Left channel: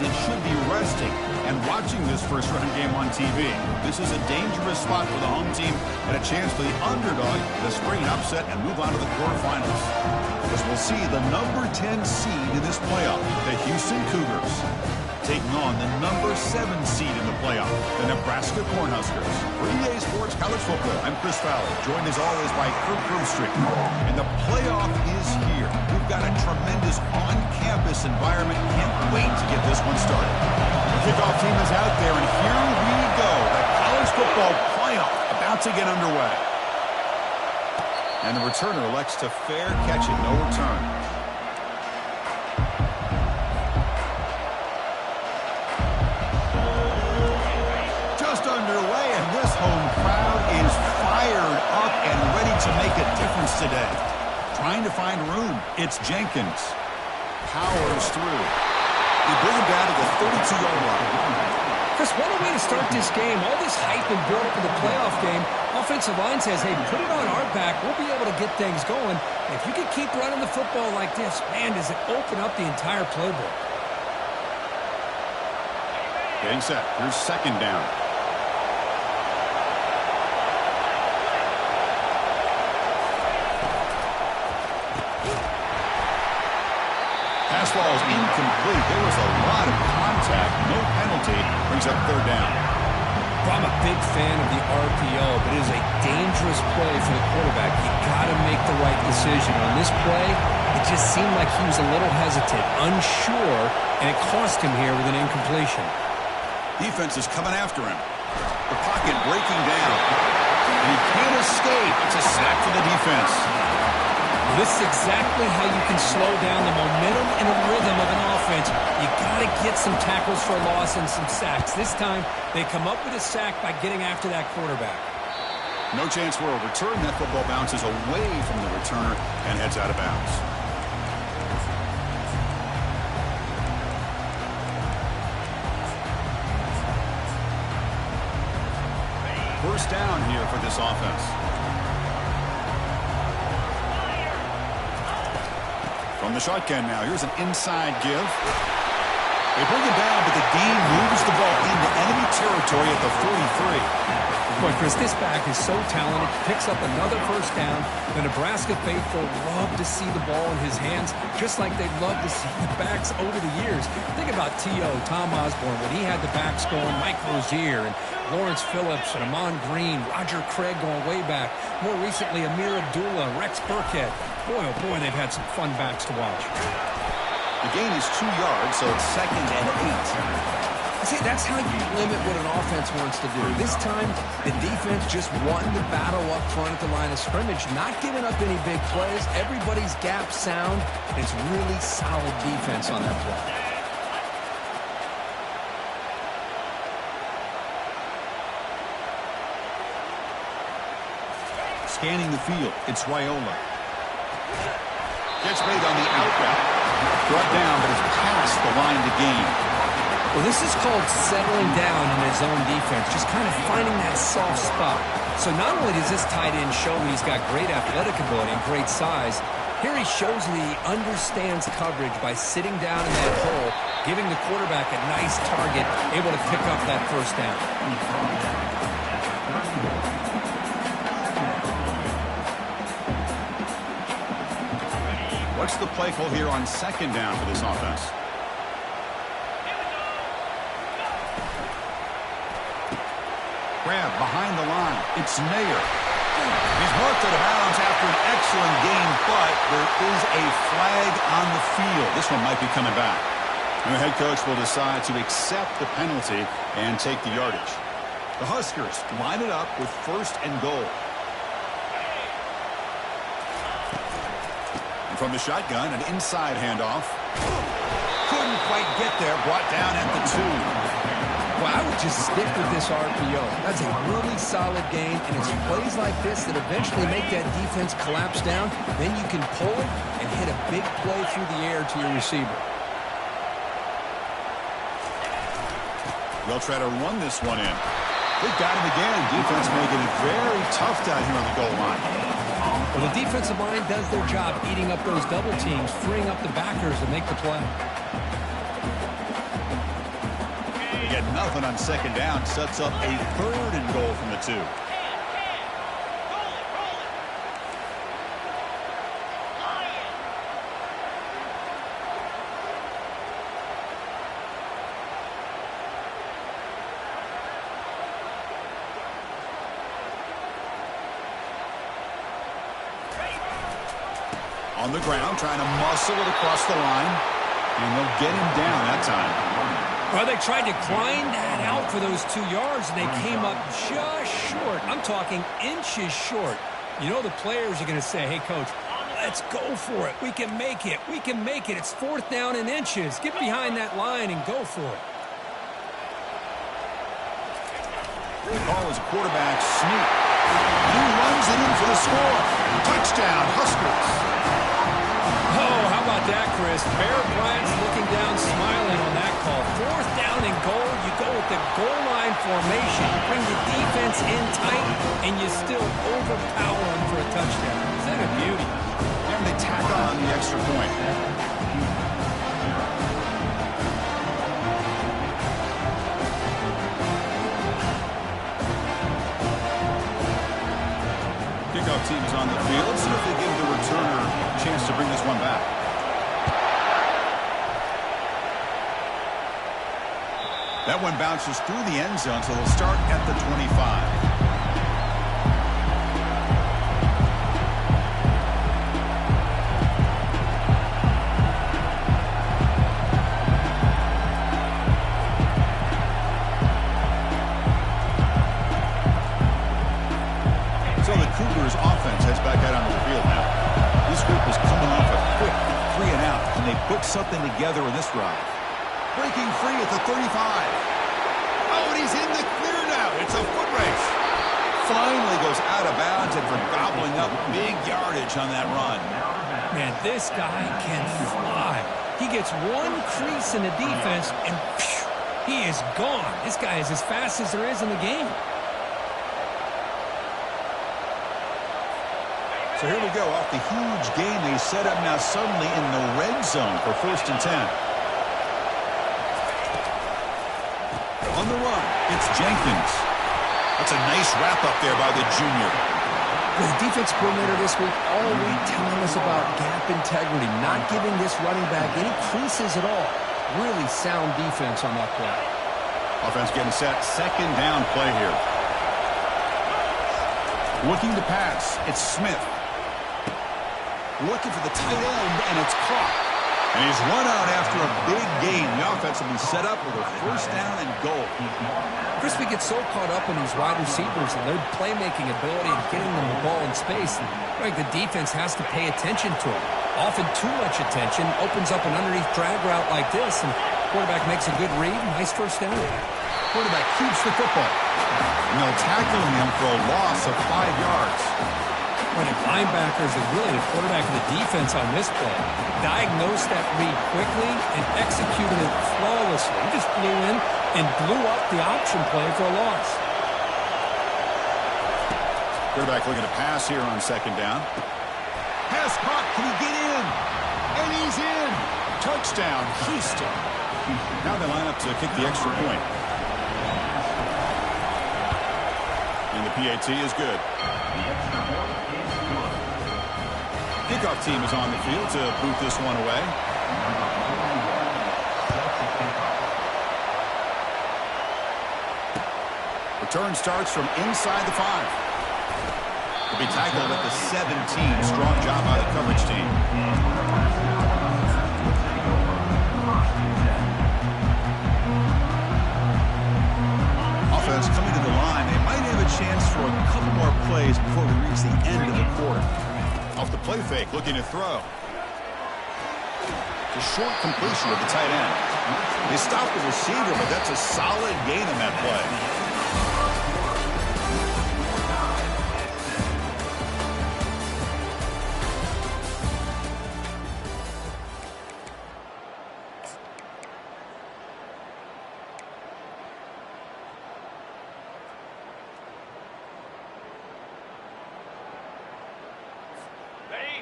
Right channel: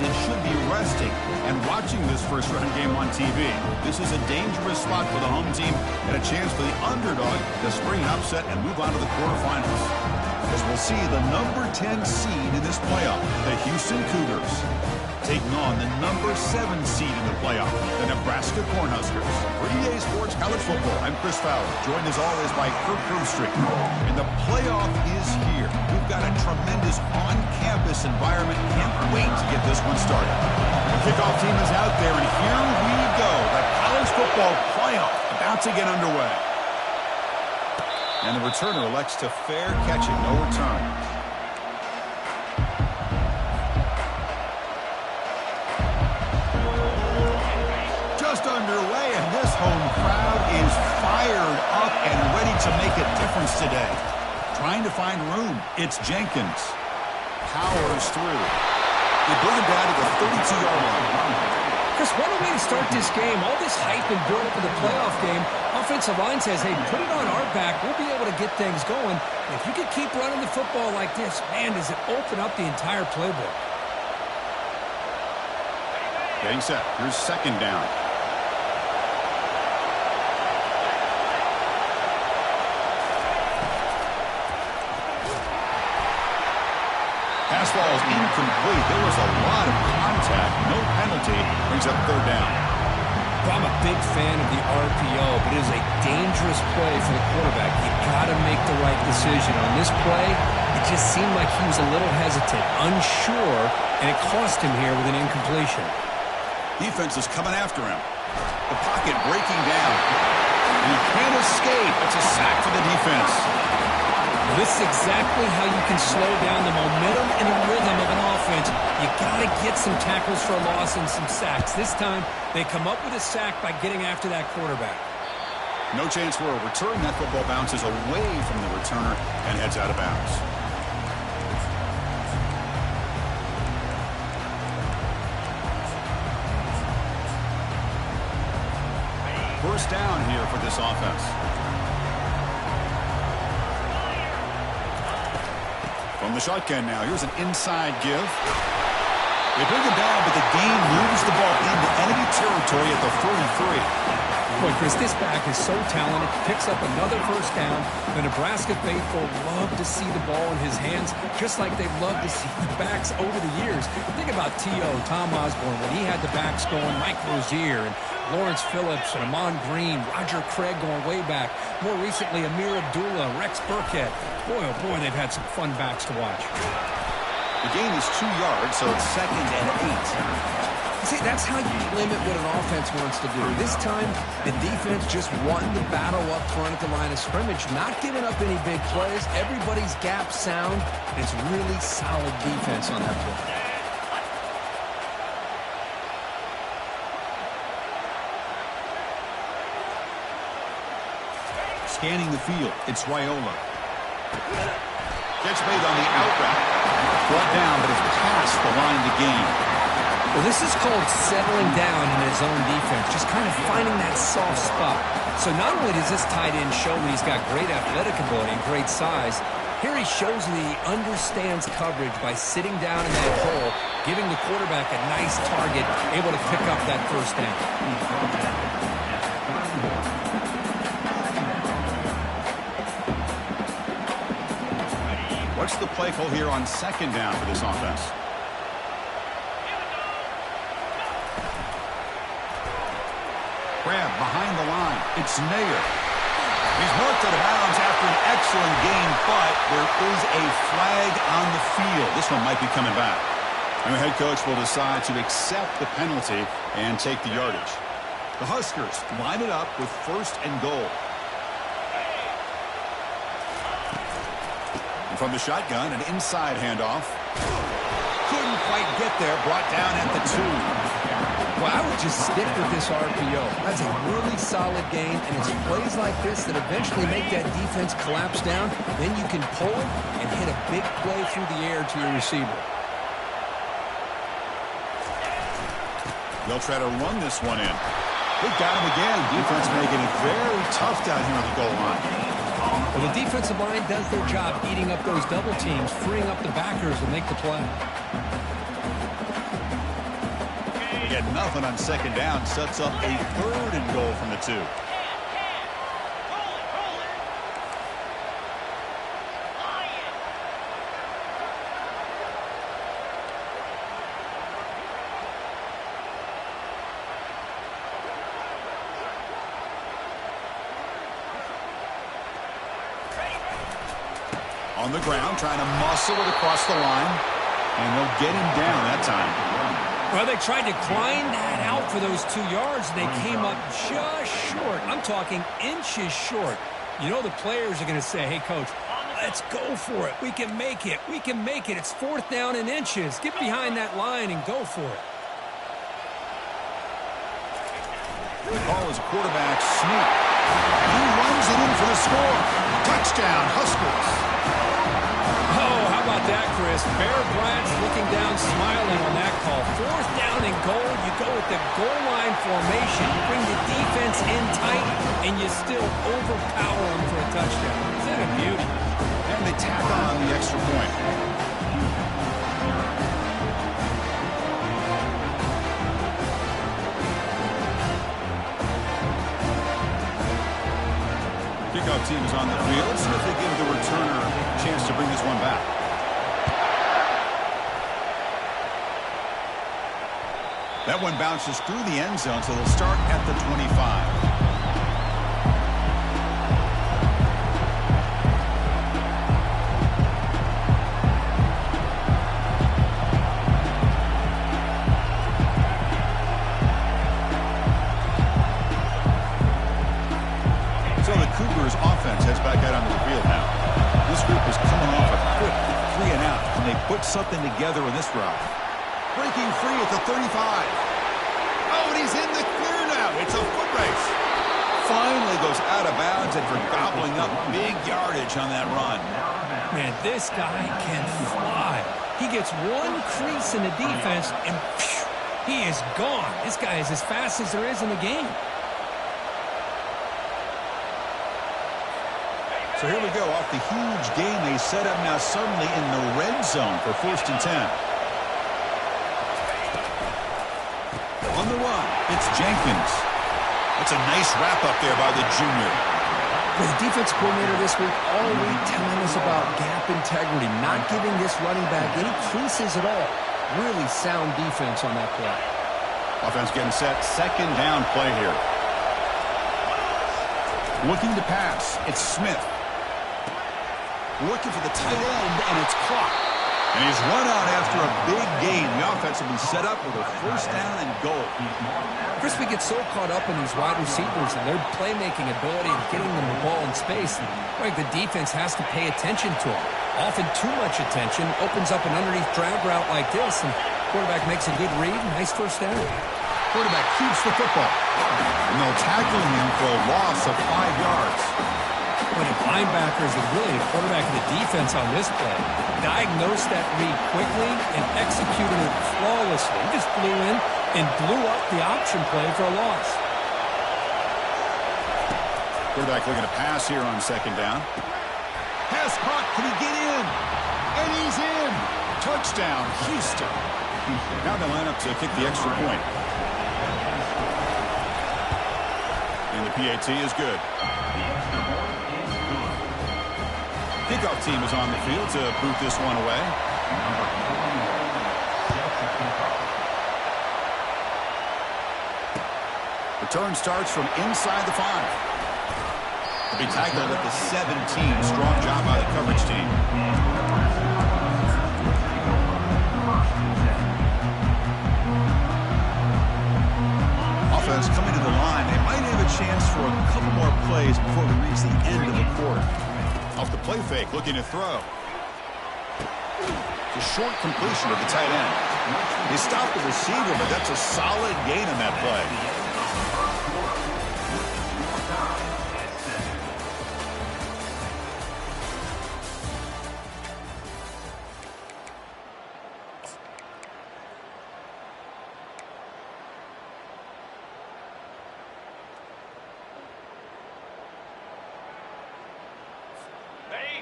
teams, it should be resting and watching this first-round game on TV. This is a dangerous spot for the home team and a chance for the underdog to spring an upset and move on to the quarterfinals. As we'll see the number 10 seed in this playoff, the Houston Cougars, taking on the number 7 seed in the playoff, the Nebraska Cornhuskers. For EA Sports College Football, I'm Chris Fowler, joined as always by Kirk Broomstreet. And the playoff is here. We've got a tremendous on-campus environment. Can't wait to get this one started. The kickoff team is out there, and here we go. The college football playoff about to get underway. And the returner elects to fair catch it, no return. Just underway, and this home crowd is fired up and ready to make a difference today. Trying to find room. It's Jenkins. Powers through. They bring him down to the 32-yard line. Chris, what a way to start this game. All this hype and build up in the playoff game. Offensive line says, hey, put it on our back. We'll be able to get things going. And if you can keep running the football like this, man, does it open up the entire playbook. Getting set. Here's second down. Pass ball is incomplete. There was a lot of contact. No penalty. Brings up third down. Well, I'm a big fan of the RPO, but it is a dangerous play for the quarterback. You got to make the right decision. On this play, it just seemed like he was a little hesitant, unsure, and it cost him here with an incompletion. Defense is coming after him. The pocket breaking down. And he can't escape. It's a sack for the defense. This is exactly how you can slow down the momentum and the rhythm of an offense. You got to get some tackles for a loss and some sacks. This time, they come up with a sack by getting after that quarterback. No chance for a return. That football bounces away from the returner and heads out of bounds. First down here for this offense. From the shotgun now, here's an inside give. They bring him down, but the gain moves the ball into enemy territory at the 43. Boy, Chris, this back is so talented. Picks up another first down. The Nebraska faithful love to see the ball in his hands, just like they love to see the backs over the years. Think about T.O., Tom Osborne, when he had the backs going, Mike Rozier and Lawrence Phillips and Amon Green, Roger Craig going way back. More recently, Amir Abdullah, Rex Burkhead. Boy, oh boy, they've had some fun backs to watch. The gain is 2 yards, so it's 2nd and 8. See, that's how you limit what an offense wants to do. This time, the defense just won the battle up front at the line of scrimmage, not giving up any big plays. Everybody's gap sound. It's really solid defense on that play. Scanning the field, it's Raiola. Catch made on the out route. Brought down, but it's past the line to gain. Well, this is called settling down in his own defense, just kind of finding that soft spot. So not only does this tight end show that he's got great athletic ability and great size, here he shows that he understands coverage by sitting down in that hole, giving the quarterback a nice target, able to pick up that first down. What's the play call here on second down for this offense? Grab behind the line. It's Nair. He's marked out of bounds after an excellent gain, but there is a flag on the field. This one might be coming back. And the head coach will decide to accept the penalty and take the yardage. The Huskers line it up with 1st and goal. And from the shotgun, an inside handoff. Couldn't quite get there. Brought down at the 2. Well, I would just stick with this RPO. That's a really solid game, and it's plays like this that eventually make that defense collapse down. Then you can pull it and hit a big play through the air to your receiver. They'll try to run this one in. They've got him again. Defense making it very tough down here on the goal line. Well, the defensive line does their job eating up those double teams, freeing up the backers to make the play. get nothing on second down. Sets up a 3rd and goal from the 2. Roll it. Lion. On the ground, trying to muscle it across the line. And they'll get him down that time. Well, they tried to grind that out for those 2 yards, and they came up just short. I'm talking inches short. You know the players are going to say, hey, Coach, let's go for it. We can make it. We can make it. It's 4th down in inches. Get behind that line and go for it. The call is a quarterback sneak. He runs it in for the score. Touchdown, Huskers. Oh, how about that, Chris? Bear Bryant's looking down, smiling on that call. 4th down and goal. You go with the goal line formation. You bring the defense in tight, and you still overpower them for a touchdown. Is that a beauty? And they tack on the extra point. Kickoff team is on the field. See if they give the returner a chance to bring this one back. That one bounces through the end zone, so they'll start at the 25. Cougars offense heads back out onto the field now. This group is coming off a quick 3 and out, and they put something together in this drive. Breaking free at the 35. Oh, and he's in the clear now. It's a foot race. Finally goes out of bounds and for gobbling up big yardage on that run. Man, this guy can fly. He gets one crease in the defense, and phew, he is gone. This guy is as fast as there is in the game. So here we go, off the huge gain they set up now suddenly in the red zone for 1st and 10. On the run, it's Jenkins. That's a nice wrap up there by the junior. The defense coordinator this week all week telling us about gap integrity, not giving this running back any creases at all. Really sound defense on that play. Offense getting set, 2nd down play here. Looking to pass, it's Smith. Looking for the tight end, and it's caught. And he's run out after a big gain. The offense will be set up with a 1st down and goal. Chris, we get so caught up in these wide receivers and their playmaking ability and getting them the ball in space. And, right, the defense has to pay attention to them. Often too much attention opens up an underneath drag route like this, and quarterback makes a good read. Nice 1st down. Quarterback keeps the football. And they'll tackle him for a loss of 5 yards. When the linebackers and really the quarterback of the defense on this play diagnosed that read quickly and executed it flawlessly. He just flew in and blew up the option play for a loss. Quarterback looking to pass here on 2nd down. Pass caught. Can he get in? And he's in. Touchdown, Houston. Now they line up to kick the extra point. And the PAT is good. Kickoff team is on the field to boot this one away. Return starts from inside the 5. He'll be tackled at the 17. Strong job by the coverage team. Offense coming to the line. They might have a chance for a couple more plays before we reach the end of the quarter. Off the play fake, looking to throw. It's a short completion of the tight end. They stopped the receiver, but that's a solid gain on that play.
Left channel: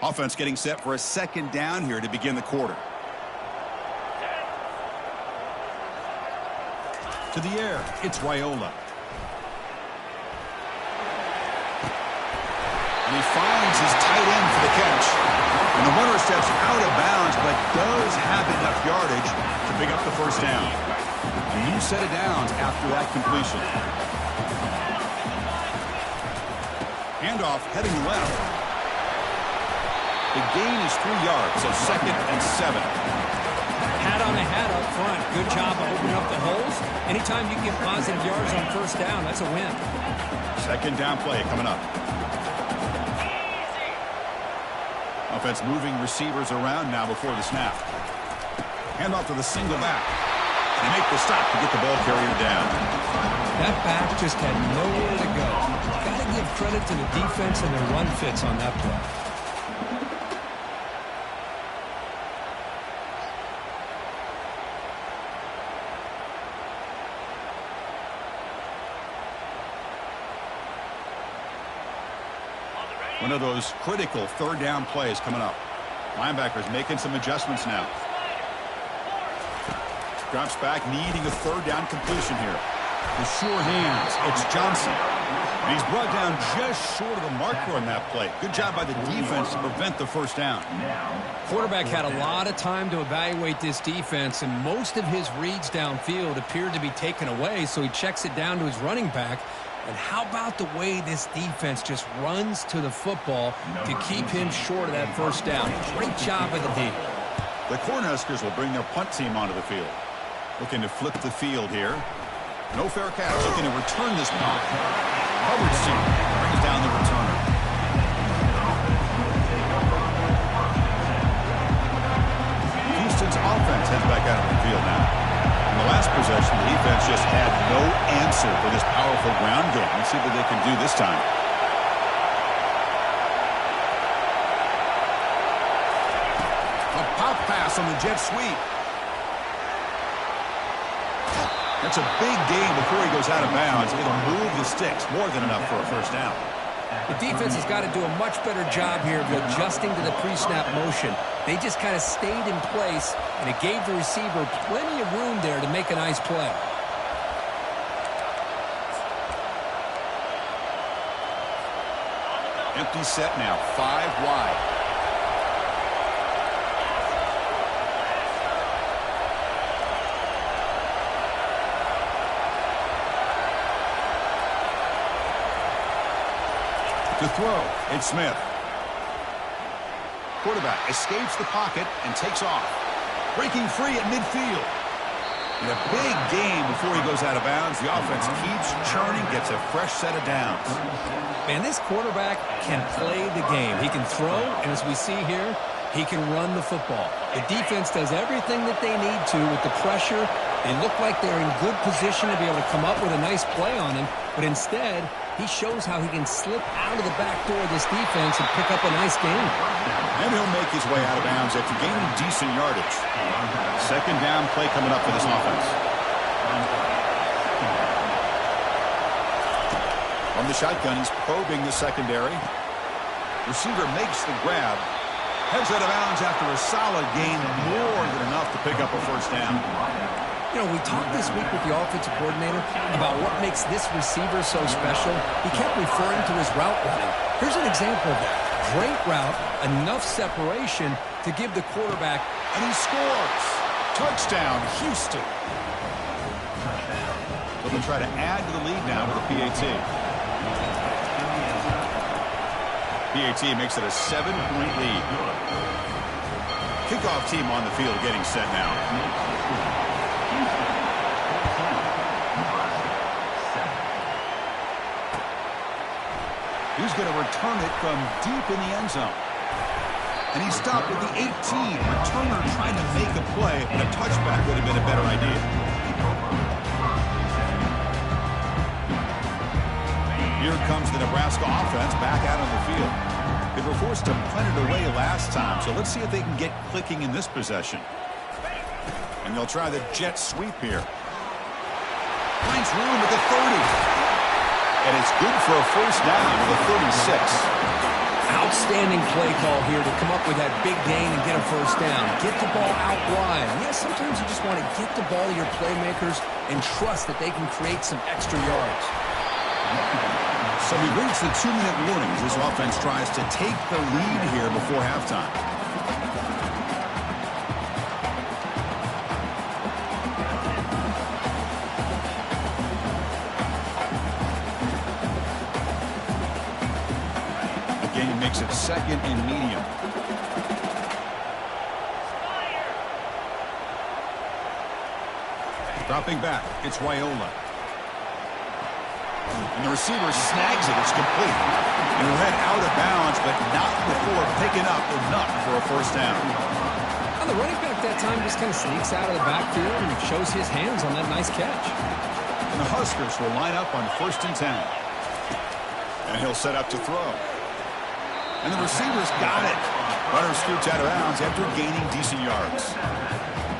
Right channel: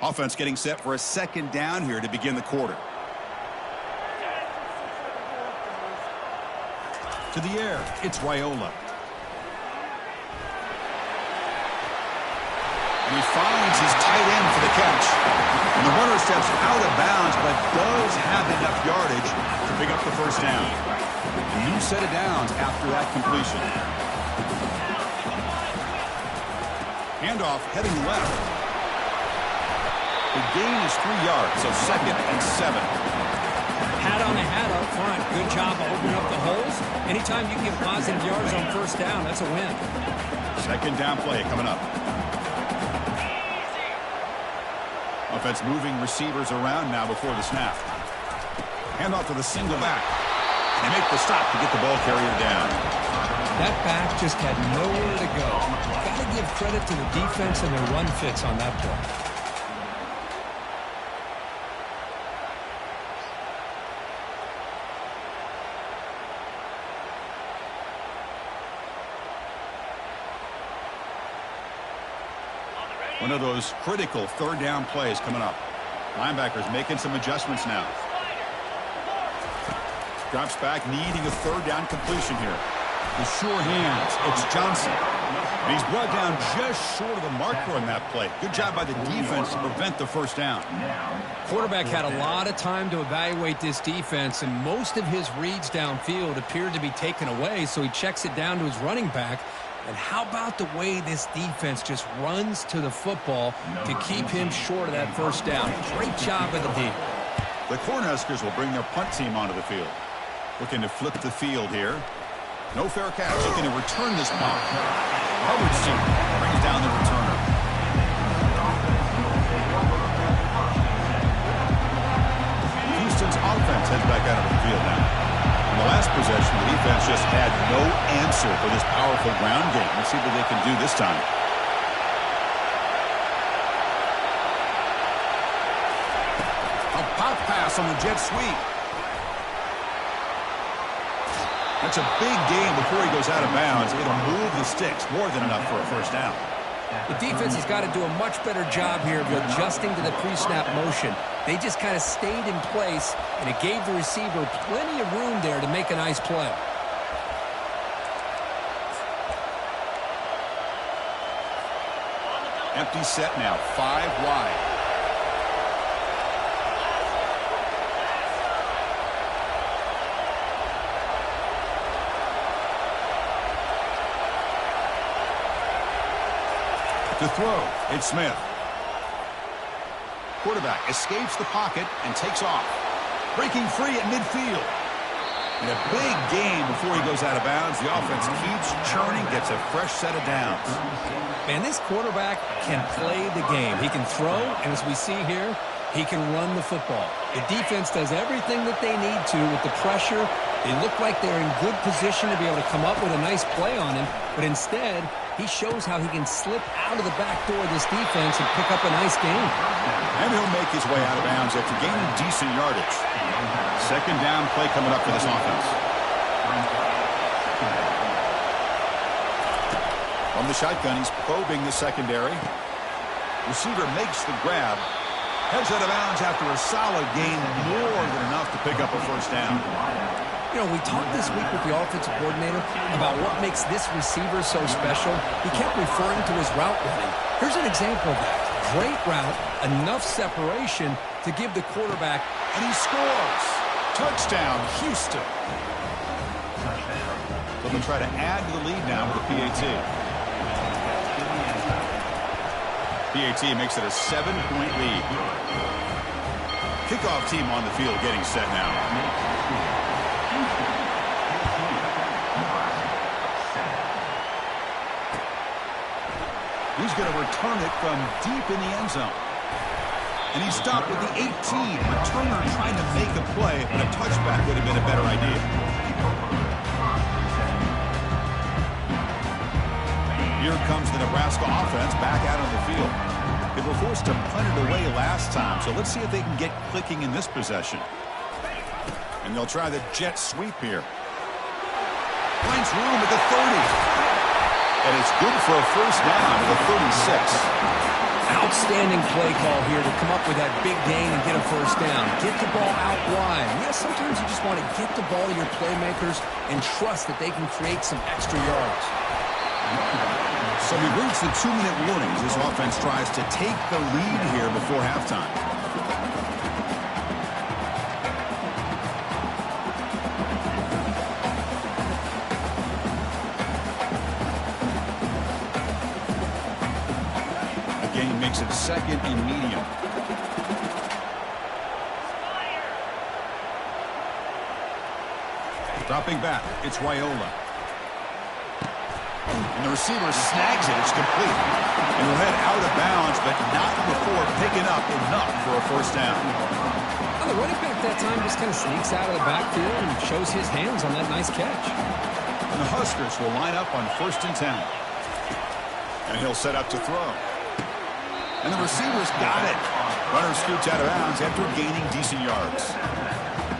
Offense getting set for a 2nd down here to begin the quarter. To To the air, it's Raiola. And he finds his tight end for the catch. And the runner steps out of bounds, but does have enough yardage to pick up the first down. A new set of downs after that completion. Handoff heading left. The gain is 3 yards, so 2nd and 7. Hat on a hat up front. Good job of opening up the holes. Anytime you can get positive yards on first down, that's a win. 2nd down play coming up. Offense moving receivers around now before the snap. Handoff to the single back. They make the stop to get the ball carrier down. That back just had nowhere to go. Got to give credit to the defense and their run fits on that play. One of those critical 3rd down plays coming up. Linebackers making some adjustments now. Drops back, needing a 3rd down completion here. The sure hands, it's Johnson. And he's brought down just short of the marker on that play. Good job by the defense to prevent the first down. Quarterback had a lot of time to evaluate this defense, and most of his reads downfield appeared to be taken away, so he checks it down to his running back. And how about the way this defense just runs to the football to keep him short of that first down? Great job by the D. The Cornhuskers will bring their punt team onto the field. Looking to flip the field here. No fair catch. Looking to return this punt. Coverage team brings down the returner. Houston's offense heads back out of the field now. In the last possession, the defense just had no answer for this powerful ground game. Let's see what they can do this time. A pop pass on the jet sweep. That's a big gain before he goes out of bounds. It'll move the sticks. More than enough for a first down. The defense has got to do a much better job here of adjusting to the pre-snap motion. They just kind of stayed in place, and it gave the receiver plenty of room there to make a nice play. Empty set now, 5 wide. To throw, it's Smith. Quarterback escapes the pocket and takes off. Breaking free at midfield. And a big gain before he goes out of bounds. The offense keeps churning, gets a fresh set of downs. Man, this quarterback can play the game. He can throw, and as we see here, he can run the football. The defense does everything that they need to with the pressure. They look like they're in good position to be able to come up with a nice play on him, but instead, he shows how he can slip out of the back door of this defense and pick up a nice gain. And he'll make his way out of bounds after gaining decent yardage. 2nd down play coming up for this offense. From the shotgun, he's probing the secondary. Receiver makes the grab. Heads out of bounds after a solid gain, more than enough to pick up a first down. You know, we talked this week with the offensive coordinator about what makes this receiver so special. He kept referring to his route running. Here's an example of that. Great route, enough separation to give the quarterback, and he scores. Touchdown, Houston. So they'll try to add to the lead now with a PAT. PAT makes it a 7-point lead. Kickoff team on the field getting set now. He's going to return it from deep in the end zone. And he stopped with the 18. Returner trying to make a play, but a touchback would have been a better idea. Here comes the Nebraska offense back out on the field. They were forced to punt it away last time, so let's see if they can get clicking in this possession. And they'll try the jet sweep here. Finds room at the 30. And it's good for a first down to the 36. Outstanding play call here to come up with that big gain and get a first down. Get the ball out wide. Yes, sometimes you just want to get the ball to your playmakers and trust that they can create some extra yards. So we reach the 2-minute warning as this offense tries to take the lead here before halftime. Again, makes it second and medium. Dropping back, it's Wyola. And the receiver snags it. It's complete. And he'll head out of bounds, but not before picking up enough for a first down. Well, the running back that time just kind of sneaks out of the backfield and shows his hands on that nice catch. And the Huskers will line up on 1st and 10. And he'll set up to throw. And the receiver's got it. Runner scoots out of bounds after gaining decent yards.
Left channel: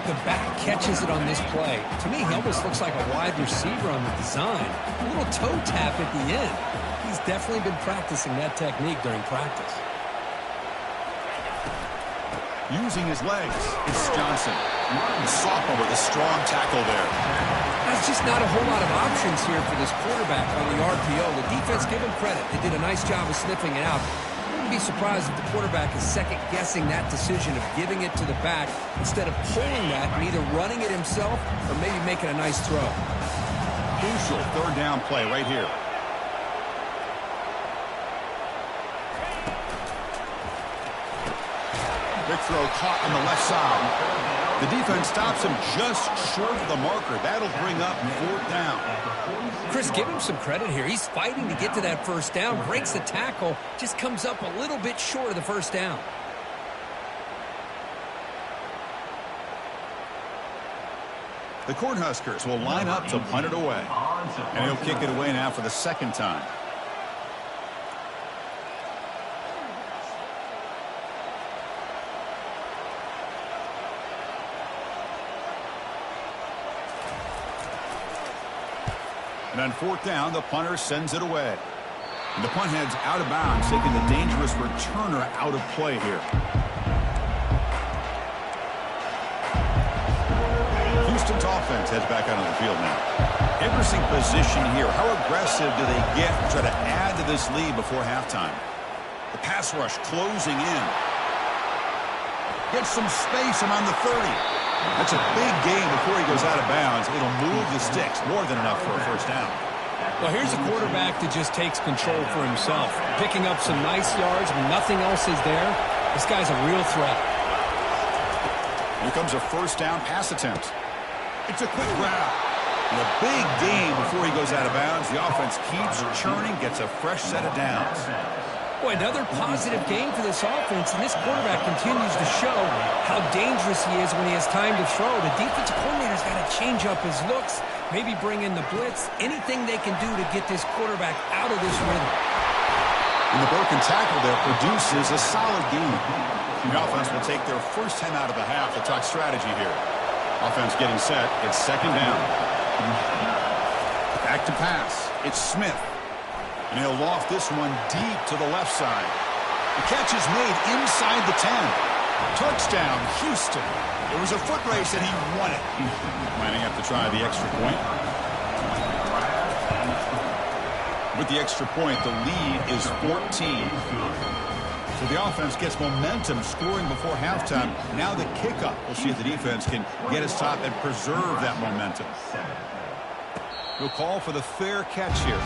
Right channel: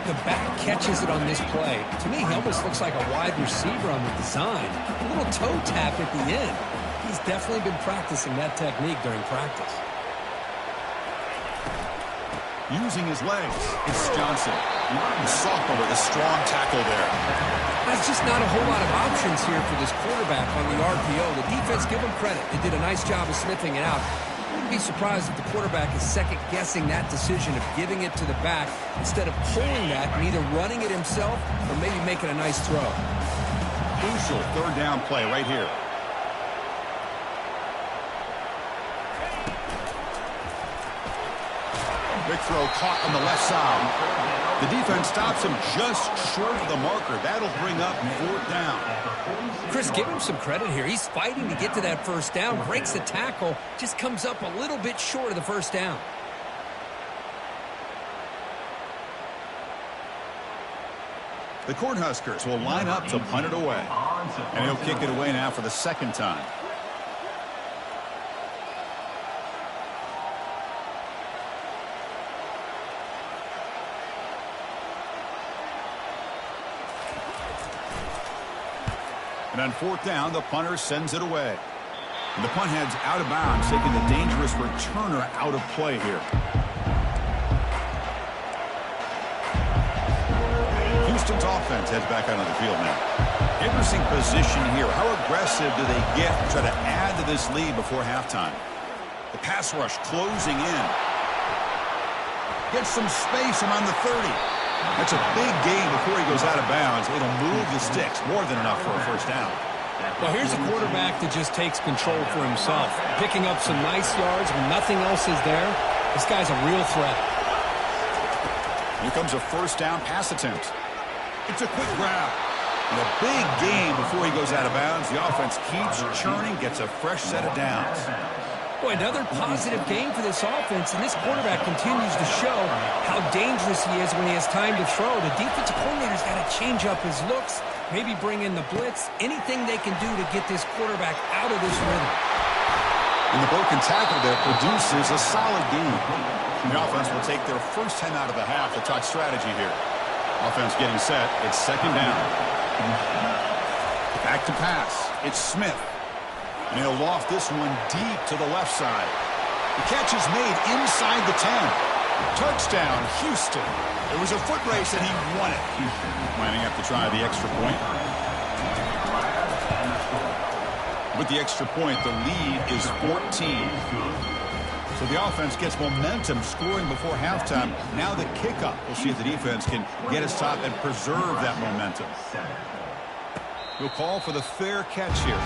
The back catches it on this play. To me, he almost looks like a wide receiver on the design. A little toe tap at the end. He's definitely been practicing that technique during practice. Using his legs, it's Johnson. The sophomore with a strong tackle there. There's just not a whole lot of options here for this quarterback on the RPO. The defense, give him credit. They did a nice job of sniffing it out. Wouldn't be surprised if the quarterback is second-guessing that decision of giving it to the back instead of pulling that and either running it himself or maybe making a nice throw. Crucial 3rd down play right here. Big throw caught on the left side. The defense stops him just short of the marker. That'll bring up 4th down. Chris, give him some credit here. He's fighting to get to that first down, breaks the tackle, just comes up a little bit short of the first down. The Cornhuskers will line up to punt it away. And he'll kick it away now for the 2nd time. And on 4th down, the punter sends it away. And the punt heads out of bounds, taking the dangerous returner out of play here. Houston's offense heads back out on the field now. Interesting position here. How aggressive do they get to try to add to this lead before halftime? The pass rush closing in. Gets some space around the 30. That's a big gain before he goes out of bounds. It'll move the sticks, more than enough for a first down. Well, here's a quarterback that just takes control for himself, picking up some nice yards when nothing else is there. This guy's a real threat. Here comes a first down pass attempt. It's a quick grab. And a big gain before he goes out of bounds. The offense keeps churning, gets a fresh set of downs. Boy, another positive game for this offense, and this quarterback continues to show how dangerous he is when he has time to throw. The defensive coordinator's got to change up his looks, maybe bring in the blitz, anything they can do to get this quarterback out of this rhythm. And the broken tackle there produces a solid game. The offense will take their first time out of the half to talk strategy here. Offense getting set. It's 2nd down. Back to pass. It's Smith. And he'll loft this one deep to the left side. The catch is made inside the 10. Touchdown, Houston. It was a foot race, and he won it. Lining up to try the extra point. With the extra point, the lead is 14. So the offense gets momentum scoring before halftime. Now the kickoff. We'll see if the defense can get his top and preserve that momentum. He'll call for the fair catch here.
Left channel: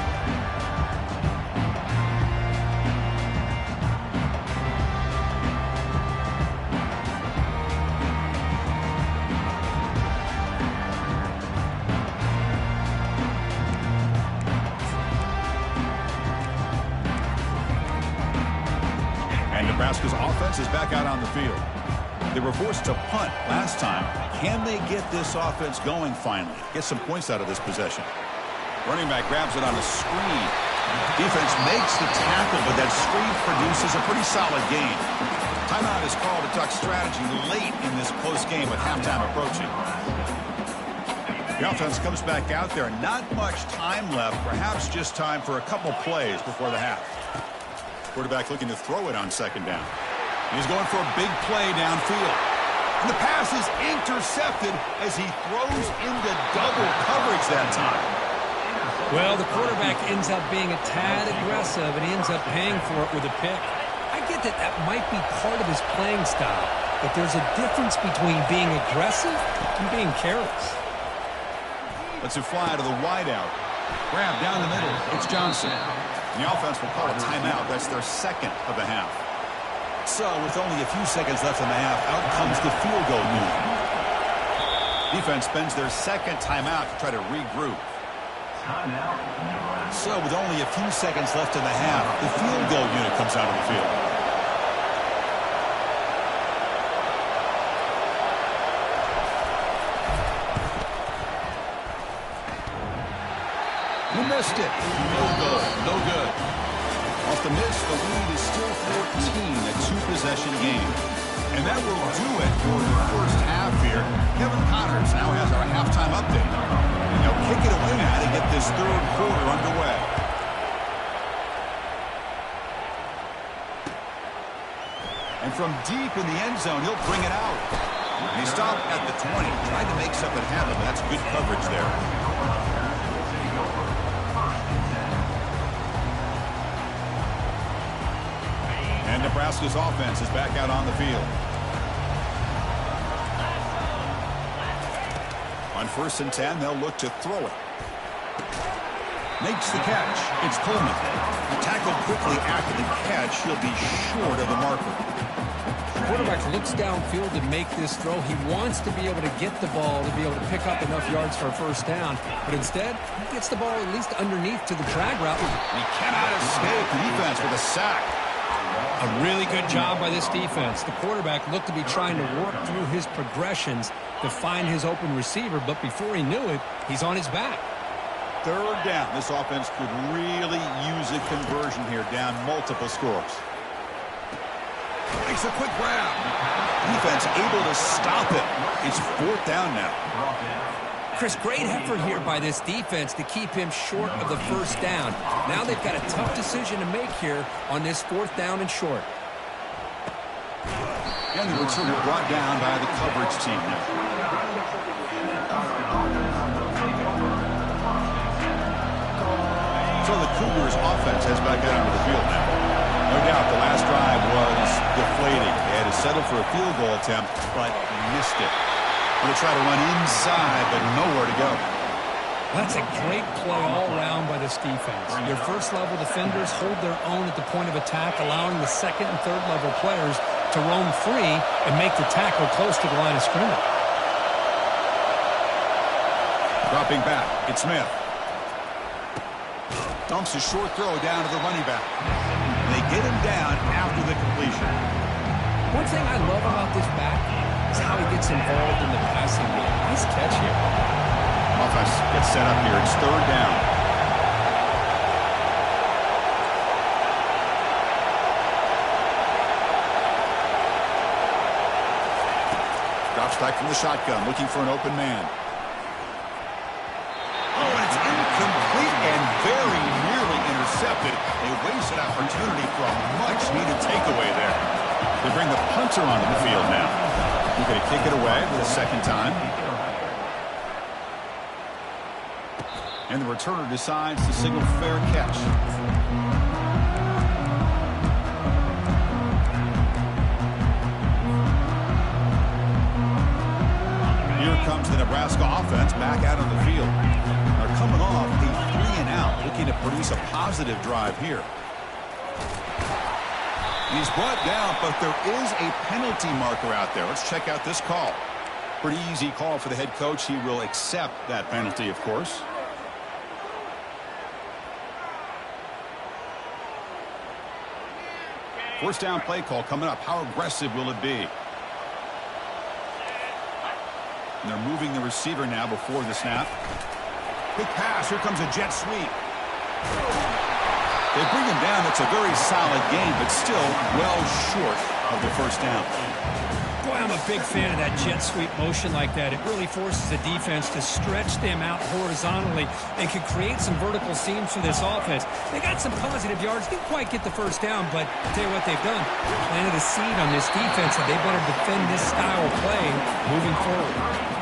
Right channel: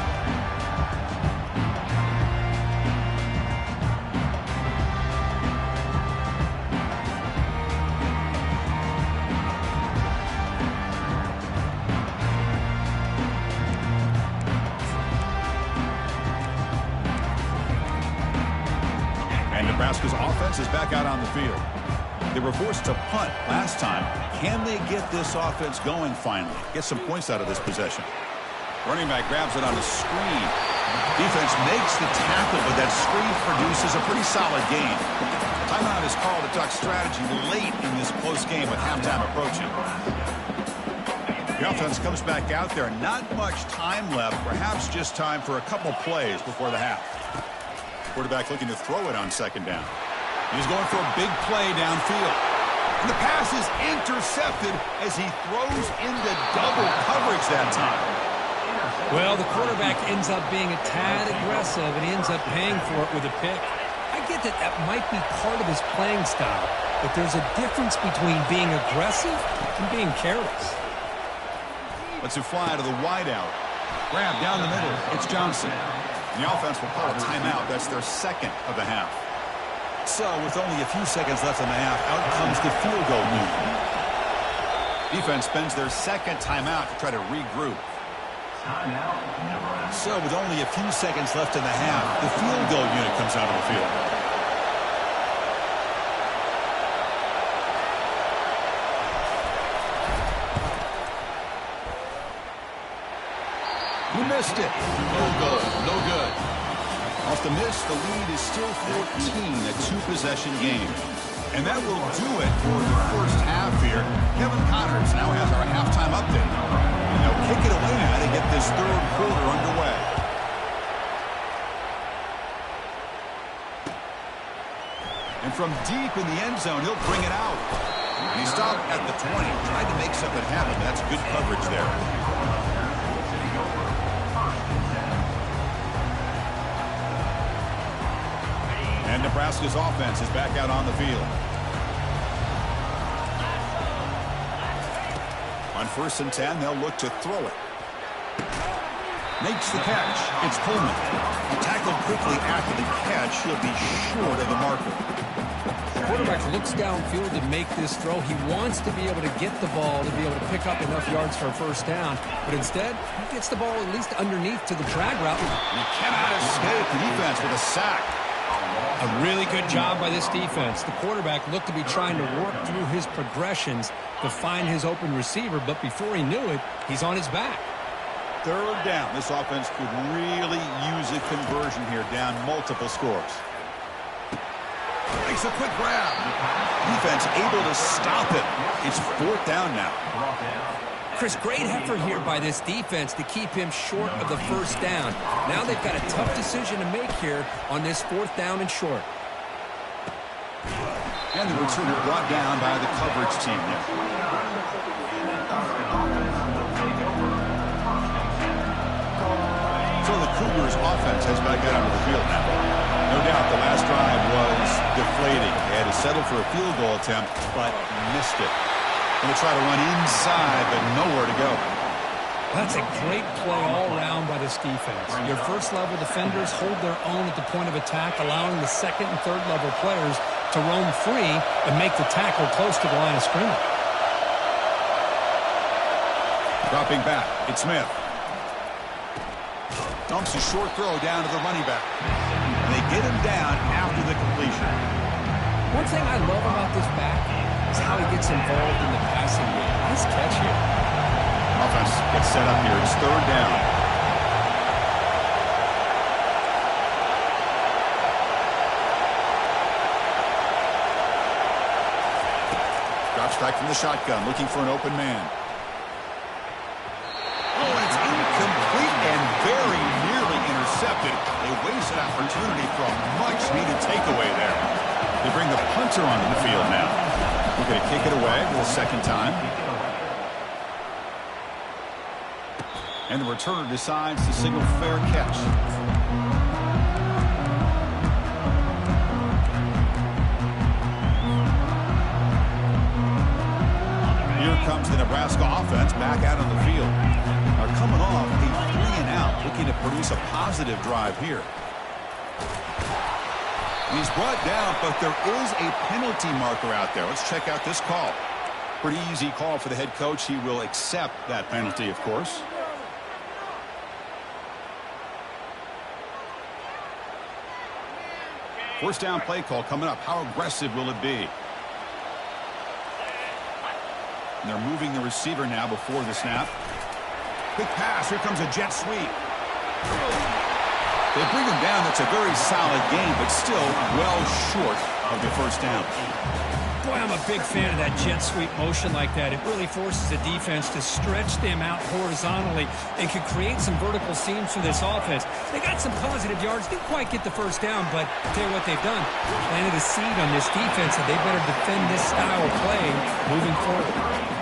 Nebraska's offense is back out on the field. They were forced to punt last time. Can they get this offense going finally? Get some points out of this possession. Running back grabs it on a screen. Defense makes the tackle, but that screen produces a pretty solid gain. Timeout is called to talk strategy late in this close game with halftime approaching. The offense comes back out there. Not much time left. Perhaps just time for a couple plays before the half. Quarterback looking to throw it on second down. He's going for a big play downfield. And the pass is intercepted as he throws into double coverage that time. Well, the quarterback ends up being a tad aggressive, and he ends up paying for it with a pick. I get that that might be part of his playing style, but there's a difference between being aggressive and being careless. Let's it fly to the wideout. Grab down the middle. It's Johnson. The offense will call a timeout. That's their second of the half. So, with only a few seconds left in the half, out comes the field goal unit. Defense spends their second timeout to try to regroup. So, with only a few seconds left in the half, the field goal unit comes out of the field. You missed it. No good. No good. Off the miss, the lead is still 14, a two-possession game. And that will do it for the first half here. Kevin Connors now has our halftime update. And they'll kick it away now to get this third quarter underway. And from deep in the end zone, he'll bring it out. And he stopped at the 20. Tried to make something happen, but that's good coverage there. And Nebraska's offense is back out on the field. On 1st and 10, they'll look to throw it. Makes the catch. It's Coleman. Tackled quickly after the catch. He'll be short of the marker. The quarterback looks downfield to make this throw. He wants to be able to get the ball to be able to pick up enough yards for a first down. But instead, he gets the ball at least underneath to the drag route. And he cannot escape the defense with a sack. A really good job by this defense. The quarterback looked to be trying to work through his progressions to find his open receiver, but before he knew it, he's on his back. Third down. This offense could really use a conversion here, down multiple scores. Makes a quick grab. Defense able to stop him. It's 4th down now. Chris, great effort here by this defense to keep him short of the first down. Now they've got a tough decision to make here on this 4th down and short. And the returner brought down by the coverage team now. So the Cougars offense has back out onto the field now. No doubt the last drive was deflating. They had to settle for a field goal attempt, but missed it. Going to try to run inside, but nowhere to go. That's a great play all around by this defense. Your first-level defenders hold their own at the point of attack, allowing the second and third-level players to roam free and make the tackle close to the line of scrimmage. Dropping back, it's Smith. Dumps a short throw down to the running back. And they get him down after the completion. One thing I love about this back is how he gets involved in the passing game. Nice catch here. Offense gets set up here. It's 3rd down. Drops back from the shotgun, looking for an open man. Oh, and it's incomplete and very nearly intercepted. A wasted opportunity for a much-needed takeaway there. They bring the punter onto the field now. We're going to kick it away for the second time. And the returner decides to signal fair catch. Here comes the Nebraska offense back out on the field. They're coming off a 3-and-out, looking to produce a positive drive here. He's brought down, but there is a penalty marker out there. Let's check out this call. Pretty easy call for the head coach. He will accept that penalty, of course. First down play call coming up. How aggressive will it be? And they're moving the receiver now before the snap. Quick pass. Here comes a jet sweep. They bring him down. That's a very solid game, but still well short of the first down. Boy, I'm a big fan of that jet sweep motion like that. It really forces the defense to stretch them out horizontally and can create some vertical seams for this offense. They got some positive yards. Didn't quite get the first down, but I'll tell you what they've done. Planted a seed on this defense, and they better defend this style of play moving forward.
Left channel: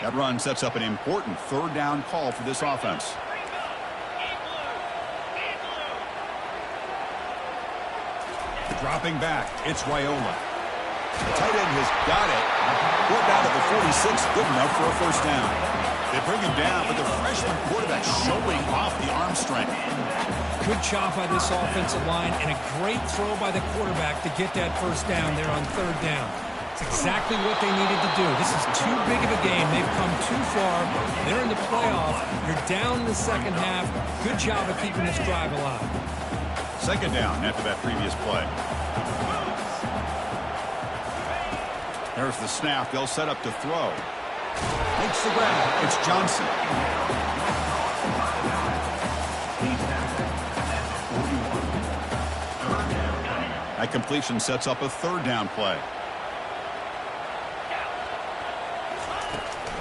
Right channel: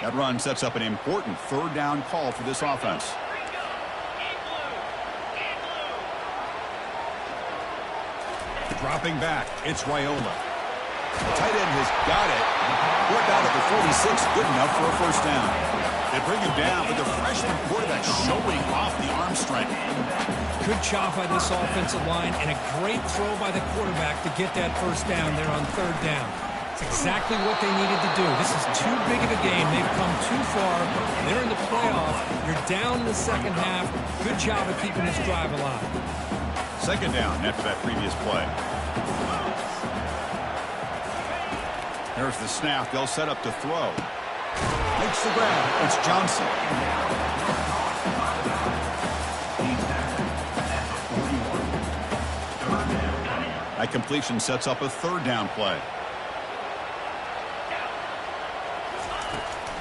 That run sets up an important third down call for this offense. Dropping back, it's Raiola. The tight end has got it. Brought down to the 46, good enough for a first down. They bring him down, but the freshman quarterback showing off the arm strength. Good job by this offensive line, and a great throw by the quarterback to get that first down there on third down. It's exactly what they needed to do. This is too big of a game. They've come too far. They're in the playoff. You're down in the second half. Good job of keeping this drive alive. Second down after that previous play. There's the snap. They'll set up to throw. Makes the grab. It's Johnson. That completion sets up a third down play.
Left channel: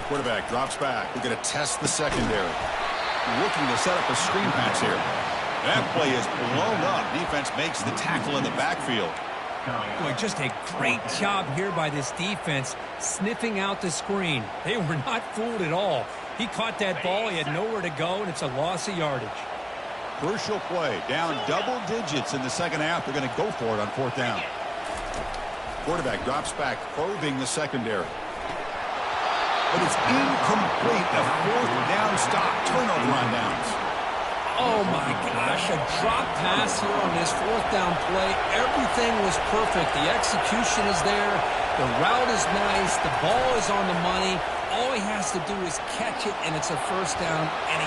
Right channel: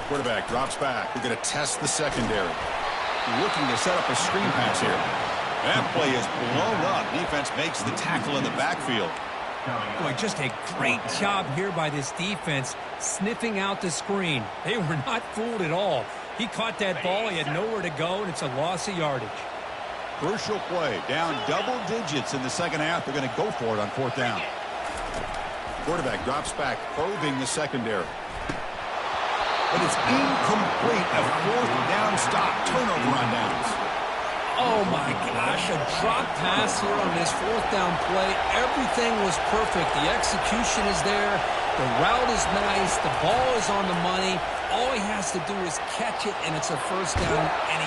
Quarterback drops back. We're going to test the secondary. Looking to set up a screen pass here. That play is blown up. Defense makes the tackle in the backfield. Boy, just a great job here by this defense, sniffing out the screen. They were not fooled at all. He caught that ball. He had nowhere to go, and it's a loss of yardage. Crucial play. Down double digits in the second half. They're going to go for it on fourth down. Quarterback drops back, probing the secondary. But it's incomplete. A fourth down stop. Turnover on downs. Oh, my gosh. A drop pass here on this fourth down play. Everything was perfect. The execution is there. The route is nice. The ball is on the money. All he has to do is catch it, and it's a first down. And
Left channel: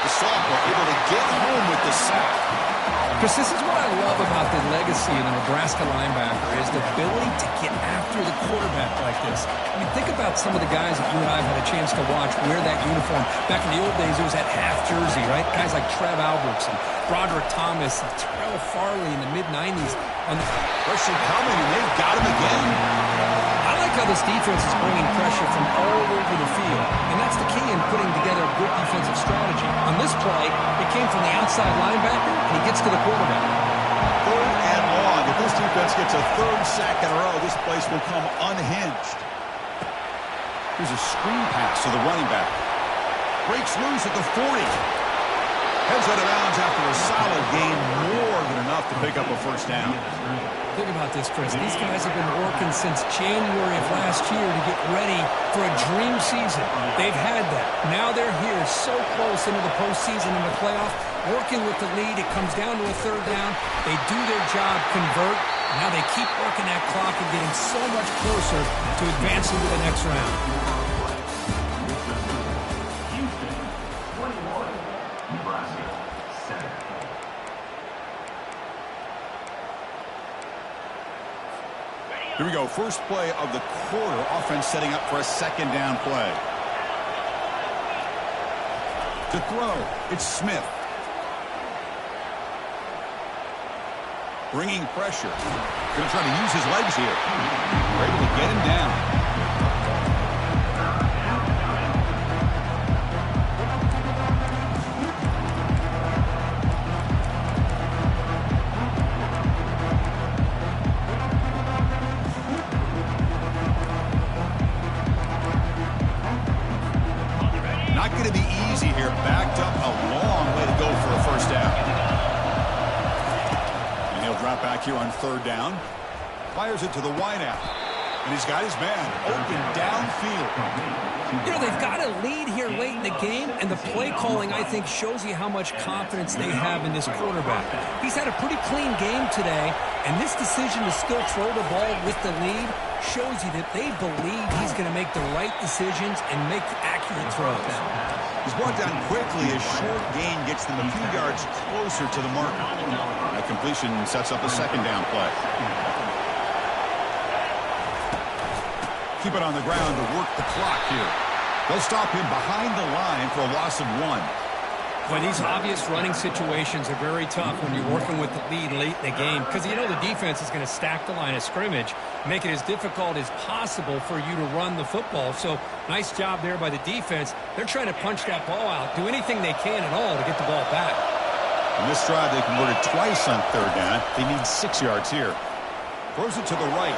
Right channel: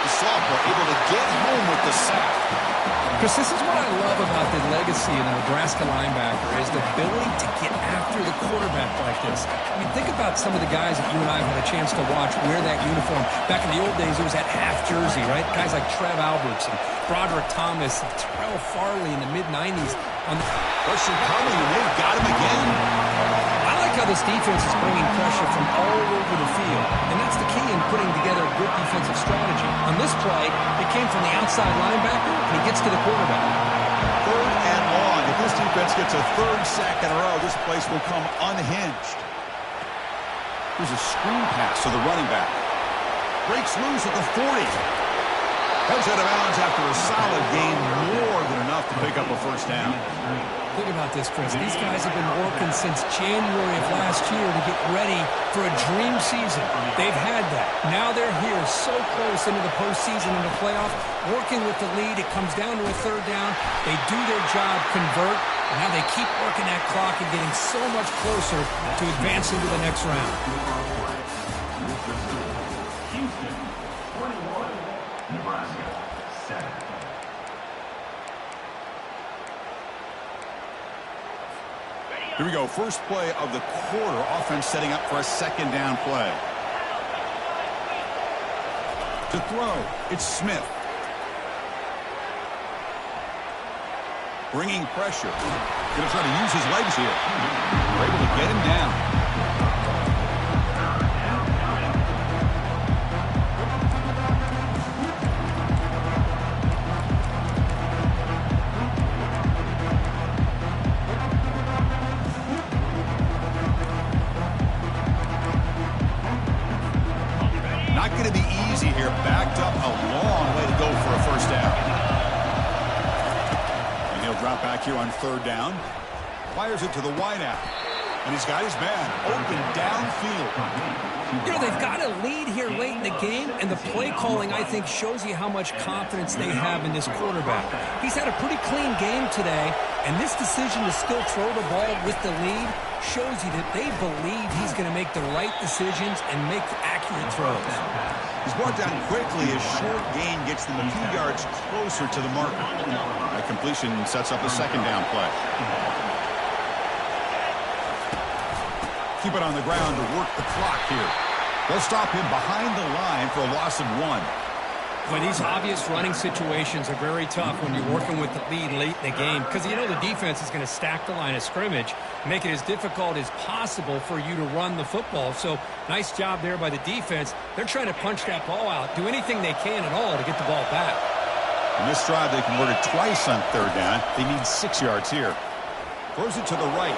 the sophomore able to get home with the sack. Because this is what I love about the legacy of the Nebraska linebacker is the ability to get after the quarterback like this. I mean, think about some of the guys that you and I have had a chance to watch wear that uniform. Back in the old days, it was that half jersey, right? Guys like Trev Alberts and Broderick Thomas and Terrell Farley in the mid-90s. Pressure coming, and they've got him again. I like how this defense is bringing pressure from all over the field, and that's the key in putting together a good defensive strategy. On this play, it came from the outside linebacker, and he gets to the quarterback. Third and long. If this defense gets a third sack in a row, this place will come unhinged. Here's a screen pass to the running back. Breaks loose at the 40. Heads out of bounds after a solid gain, more than enough to pick up a first down. Think about this, Chris. These guys have been working since January of last year to get ready for a dream season. They've had that. Now they're here so close into the postseason and the playoff, working with the lead. It comes down to a third down. They do their job, convert. And now they keep working that clock and getting so much closer to advancing to the next round. Here we go. First play of the quarter. Offense setting up for a second down play. To throw, it's Smith. Bringing pressure. Going to try to use his legs here. We're able to get him down. Not going to be easy here. Backed up a long way to go for a first down. And he'll drop back here on third down. Fires it to the wideout. And he's got his man open downfield. You know, they've got a lead here late in the game, and the play calling, I think, shows you how much confidence they have in this quarterback. He's had a pretty clean game today, and this decision to still throw the ball with the lead shows you that they believe he's going to make the right decisions and make accurate throws. He's brought down quickly. A short gain gets them a few yards closer to the marker. That completion sets up a second down play. Keep it on the ground to work the clock here. They'll stop him behind the line for a loss of 1. Well, these obvious running situations are very tough when you're working with the lead late in the game because you know the defense is going to stack the line of scrimmage, make it as difficult as possible for you to run the football. So nice job there by the defense. They're trying to punch that ball out, do anything they can at all to get the ball back. On this drive, they converted twice on 3rd down. They need 6 yards here. Throws it to the right.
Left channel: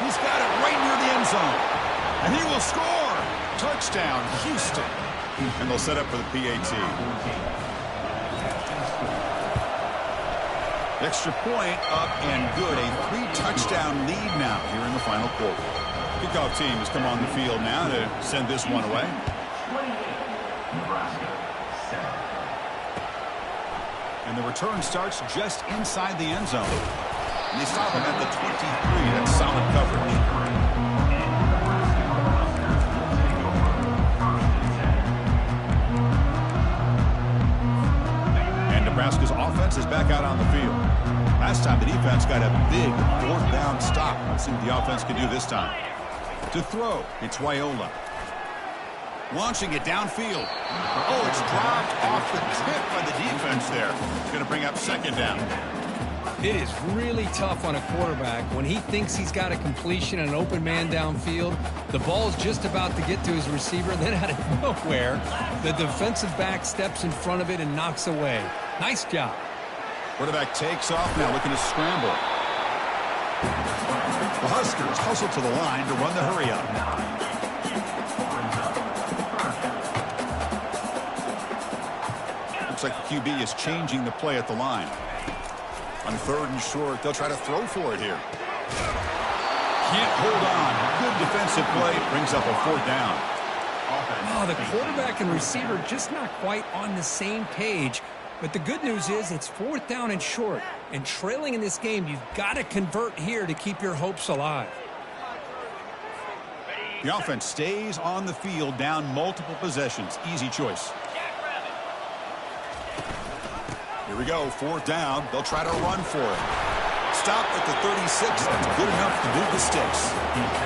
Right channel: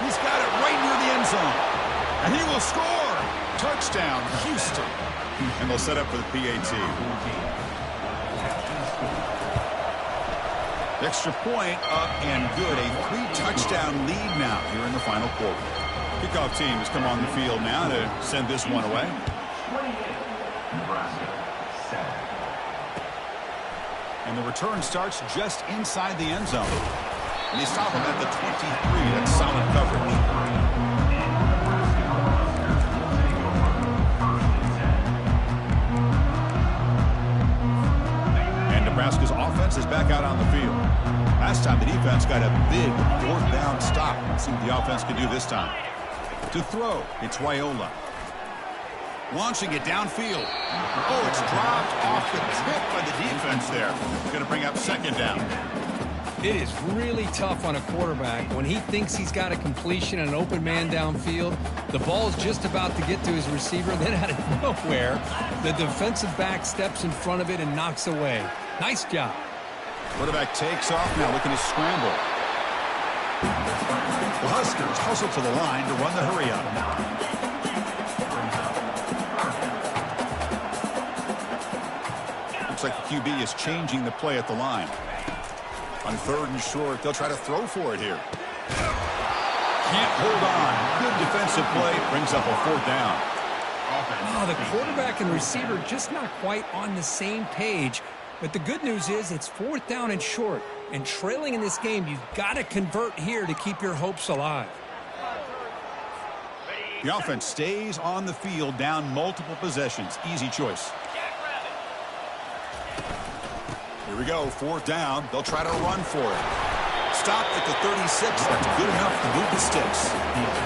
He's got it right near the end zone. And he will score. Touchdown, Houston. And they'll set up for the PAT. Extra point up and good. A 3-touchdown lead now here in the final quarter. Kickoff team has come on the field now to send this one away. 28, Nebraska, 7. And the return starts just inside the end zone. And they stop him at the 23. That's solid coverage. Nebraska's offense is back out on the field. Last time the defense got a big 4th down stop. Let's see what the offense can do this time. To throw, it's Wyola. Launching it downfield. Oh, it's dropped off the tip by the defense there. It's going to bring up 2nd down. It is really tough on a quarterback when he thinks he's got a completion and an open man downfield. The ball's just about to get to his receiver. Then out of nowhere, the defensive back steps in front of it and knocks away. Nice job. Quarterback takes off now, looking to scramble. The Huskers hustle to the line to run the hurry up. Looks like the QB is changing the play at the line. On 3rd and short, they'll try to throw for it here. Can't hold on. Good defensive play. Brings up a 4th down. Oh, the quarterback and receiver just not quite on the same page. But the good news is it's 4th down and short. And trailing in this game, you've got to convert here to keep your hopes alive. The offense stays on the field down multiple possessions. Easy choice. Here we go. 4th down. They'll try to run for it. Stop at the 36. That's good enough to move the sticks.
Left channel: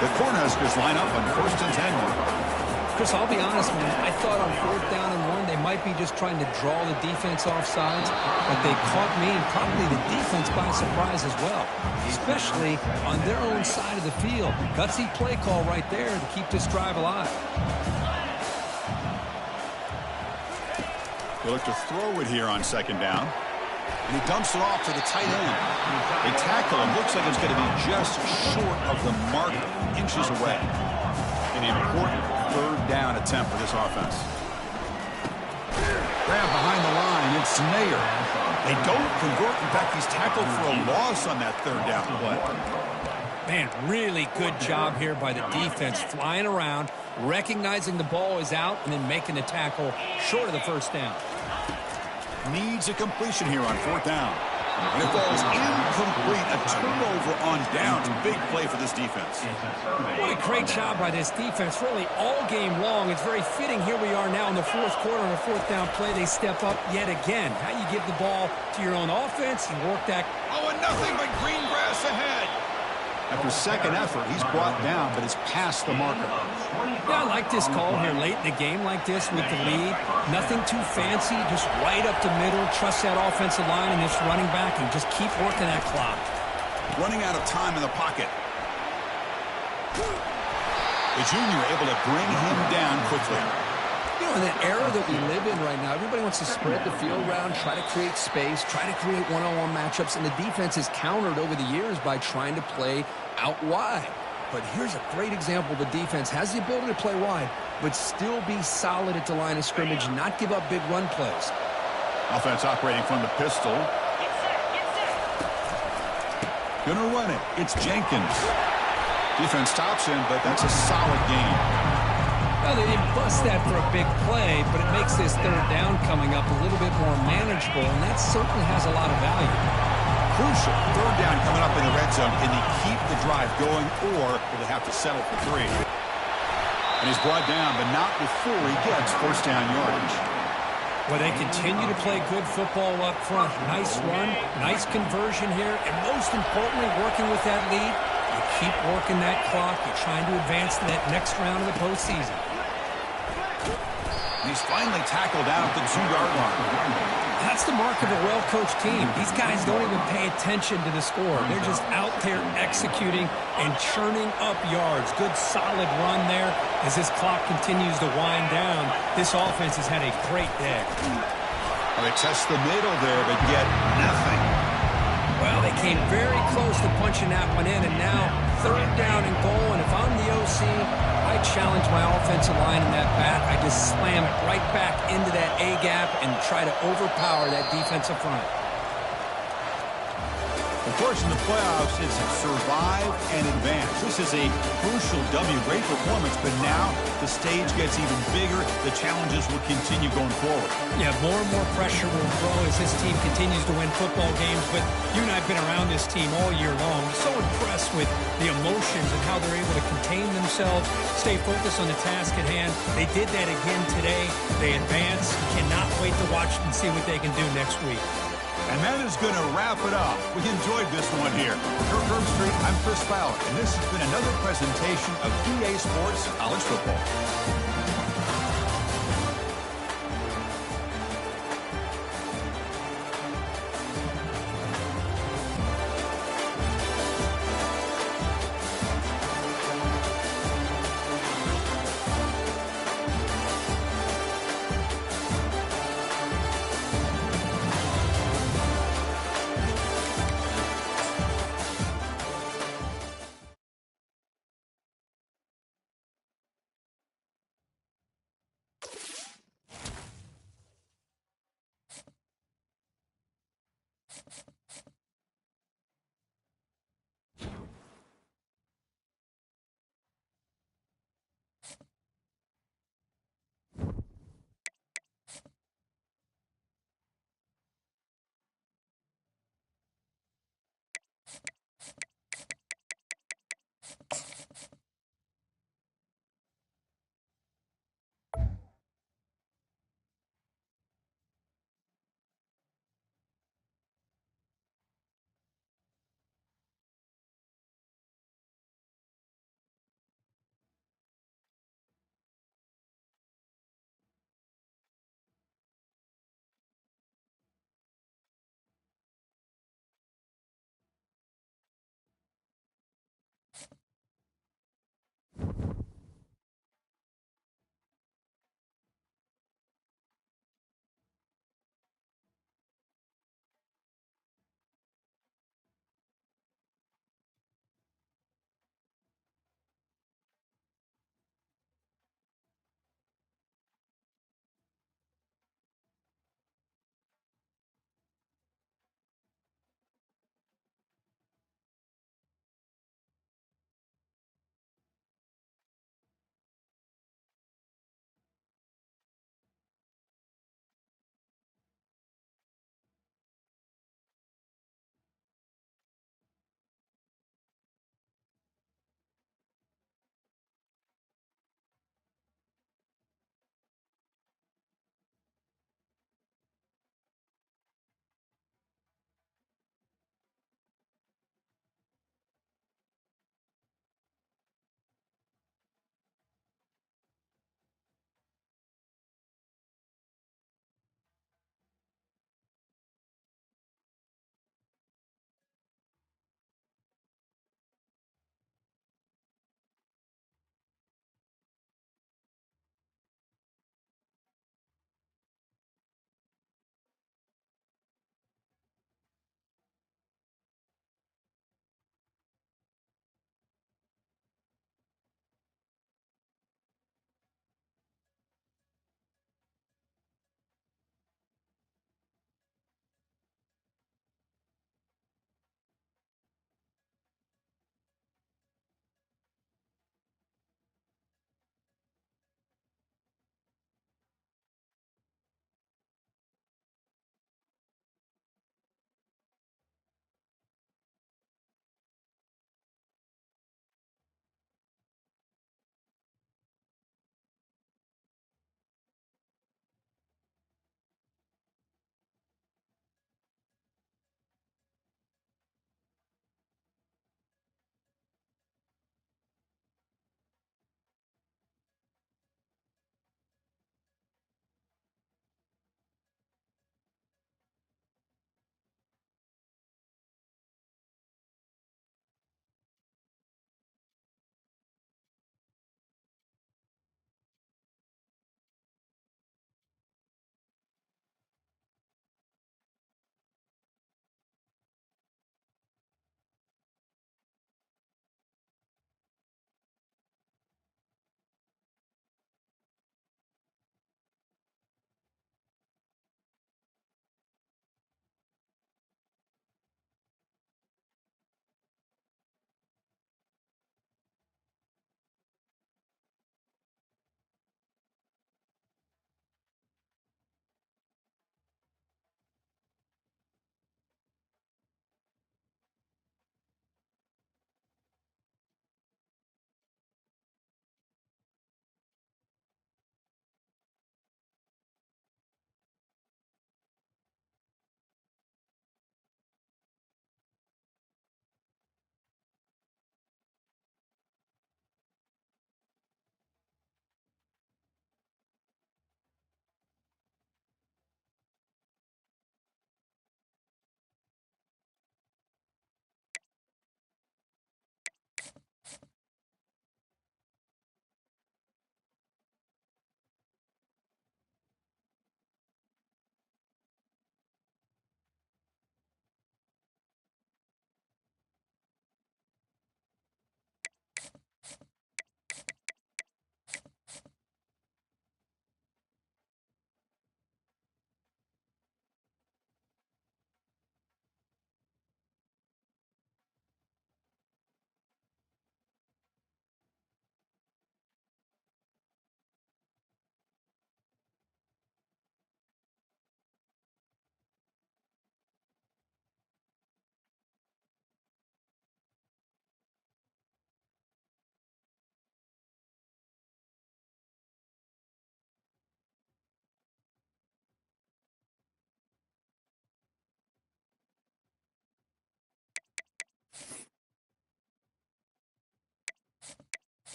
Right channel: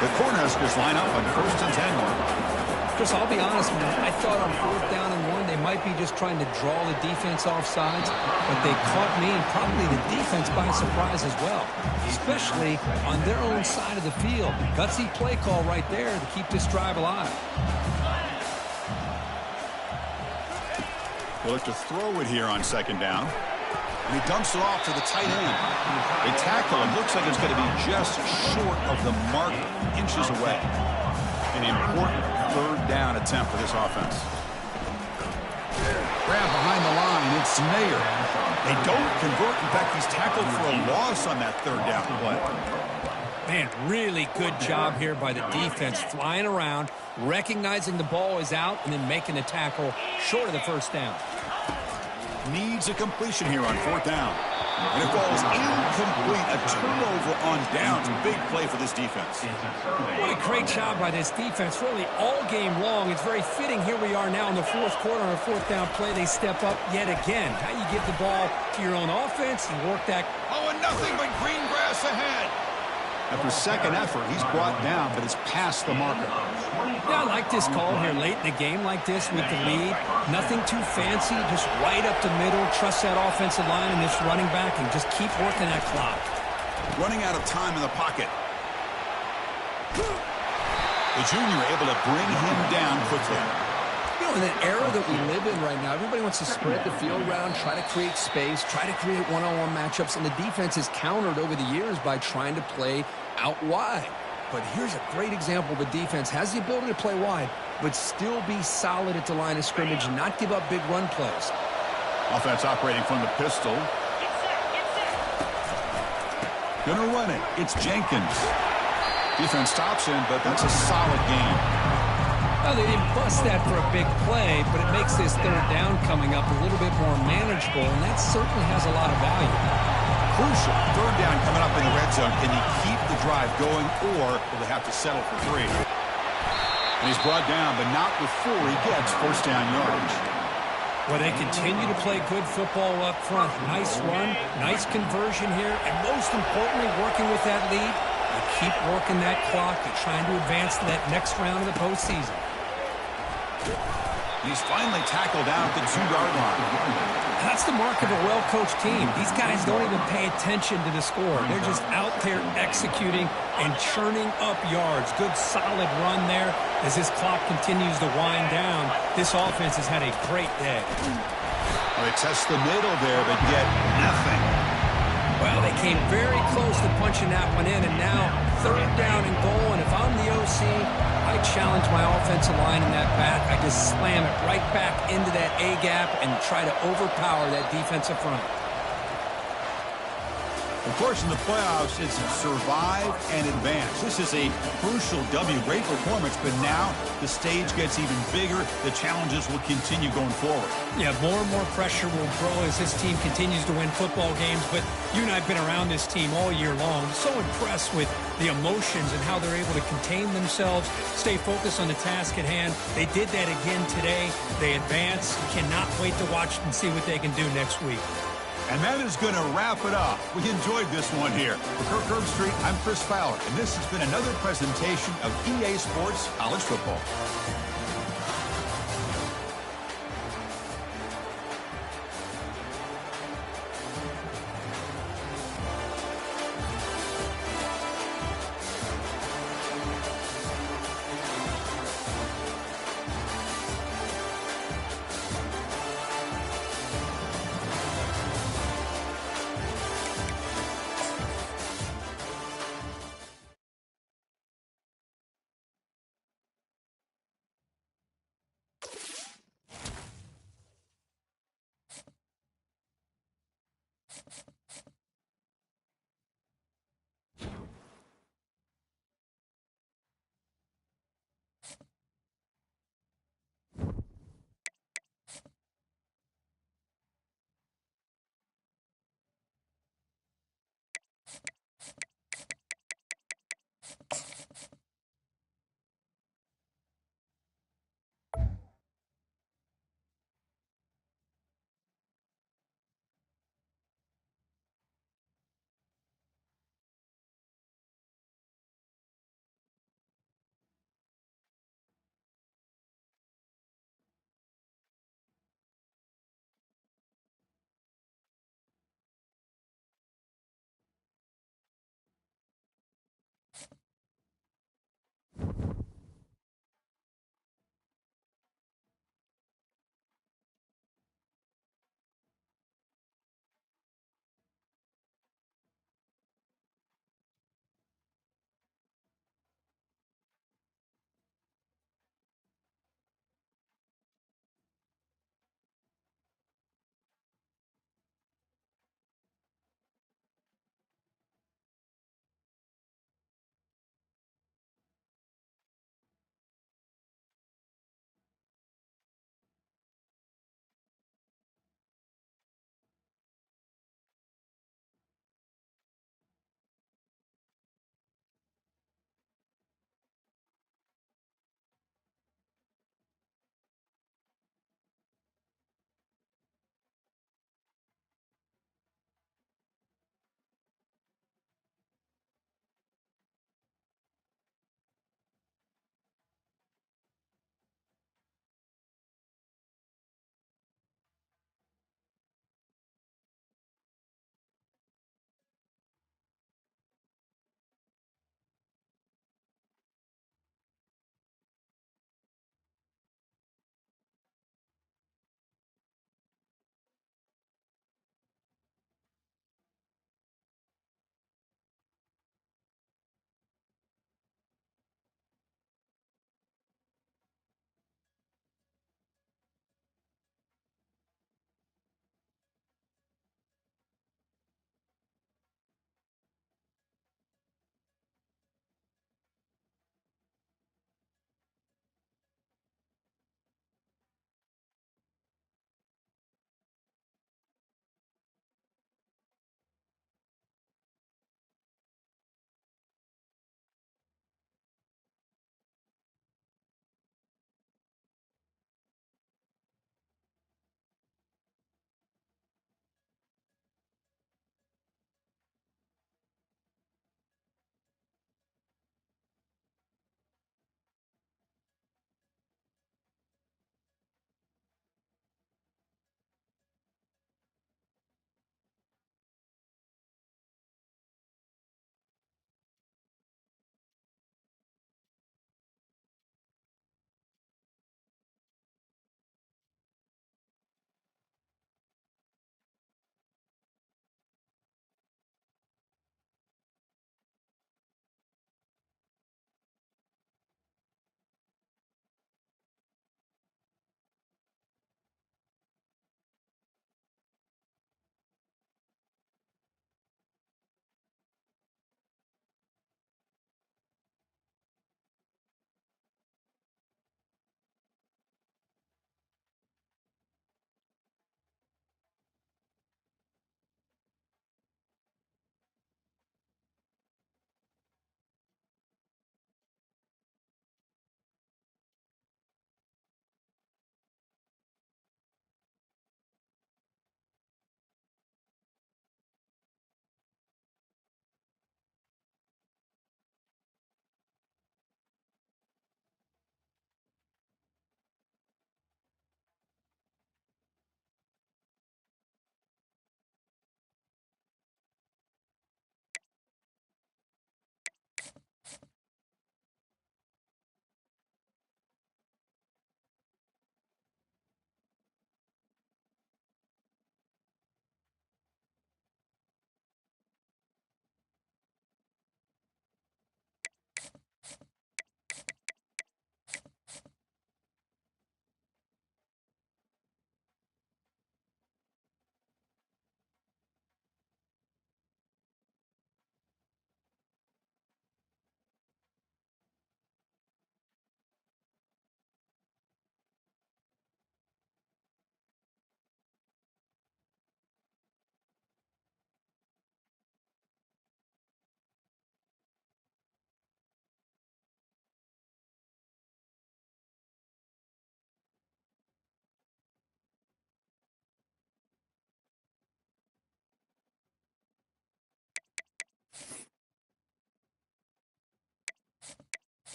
The Cornhuskers line up on 1st and 10. Chris, I'll be honest, man. I thought on 4th down and 1, they might be just trying to draw the defense off sides, but they caught me and probably the defense by surprise as well, especially on their own side of the field. Gutsy play call right there to keep this drive alive. They look to throw it here on 2nd down. And he dumps it off to the tight end. They tackle him. Looks like it's going to be just short of the marker, inches away. An important 3rd down attempt for this offense. Grab behind the line. It's Nair. They don't convert. In fact, he's tackled for a loss on that 3rd down play. Man, really good job here by the defense, flying around, recognizing the ball is out, and then making the tackle short of the 1st down. Needs a completion here on 4th down. And it falls incomplete. A turnover on downs. Big play for this defense. What a great job by this defense, really all game long. It's very fitting. Here we are now in the 4th quarter on a 4th down play. They step up yet again. How you give the ball to your own offense, you work that. Oh, and nothing but green grass ahead. After 2nd effort, he's brought down, but it's past the marker. Yeah, I like this call here late in the game like this with the lead. Nothing too fancy, just right up the middle. Trust that offensive line and this running back and just keep working that clock. Running out of time in the pocket. The junior able to bring him down quickly. You know, in the era that we live in right now, everybody wants to spread the field around, try to create space, try to create one-on-one matchups, and the defense is countered over the years by trying to play out wide. But here's a great example. The defense has the ability to play wide, but still be solid at the line of scrimmage and not give up big run plays. Offense operating from the pistol. Gonna run it. It's Jenkins. Defense stops him, but that's a solid game. Well, they didn't bust that for a big play, but it makes this 3rd down coming up a little bit more manageable, and that certainly has a lot of value. Crucial. 3rd down coming up in the red zone. Can they keep the drive going, or will they have to settle for 3? And he's brought down, but not before he gets 1st down yardage. Well, they continue to play good football up front. Nice run, nice conversion here, and most importantly, working with that lead, you keep working that clock. You're trying to advance to that next round of the postseason. And he's finally tackled down at the 2-yard line. That's the mark of a well-coached team. These guys don't even pay attention to the score. They're just out there executing and churning up yards. Good, solid run there as this clock continues to wind down. This offense has had a great day. Well, they test the middle there, but get nothing. Well, they came very close to punching that one in, and now 3rd down and goal. And if I'm the OC, I challenge my offensive line in that back. I just slam it right back into that A-gap and try to overpower that defensive front. Of course, in the playoffs, it's survive and advance. This is a crucial W. Great performance, but now the stage gets even bigger. The challenges will continue going forward. Yeah, more and more pressure will grow as this team continues to win football games, but you and I have been around this team all year long. So impressed with the emotions and how they're able to contain themselves, stay focused on the task at hand. They did that again today. They advance. Cannot wait to watch and see what they can do next week. And that is going to wrap it up. We enjoyed this one here. For Kirk Herbstreit, I'm Chris Fowler, and this has been another presentation of EA Sports College Football.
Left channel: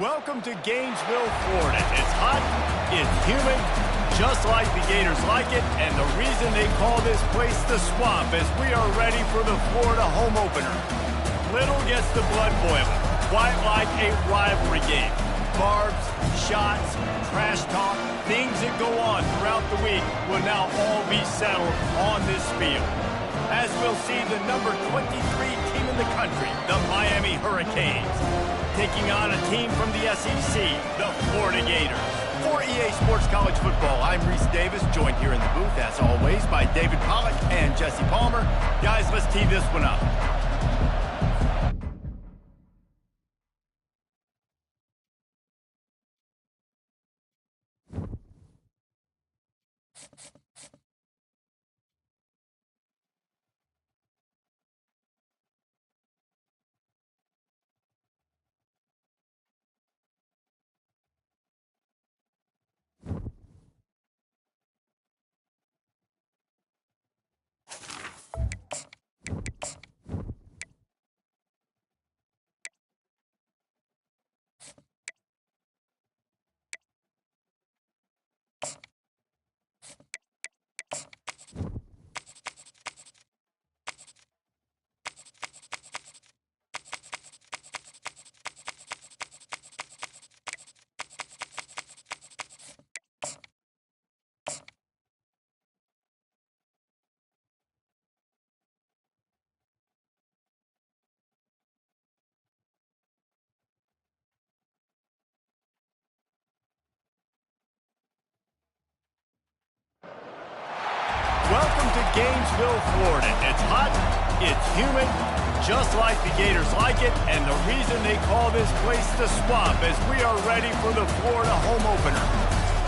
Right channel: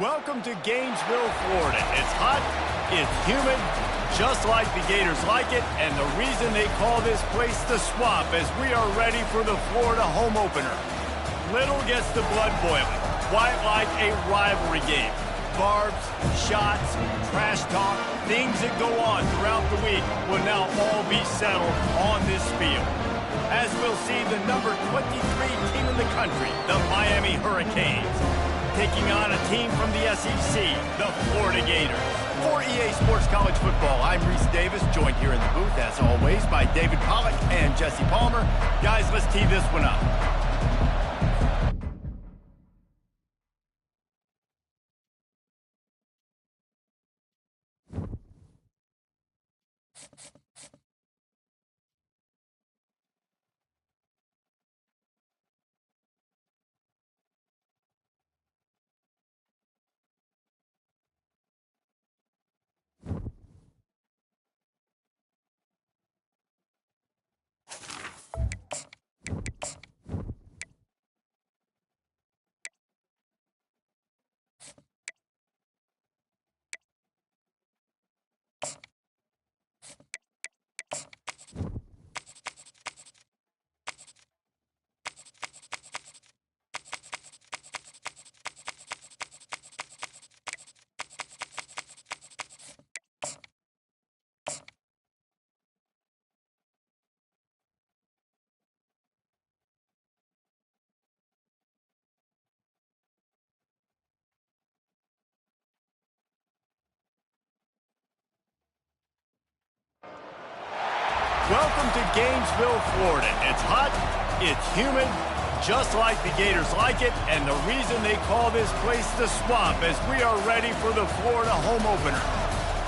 Welcome to Gainesville, Florida. It's hot, it's humid, just like the Gators like it, and the reason they call this place the Swamp is we are ready for the Florida home opener. Little gets the blood boiling, quite like a rivalry game. Barbs, shots, trash talk, things that go on throughout the week will now all be settled on this field. As we'll see the number 23 team in the country, the Miami Hurricanes, taking on a team from the SEC, the Florida Gators. For EA Sports College Football, I'm Reese Davis, joined here in the booth, as always, by David Pollack and Jesse Palmer. Guys, let's tee this one up. Welcome to Gainesville, Florida. It's hot, it's humid, just like the Gators like it, and the reason they call this place the Swamp is we are ready for the Florida home opener.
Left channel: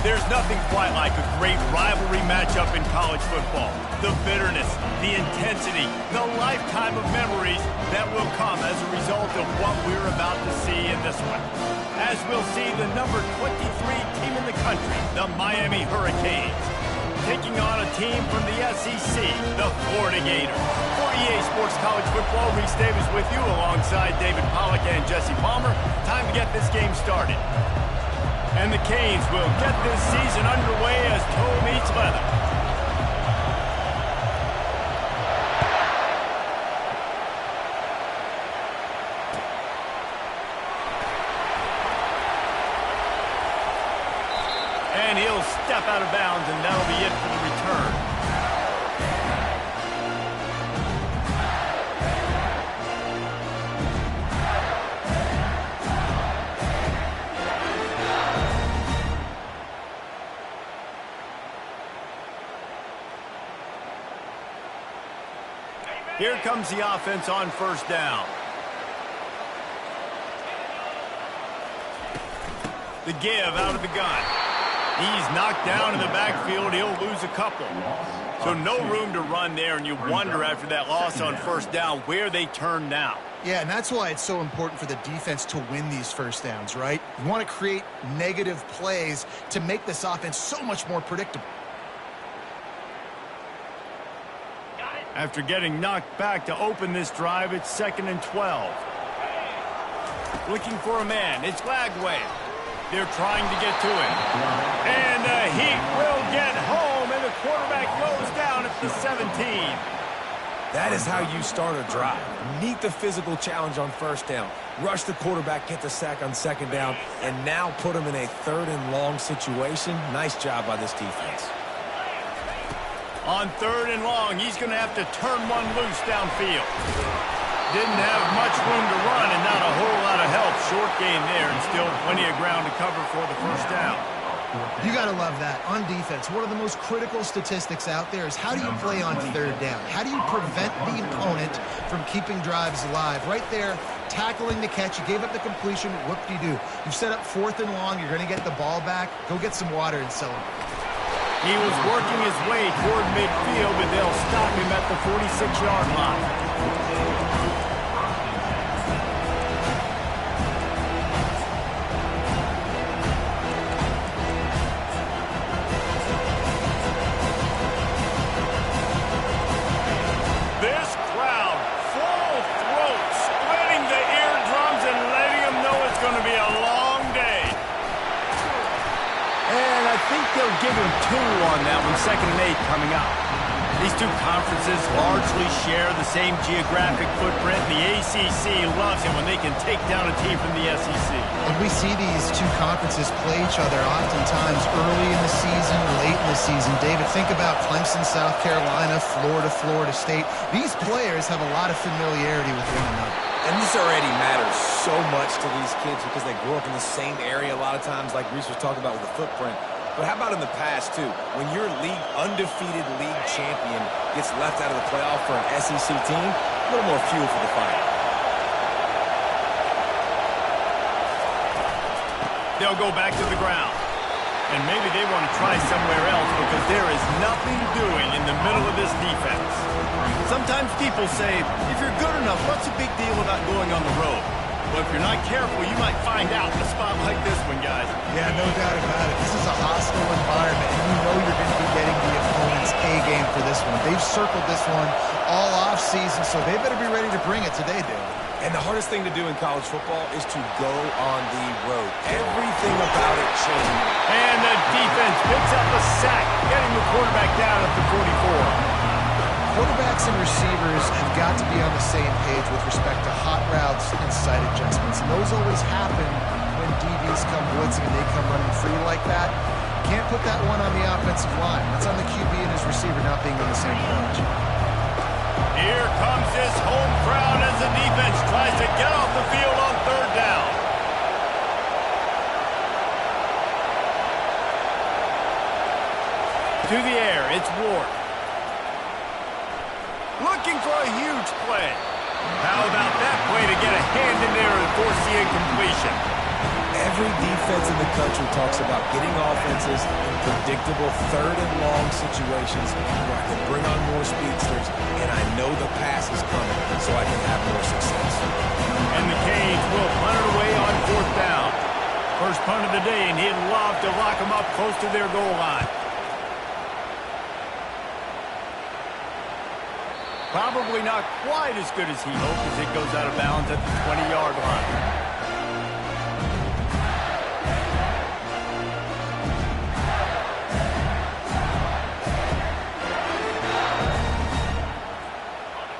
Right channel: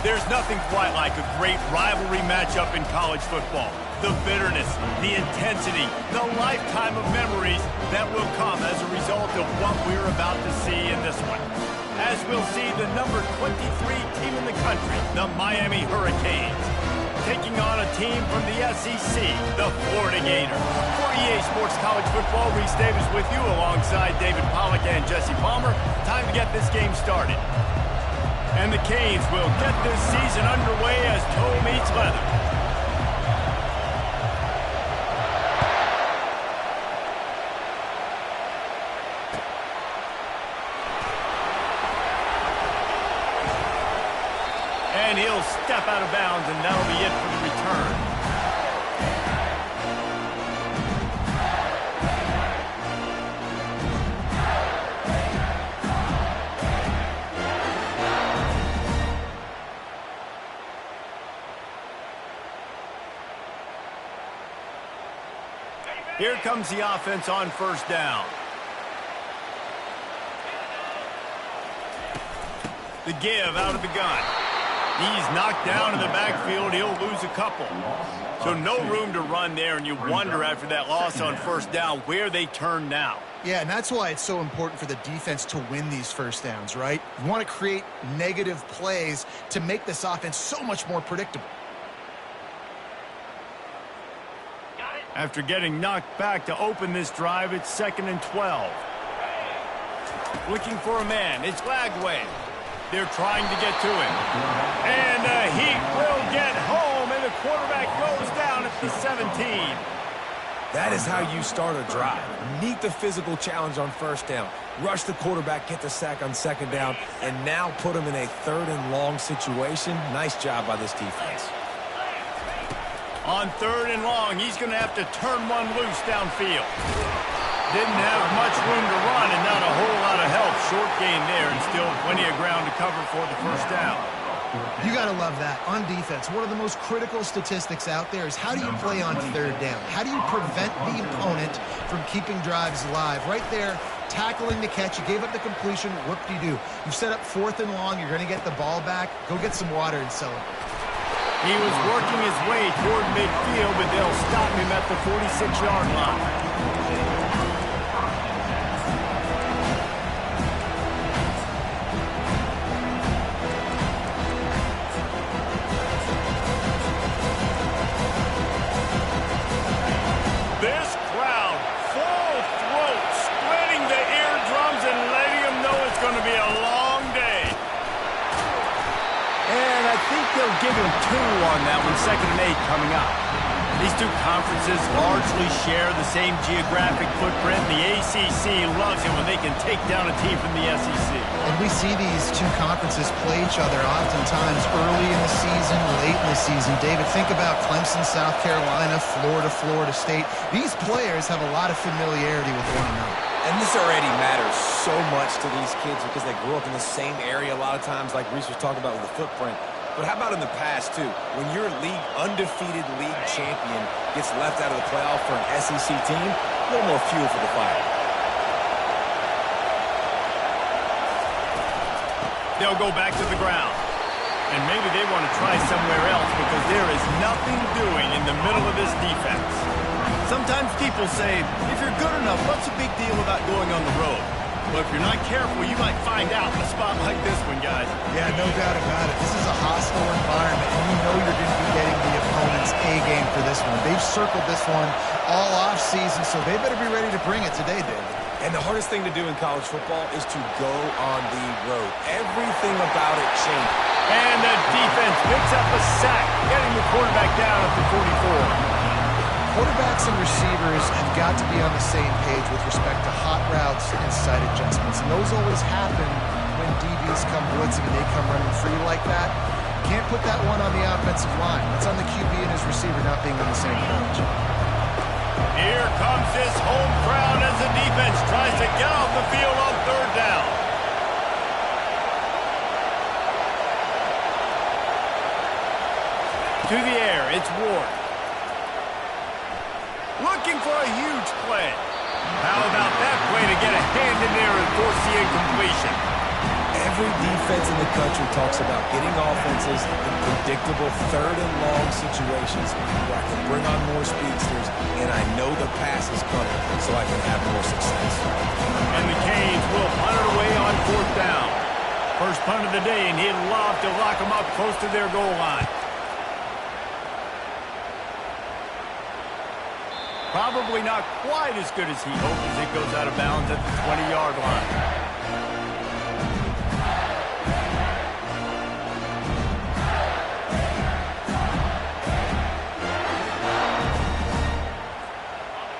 There's nothing quite like a great rivalry matchup in college football. The bitterness, the intensity, the lifetime of memories that will come as a result of what we're about to see in this one. As we'll see the number 23 team in the country, the Miami Hurricanes, taking on a team from the SEC, the Florida Gators. For EA Sports College Football, Reese Davis with you alongside David Pollack and Jesse Palmer. Time to get this game started. And the Canes will get this season underway as toe meets leather. And he'll step out of bounds, and that'll be it for the return. Here comes the offense on first down. The give out of the gun. He's knocked down in the backfield. He'll lose a couple. So no room to run there, and you wonder after that loss on first down where they turn now. Yeah, and that's why it's so important for the defense to win these first downs, right? You want to create negative plays to make this offense so much more predictable. After getting knocked back to open this drive, it's 2nd and 12. Looking for a man. It's Lagway. They're trying to get to him. And the Heat will get home, and the quarterback goes down at the 17. That is how you start a drive. Meet the physical challenge on first down. Rush the quarterback, get the sack on second down, and now put him in a 3rd and long situation. Nice job by this defense. On 3rd and long, he's going to have to turn one loose downfield. Didn't have much room to run and not a whole lot of help. Short gain there and still plenty of ground to cover for the first down. You got to love that. On defense, one of the most critical statistics out there is how do you play on 3rd down? How do you prevent the opponent from keeping drives alive? Right there, tackling the catch. You gave up the completion. Whoop-de-doo. You've set up 4th and long. You're going to get the ball back. Go get some water and celebrate. He was working his way toward midfield, but they'll stop him at the 46-yard line. This crowd, full throat, splitting the eardrums and letting them know it's going to be a long day. And I think they'll give him 2 on that one, 2nd and 8 coming up. These two conferences largely share the same geographic footprint. The ACC loves it when they can take down a team from the SEC. And we see these two conferences play each other oftentimes early in the season, late in the season. David, think about Clemson, South Carolina, Florida, Florida State. These players have a lot of familiarity with one another. And this already matters so much to these kids because they grew up in the same area a lot of times, like Reese was talking about with the footprint. But how about in the past, too? When your undefeated league champion gets left out of the playoff for an SEC team, a little more fuel for the fire. They'll go back to the ground. And maybe they want to try somewhere else because there is nothing doing in the middle of this defense. Sometimes people say, if you're good enough, what's the big deal about going on the road? Well, if you're not careful, you might find out in a spot like this one, guys. Yeah, no doubt about it. This is a hostile environment, and you know you're going to be getting the opponent's A-game for this one. They've circled this one all off-season, so they better be ready to bring it today, David. And the hardest thing to do in college football is to go on the road. Everything about it changed. And the defense picks up a sack, getting the quarterback down at the 44. Quarterbacks and receivers have got to be on the same page with respect to hot routes and sight adjustments. And those always happen when DBs come blitzing and they come running free like that. Can't put that one on the offensive line. That's on the QB and his receiver not being on the same page. Here comes this home crowd as the defense tries to get off the field on 3rd down. To the air, it's Ward. Looking for a huge play. How about that play to get a hand in there and force the incompletion? Every defense in the country talks about getting offenses in predictable 3rd and long situations where I can bring on more speedsters and I know the pass is coming so I can have more success. And the Canes will punt it away on 4th down. First punt of the day, and he'd love to lock them up close to their goal line. Probably not quite as good as he hoped as it goes out of bounds at the 20-yard line.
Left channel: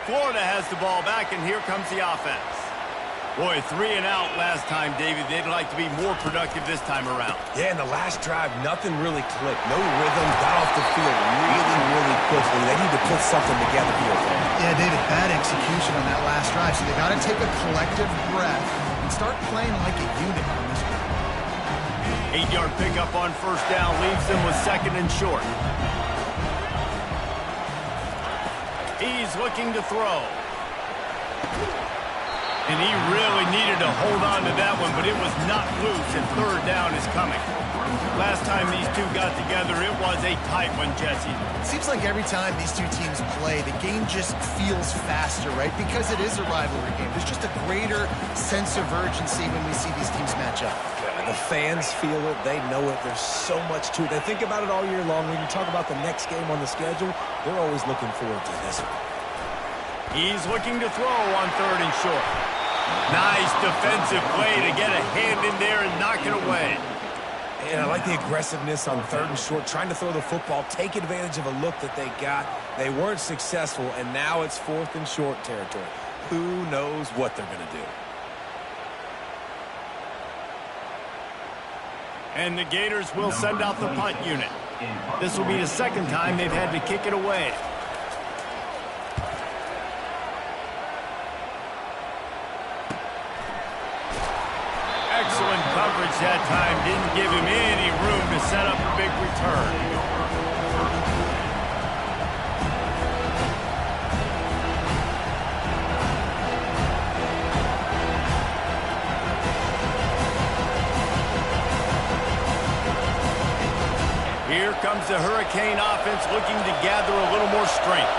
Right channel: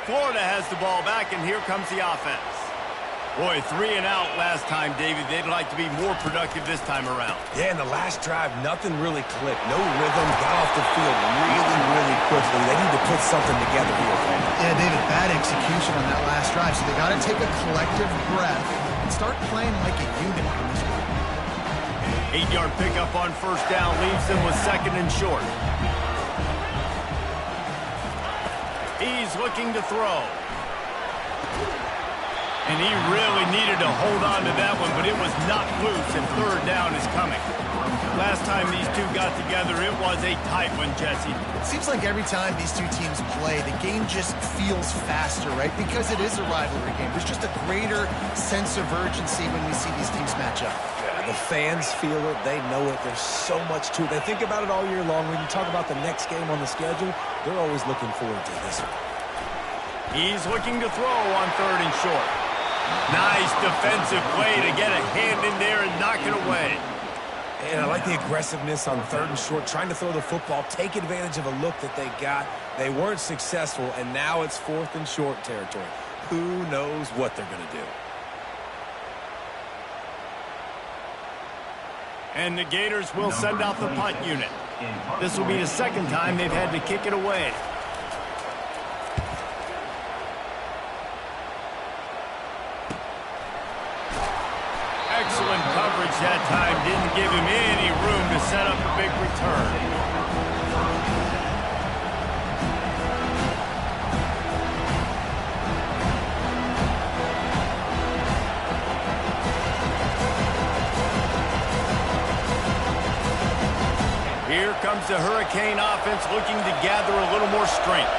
Florida has the ball back, and here comes the offense. Boy, 3 and out last time, David. They'd like to be more productive this time around. Yeah, in the last drive, nothing really clicked. No rhythm, got off the field really quickly. They need to put something together here. Yeah, David, bad execution on that last drive. So they got to take a collective breath and start playing like a unit on this one. 8-yard pickup on 1st down leaves them with 2nd and short. He's looking to throw. And he really needed to hold on to that one, but it was not loose, and 3rd down is coming. Last time these two got together, it was a tight one, Jesse. It seems like every time these two teams play, the game just feels faster, right? Because it is a rivalry game. There's just a greater sense of urgency when we see these teams match up. Yeah, the fans feel it. They know it. There's so much to it. They think about it all year long. When you talk about the next game on the schedule, they're always looking forward to this one. He's looking to throw on 3rd and short. Nice defensive play to get a hand in there and knock it away. And I like the aggressiveness on 3rd and short, trying to throw the football, take advantage of a look that they got. They weren't successful, and now it's 4th and short territory. Who knows what they're going to do? And the Gators will send out the punt unit. This will be the 2nd time they've had to kick it away. Excellent coverage that time. Didn't give him any room to set up a big return. Here comes the Hurricane offense looking to gather a little more strength.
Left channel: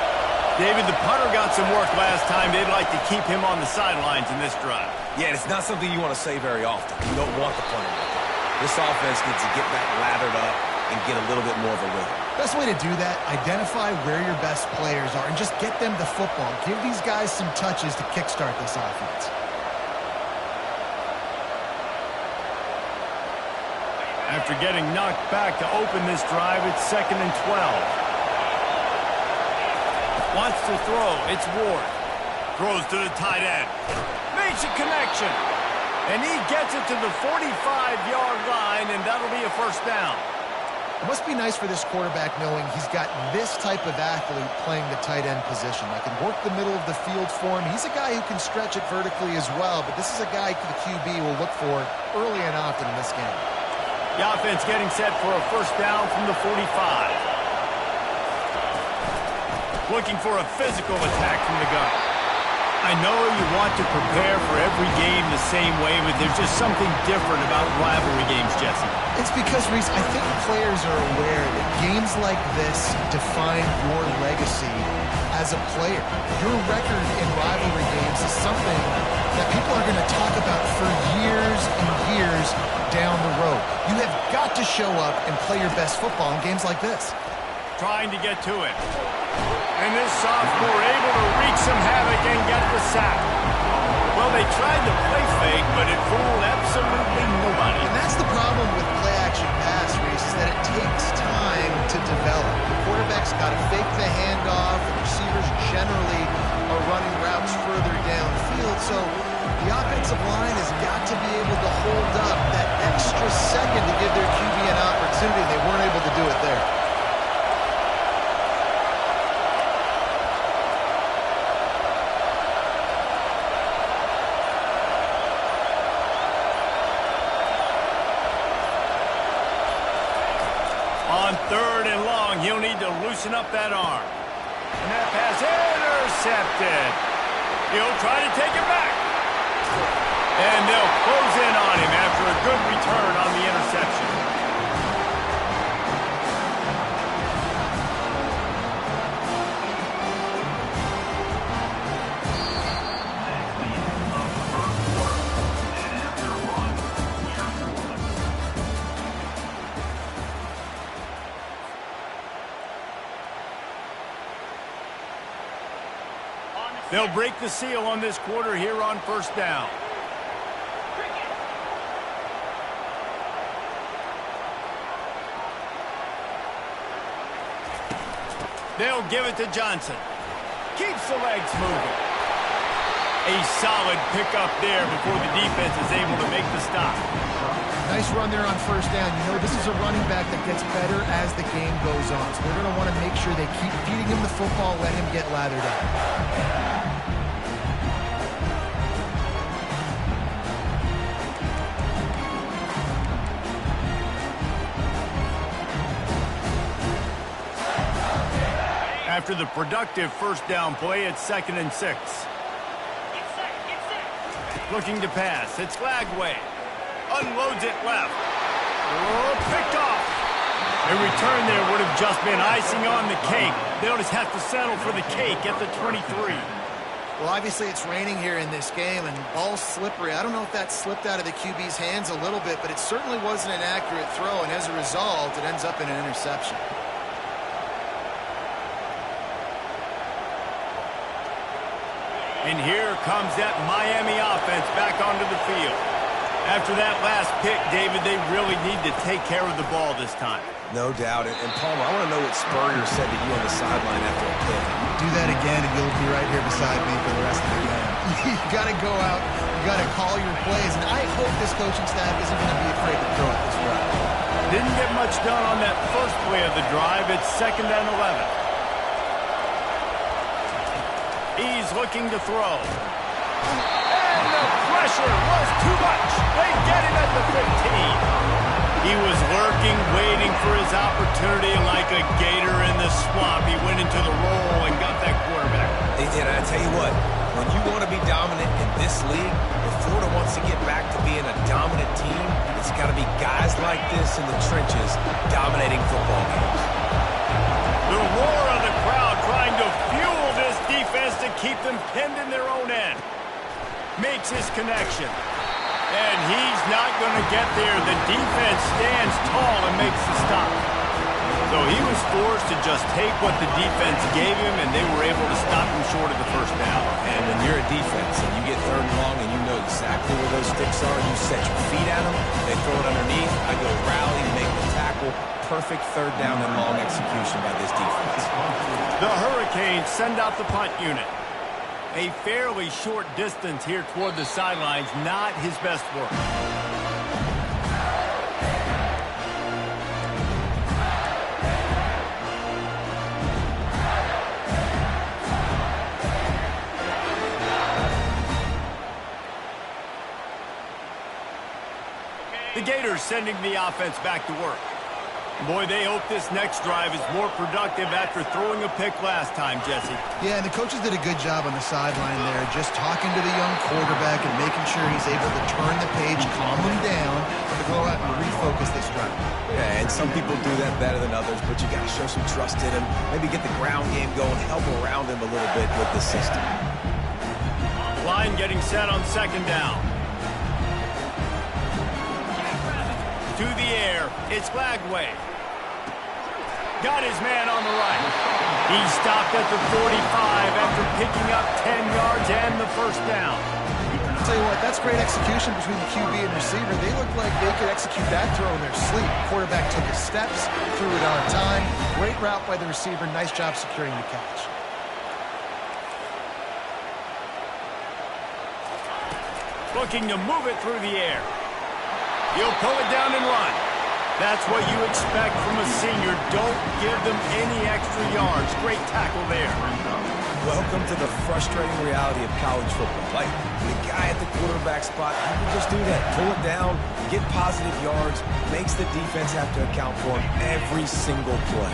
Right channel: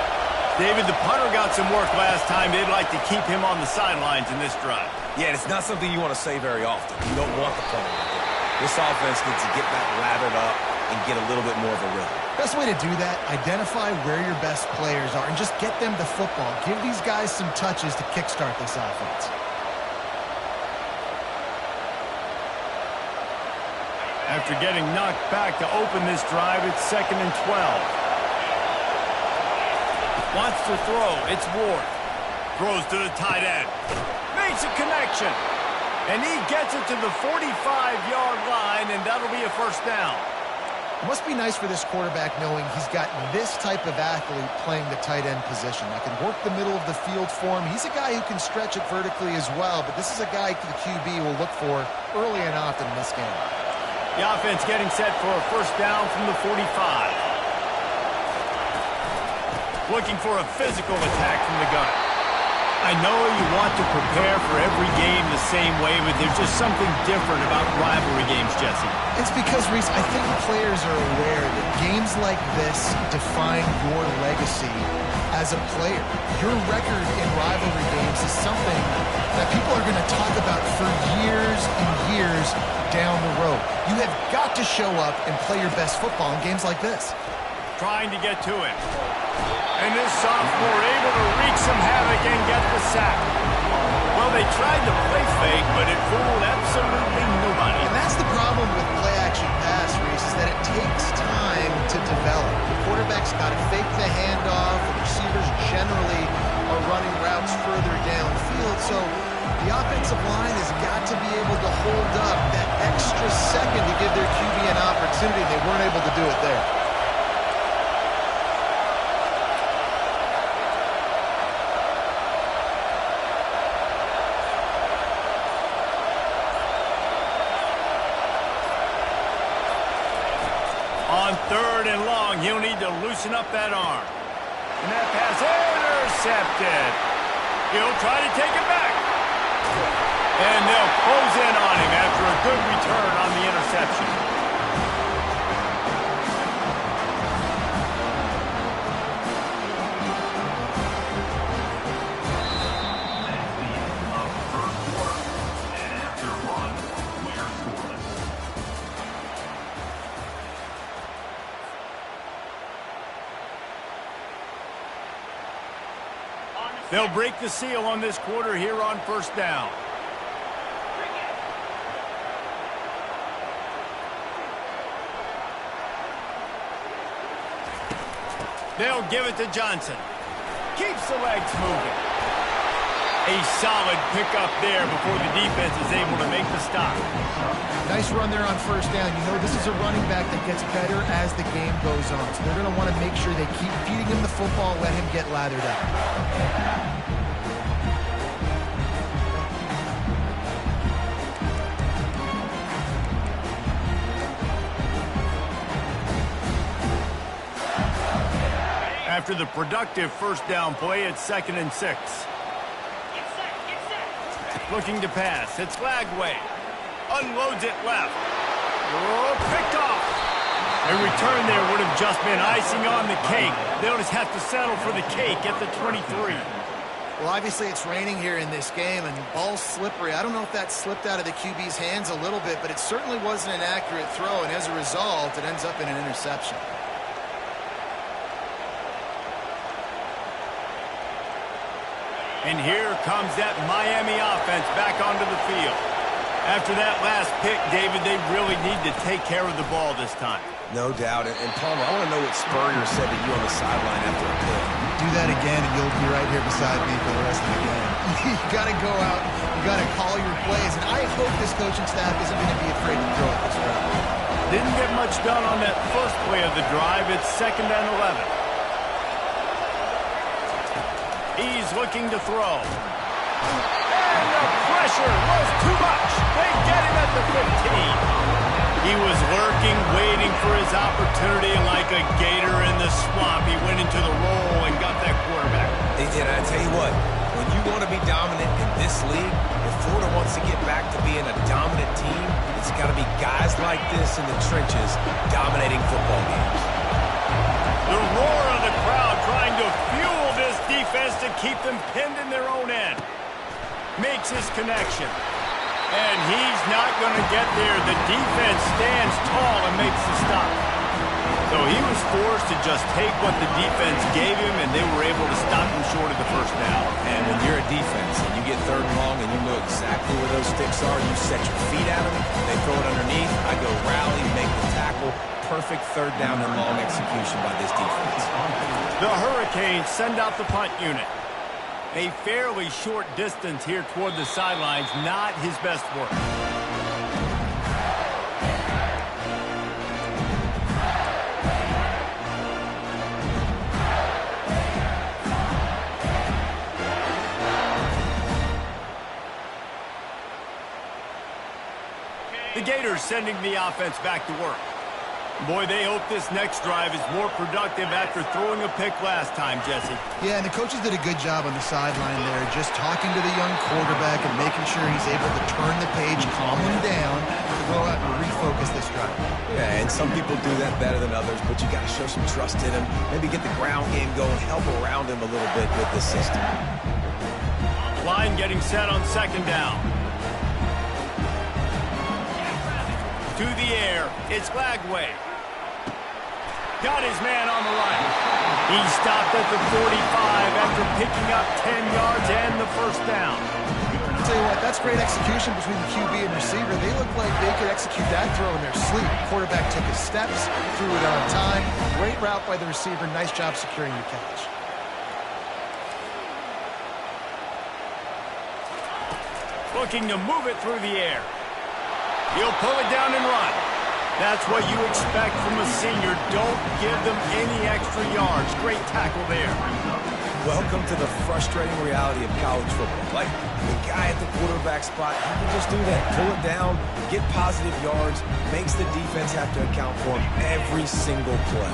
David, the punter got some work last time. They'd like to keep him on the sidelines in this drive. Yeah, it's not something you want to say very often. You don't want the punter out there. This offense needs to get back lathered up and get a little bit more of a rhythm. Best way to do that, identify where your best players are and just get them the football. Give these guys some touches to kickstart this offense. After getting knocked back to open this drive, it's 2nd and 12. Wants to throw. It's Ward. Throws to the tight end. Makes a connection. And he gets it to the 45-yard line, and that'll be a 1st down. It must be nice for this quarterback knowing he's got this type of athlete playing the tight end position. That can work the middle of the field for him. He's a guy who can stretch it vertically as well, but this is a guy the QB will look for early and often in this game. The offense getting set for a 1st down from the 45. Looking for a physical attack from the gun. I know you want to prepare for every game the same way, but there's just something different about rivalry games, Jesse. It's because, Reese, I think players are aware that games like this define your legacy as a player. Your record in rivalry games is something that people are going to talk about for years and years down the road. You have got to show up and play your best football in games like this. Trying to get to him. And this sophomore able to wreak some havoc and get the sack. Well, they tried to play fake, but it fooled absolutely nobody. And that's the problem with play-action pass, Reese, is that it takes time to develop. The quarterback's got to fake the handoff. The receivers generally are running routes further downfield. So the offensive line has got to be able to hold up that extra second to give their QB an opportunity. They weren't able to do it there. On 3rd and long, he'll need to loosen up that arm. And that pass intercepted. He'll try to take it back. And they'll close in on him after a good return on the interception. They'll break the seal on this quarter here on 1st down. They'll give it to Johnson. Keeps the legs moving. A solid pickup there before the defense is able to make the stop. Nice run there on 1st down. You know, this is a running back that gets better as the game goes on. So they're going to want to make sure they keep feeding him the football, let him get lathered up. After the productive 1st down play, it's 2nd and 6. Looking to pass. It's Lagway. Unloads it left. Oh, picked off. A return there would have just been icing on the cake. They'll just have to settle for the cake at the 23. Well, obviously it's raining here in this game, and ball's slippery. I don't know if that slipped out of the QB's hands a little bit, but it certainly wasn't an accurate throw, and as a result, it ends up in an interception. And here comes that Miami offense back onto the field. After that last pick, David, they really need to take care of the ball this time. No doubt. And Palmer, I want to know what Spurrier said to you on the sideline after a pick. Do that again, and you'll be right here beside me for the rest of the game. You got to go out. You got to call your plays. And I hope this coaching staff isn't going to be afraid to throw it this route. Didn't get much done on that first play of the drive. It's 2nd and 11. He's looking to throw. And the pressure was too much. They get him at the 15. He was lurking, waiting for his opportunity, and like a gator in the swamp, he went into the roll and got that quarterback. They did. I tell you what, when you want to be dominant in this league, if Florida wants to get back to being a dominant team, it's got to be guys like this in the trenches dominating football games. The roar of the crowd trying to fuel this defense to keep them pinned in their own end. Makes his connection. And he's not going to get there. The defense stands tall and makes the stop. So he was forced to just take what the defense gave him, and they were able to stop him short of the first down. And when you're a defense and you get 3rd and long and you know exactly where those sticks are, you set your feet at them, they throw it underneath, I go rally, make the tackle. Perfect 3rd down and long execution by this defense. The Hurricanes send out the punt unit. A fairly short distance here toward the sidelines, not his best work. The Gators sending the offense back to work. Boy, they hope this next drive is more productive after throwing a pick last time, Jesse. Yeah, and the coaches did a good job on the sideline there, just talking to the young quarterback and making sure he's able to turn the page, calm him down, to go out and refocus this drive. Yeah, and some people do that better than others, but you got to show some trust in him. Maybe get the ground game going, help around him a little bit with the system. Line getting set on 2nd down. To the air, it's Glagway. Got his man on the right. He stopped at the 45 after picking up 10 yards and the first down. I'll tell you what, that's great execution between the QB and receiver. They look like they could execute that throw in their sleep. Quarterback took his steps, threw it on time. Great route by the receiver. Nice job securing the catch. Looking to move it through the air. He'll pull it down and run. That's what you expect from a senior. Don't give them any extra yards. Great tackle there. Welcome to the frustrating reality of college football. Like, the guy at the quarterback spot, he can just do that. Pull it down, get positive yards, makes the defense have to account for him every single play.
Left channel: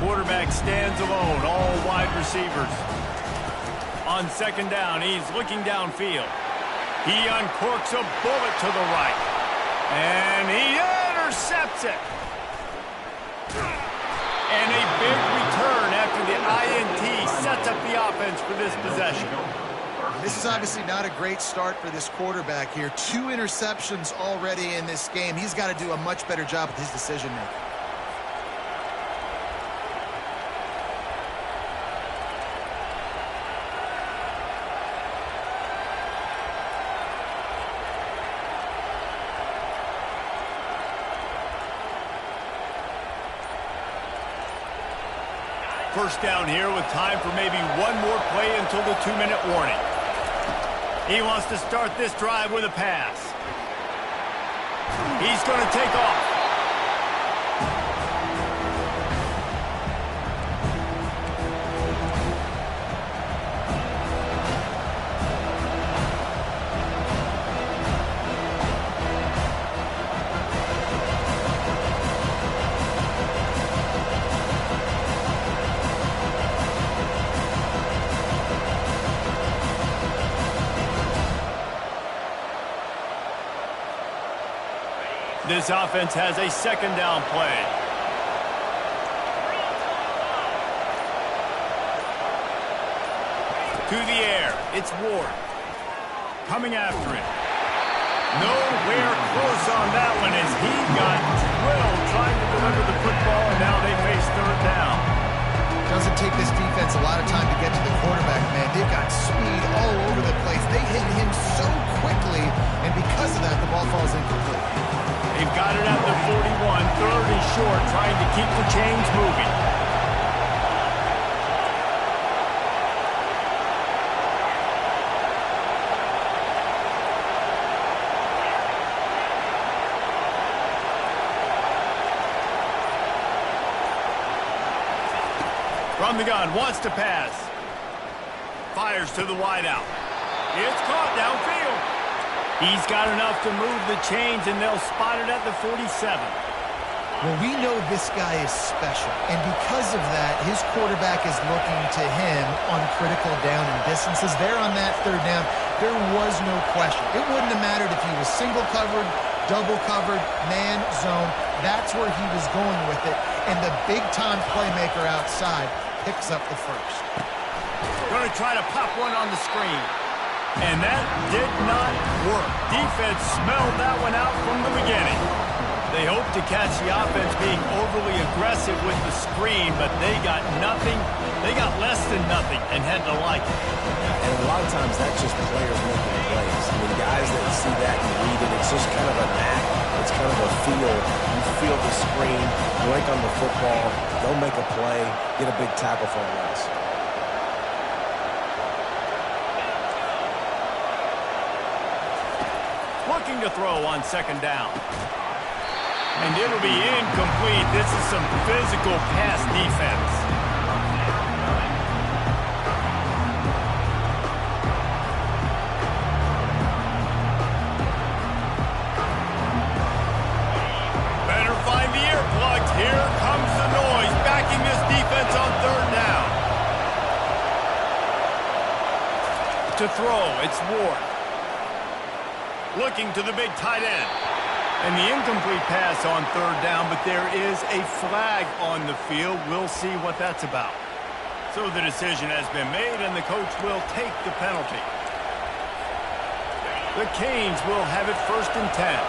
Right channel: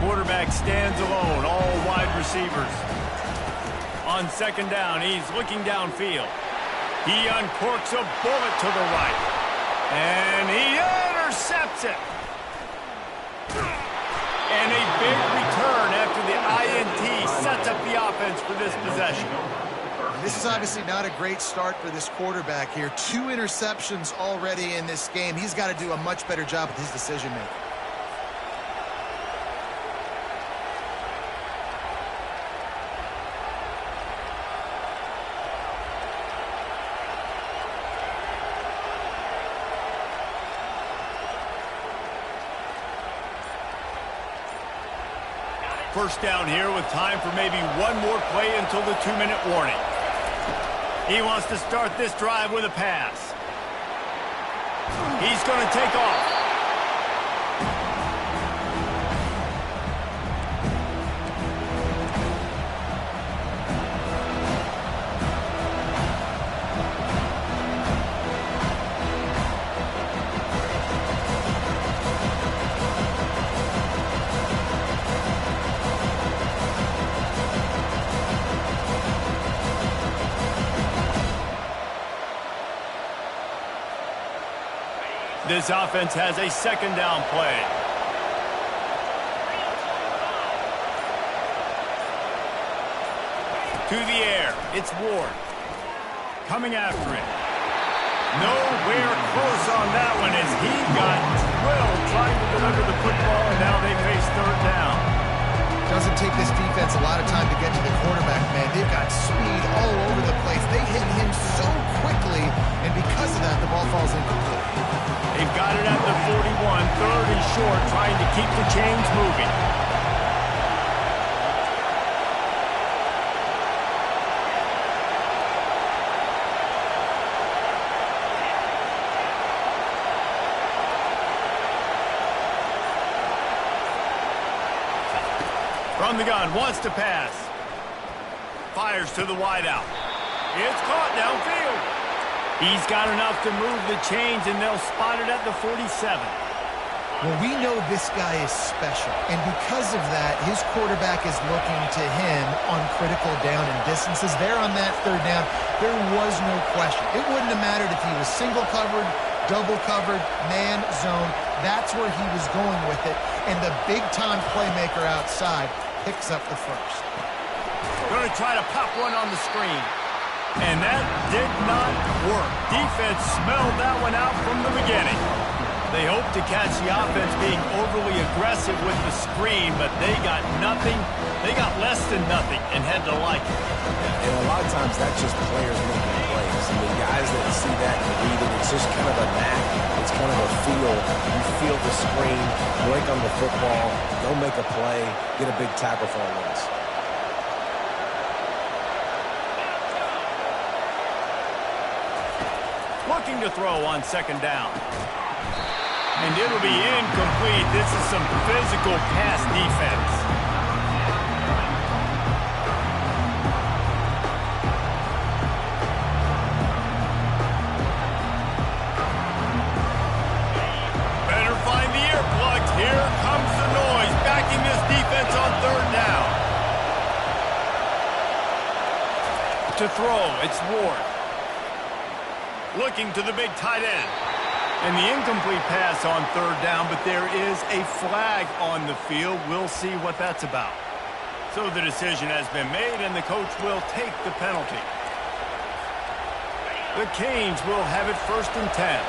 Quarterback stands alone, all wide receivers. On 2nd down, he's looking downfield. He uncorks a bullet to the right. And he intercepts it. And a big return after the INT sets up the offense for this possession. This is obviously not a great start for this quarterback here. 2 interceptions already in this game. He's got to do a much better job with his decision-making. First down here with time for maybe one more play until the 2-minute warning. He wants to start this drive with a pass. He's going to take off. This offense has a 2nd down play. To the air, it's Ward. Coming after him. Nowhere close on that one as he got drilled trying to deliver the football, and now they face 3rd down. Doesn't take this defense a lot of time to get to the quarterback, man. They've got speed all over the place. They hit him so quickly, and because of that, the ball falls incomplete. They've got it at the 41, third and short, trying to keep the chains moving. From the gun, wants to pass. Fires to the wideout. It's caught downfield. He's got enough to move the chains, and they'll spot it at the 47. Well, we know this guy is special, and because of that, his quarterback is looking to him on critical down and distances. There on that third down, there was no question. It wouldn't have mattered if he was single covered, double covered, man, zone. That's where he was going with it, and the big-time playmaker outside picks up the first. Going to try to pop one on the screen. And that did not work. Defense smelled that one out from the beginning. They hoped to catch the offense being overly aggressive with the screen, but they got nothing. They got less than nothing and had to like it. Yeah, and a lot of times that's just players making plays. I mean, guys that see that and read it, it's just kind of a knack. It's kind of a feel. You feel the screen, break on the football, go make a play, get a big tackle for a loss. Looking to throw on second down. And it'll be incomplete. This is some physical pass defense. Better find the earplugs. Here comes the noise, backing this defense on third down. To throw, it's Ward. Looking to the big tight end. And the incomplete pass on third down, but there is a flag on the field. We'll see what that's about. So the decision has been made, and the coach will take the penalty. The Canes will have it 1st and 10.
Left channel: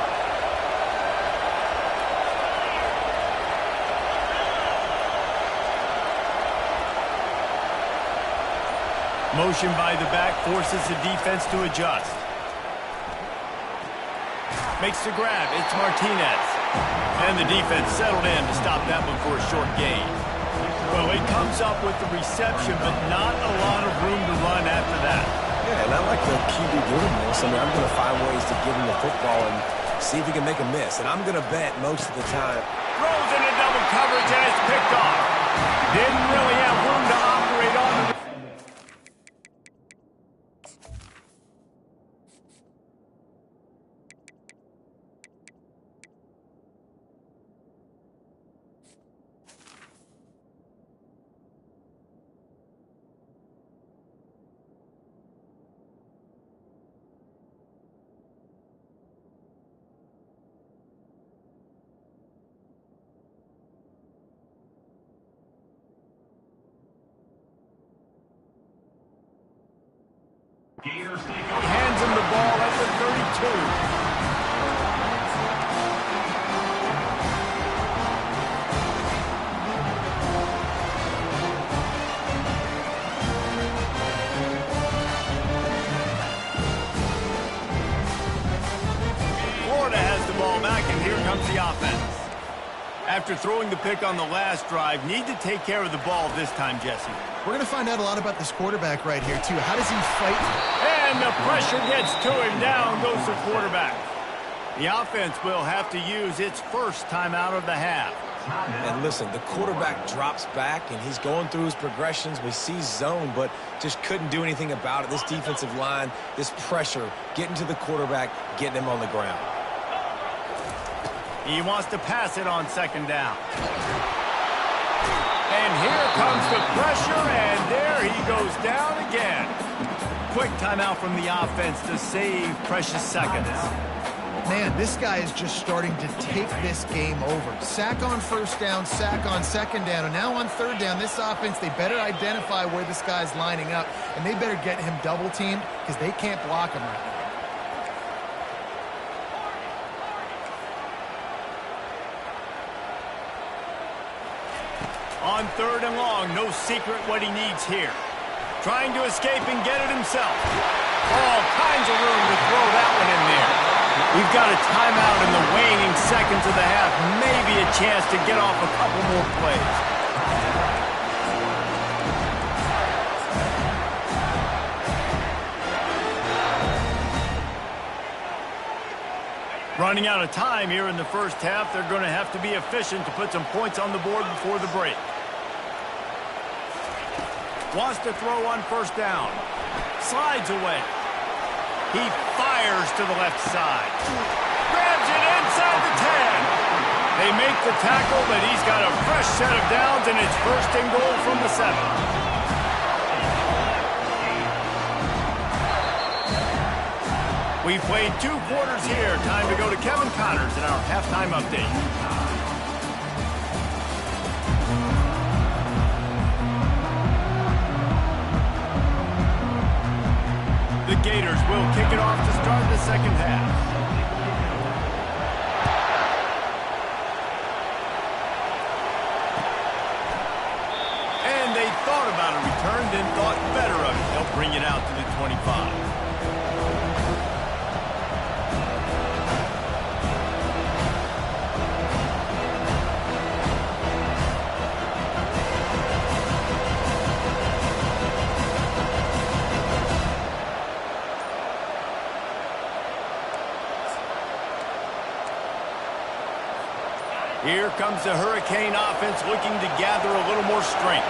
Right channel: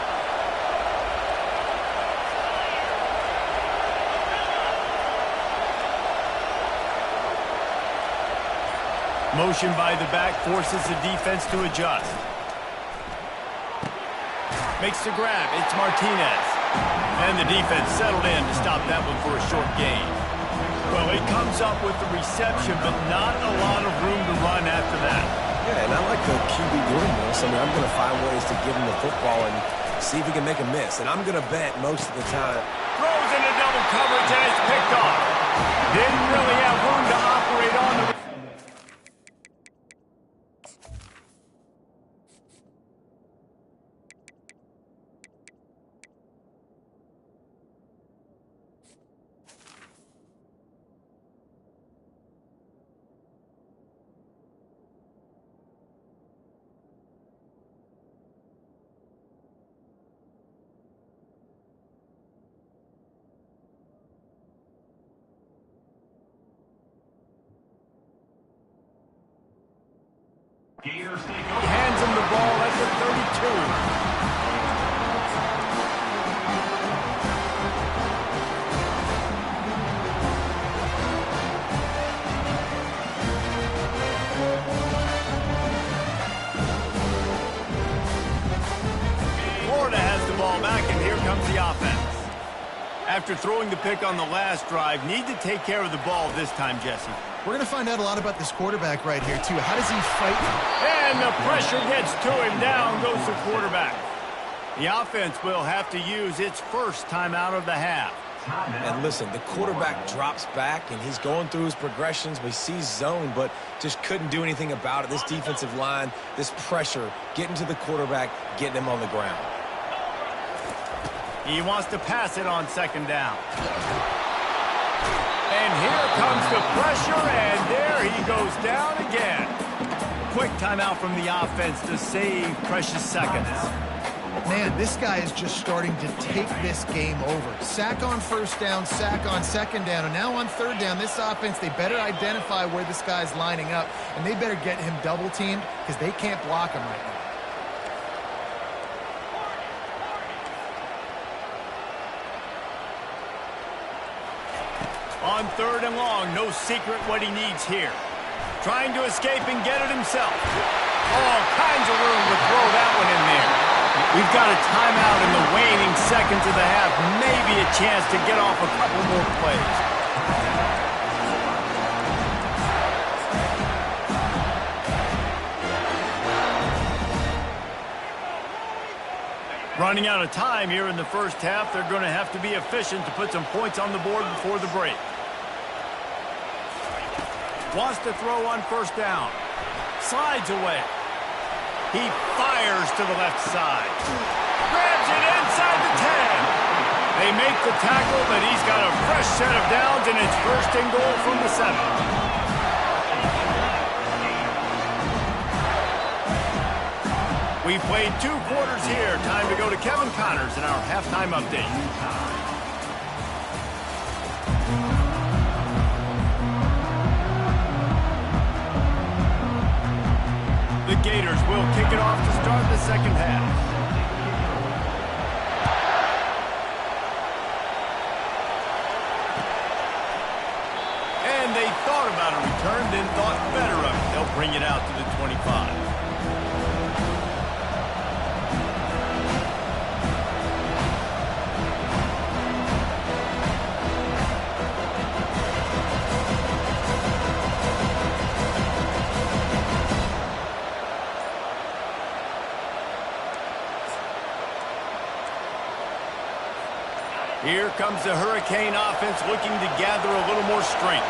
Motion by the back forces the defense to adjust. Makes the grab. It's Martinez. And the defense settled in to stop that one for a short gain. Well, it comes up with the reception, but not a lot of room to run after that. Yeah, and I like the QB doing this. I mean, I'm going to find ways to give him the football and see if he can make a miss. And I'm going to bet most of the time. Throws into double coverage, and it's picked off. Didn't really have room to operate on the... Gators take He over. hands him the ball at the 32. Florida has the ball back, and here comes the offense. After throwing the pick on the last drive, need to take care of the ball this time, Jesse. We're going to find out a lot about this quarterback right here, too. How does he fight? And the pressure gets to him. Down goes the quarterback. The offense will have to use its first timeout of the half. And listen, the quarterback drops back, and he's going through his progressions. We see zone, but just couldn't do anything about it. This defensive line, this pressure, getting to the quarterback, getting him on the ground. He wants to pass it on second down. And here comes the pressure, and there he goes down again. Quick timeout from the offense to save precious seconds. Man, this guy is just starting to take this game over. Sack on first down, sack on second down, and now on third down, this offense, they better identify where this guy's lining up, and they better get him double-teamed because they can't block him right now. On 3rd and long, no secret what he needs here. Trying to escape and get it himself. All kinds of room to throw that one in there. We've got a timeout in the waning seconds of the half. Maybe a chance to get off a couple more plays. Running out of time here in the first half. They're going to have to be efficient to put some points on the board before the break. Wants to throw on 1st down. Slides away. He fires to the left side. Grabs it inside the 10. They make the tackle, but he's got a fresh set of downs, and it's 1st and goal from the 7. We played 2 quarters here. Time to go to Kevin Connors in our halftime update. The Gators will kick it off to start the second half. And they thought about a return, then thought better of it. They'll bring it out to the 25. Here comes the Hurricane offense looking to gather a little more strength.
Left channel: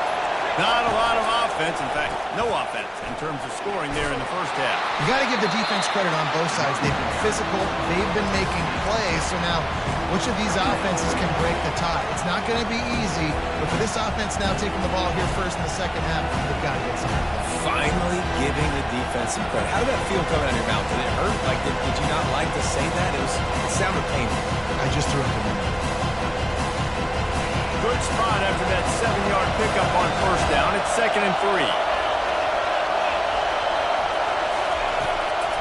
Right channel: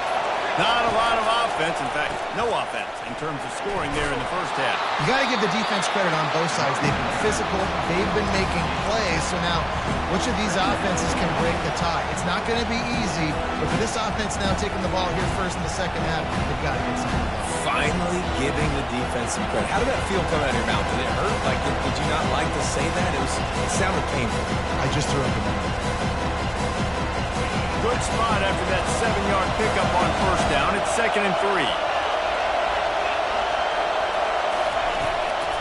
Not a lot of offense, in fact, no offense in terms of scoring there in the first half. You got to give the defense credit on both sides. They've been physical. They've been making plays. So now, which of these offenses can break the tie? It's not going to be easy, but for this offense now taking the ball here first in the second half, they've got to get something done. Finally giving the defense some credit. How did that feel coming out of your mouth? Did it hurt? Like, did you not like to say that? It sounded painful. I just threw up a number. Good spot after that 7-yard pickup on 1st down. It's 2nd and 3.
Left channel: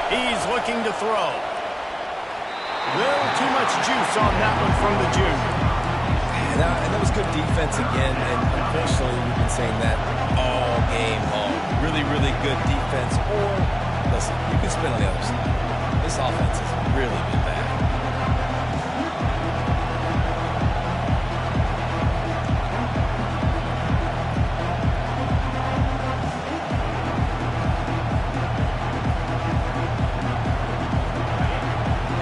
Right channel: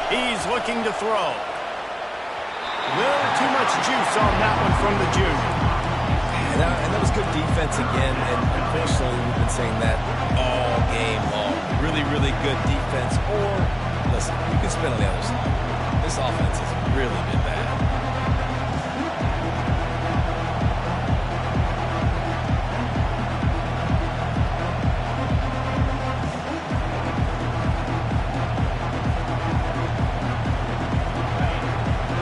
He's looking to throw. Little too much juice on that one from the junior. And that was good defense again, and unfortunately we've been saying that all game long. Really, really good defense. Or, listen, you can spin on the other side. This offense has really been bad.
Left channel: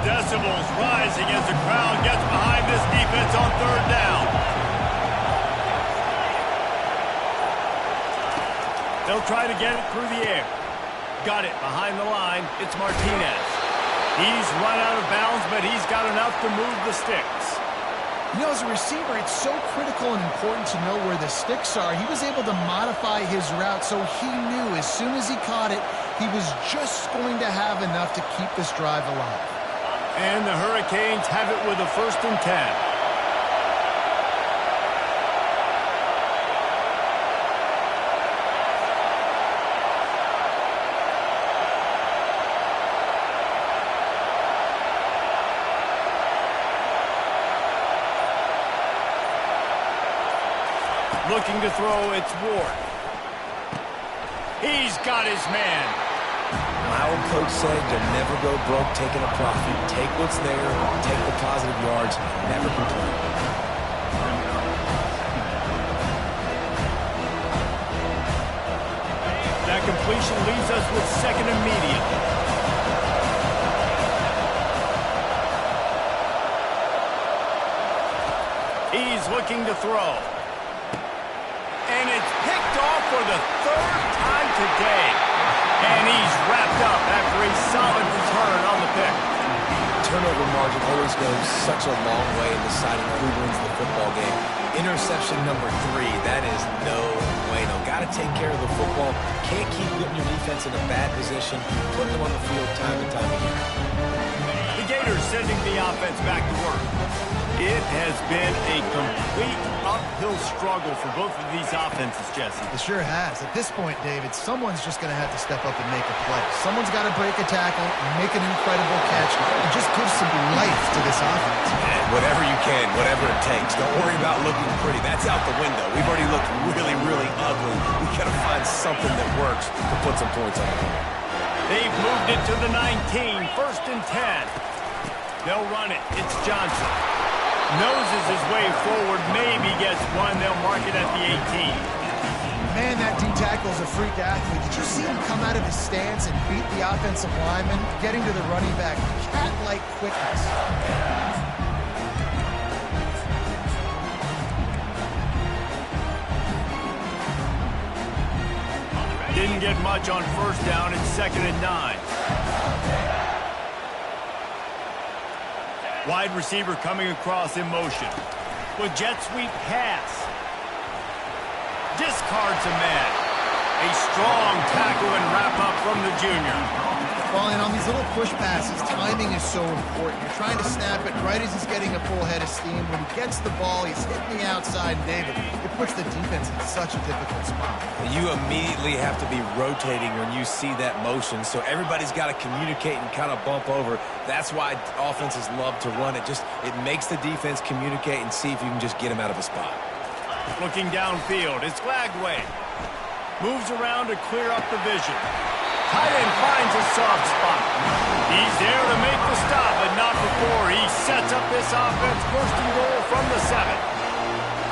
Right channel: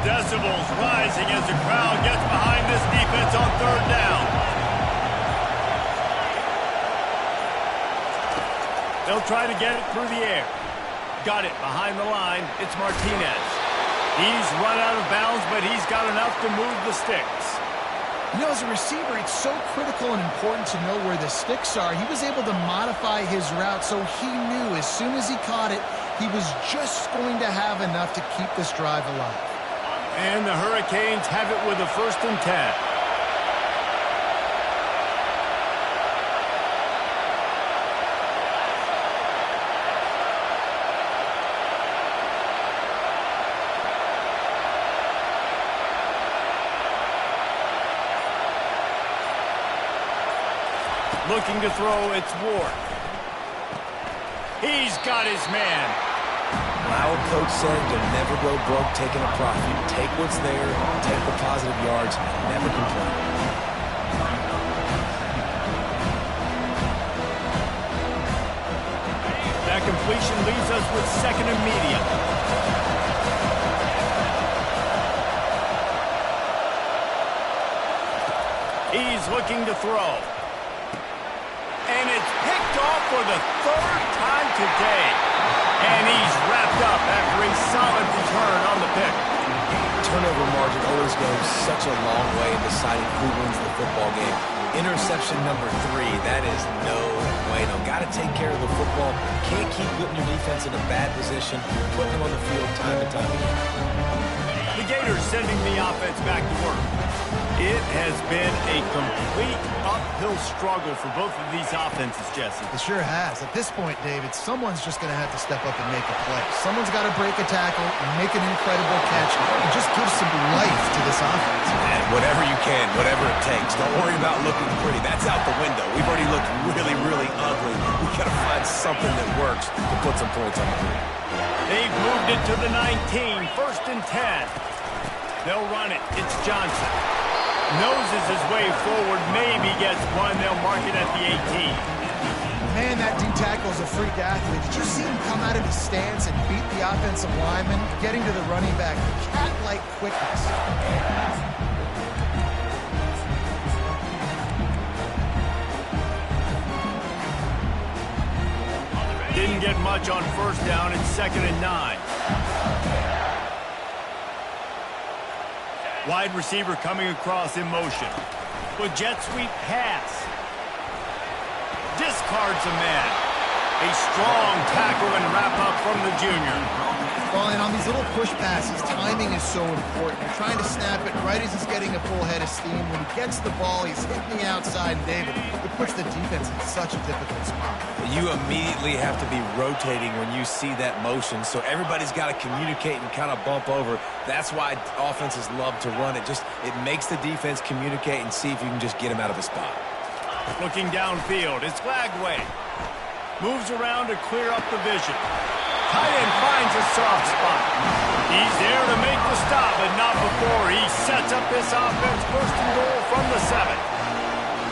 Decibels rising as the crowd gets behind this defense on 3rd down. They'll try to get it through the air. Got it behind the line. It's Martinez. He's run out of bounds, but he's got enough to move the sticks. You know, as a receiver, it's so critical and important to know where the sticks are. He was able to modify his route, so he knew as soon as he caught it, he was just going to have enough to keep this drive alive. And the Hurricanes have it with a 1st and 10. Looking to throw, it's Ward. He's got his man. My old coach said to never go broke taking a profit. Take what's there, take the positive yards, never complain. That completion leaves us with 2nd and medium. He's looking to throw. And it's picked off for the 3rd time today. And he's wrapped up after a solid return on the pick. Turnover margin always goes such a long way in deciding who wins the football game. Interception number 3, that is no bueno. Got to take care of the football. Can't keep putting your defense in a bad position, putting them on the field time and time again. The Gators sending the offense back to work. It has been a complete uphill struggle for both of these offenses, Jesse. It sure has. At this point, David, someone's just going to have to step up and make a play. Someone's got to break a tackle, make an incredible catch, and just give some life to this offense. And Whatever you can, whatever it takes. Don't worry about looking pretty. That's out the window. We've already looked really, really ugly. We've got to find something that works to put some points on the board. They've moved it to the 19, 1st and 10. They'll run it. It's Johnson. Noses his way forward, maybe gets one. They'll mark it at the 18. Man, that D tackle is a freak athlete. Did you see him come out of his stance and beat the offensive lineman, getting to the running back? Cat-like quickness. Didn't get much on 1st down. It's 2nd and 9. Wide receiver coming across in motion. With jet sweep pass. Discards a man. A strong tackle and wrap up from the junior. Well, and on these little push passes, timing is so important. You're trying to snap it right as he's getting a full head of steam. When he gets the ball, he's hitting the outside, and David, it puts the defense in such a difficult spot. You immediately have to be rotating when you see that motion, so everybody's got to communicate and kind of bump over. That's why offenses love to run it. It makes the defense communicate and see if you can just get him out of a spot. Looking downfield, it's Glagway. Moves around to clear up the vision. Tight end finds a soft spot. He's there to make the stop, but not before he sets up this offense. 1st and goal from the 7.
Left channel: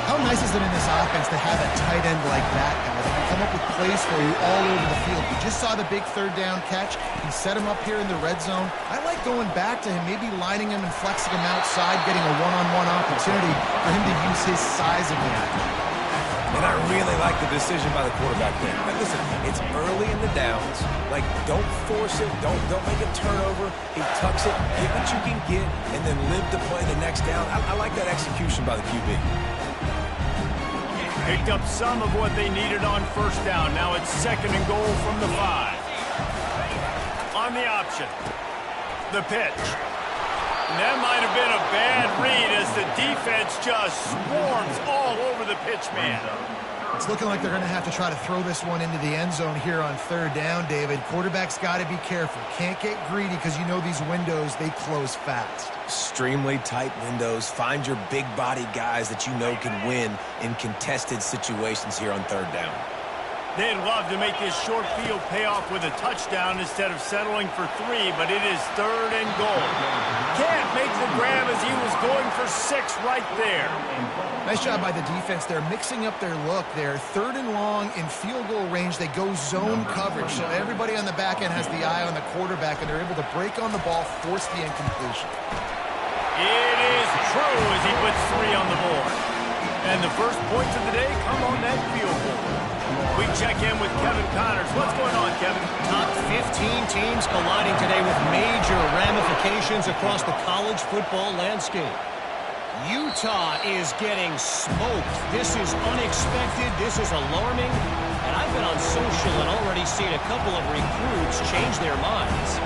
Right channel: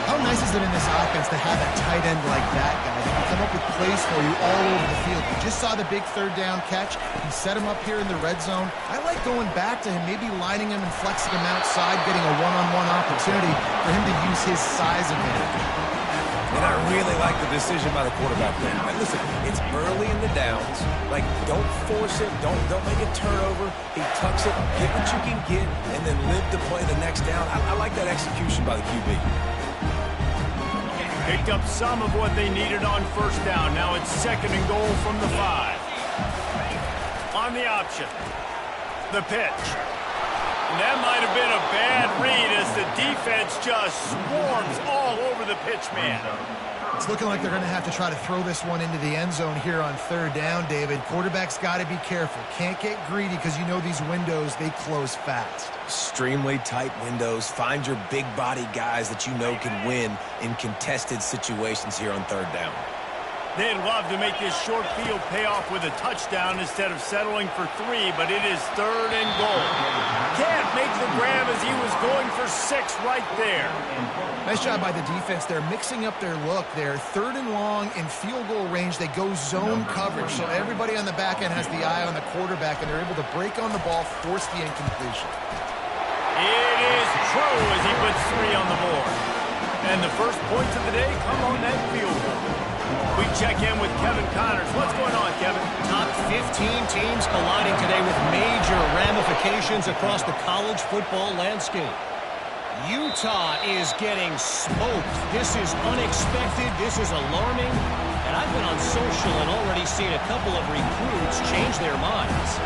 How nice is it in this offense to have a tight end like that guy that can come up with plays for you all over the field? We just saw the big 3rd down catch. He set him up here in the red zone. I like going back to him, maybe lining him and flexing him outside, getting a one-on-one opportunity for him to use his size advantage. And I really like the decision by the quarterback there. But listen, it's early in the downs. Like, don't force it. Don't make a turnover. He tucks it, get what you can get, and then live to play the next down. I like that execution by the QB. Picked up some of what they needed on 1st down. Now it's 2nd and goal from the 5. On the option. The pitch. And that might have been a bad read as the defense just swarms all over the pitch man. It's looking like they're going to have to try to throw this one into the end zone here on 3rd down, David. Quarterback's got to be careful. Can't get greedy because you know these windows, they close fast. Extremely tight windows. Find your big body guys that you know can win in contested situations here on 3rd down. They'd love to make this short field pay off with a touchdown instead of settling for 3, but it is 3rd and goal. Can't make the grab as he was going for 6 right there. Nice job by the defense. They're mixing up their look there. 3rd and long in field goal range. They go zone coverage, so everybody on the back end has the eye on the quarterback, and they're able to break on the ball, force the incompletion. It is true as he puts 3 on the board. And the first points of the day come on that field goal. We check in with Kevin Connors. What's going on, Kevin? Top 15 teams colliding today with major ramifications across the college football landscape. Utah is getting smoked. This is unexpected. This is alarming. And I've been on social and already seen a couple of recruits change their minds.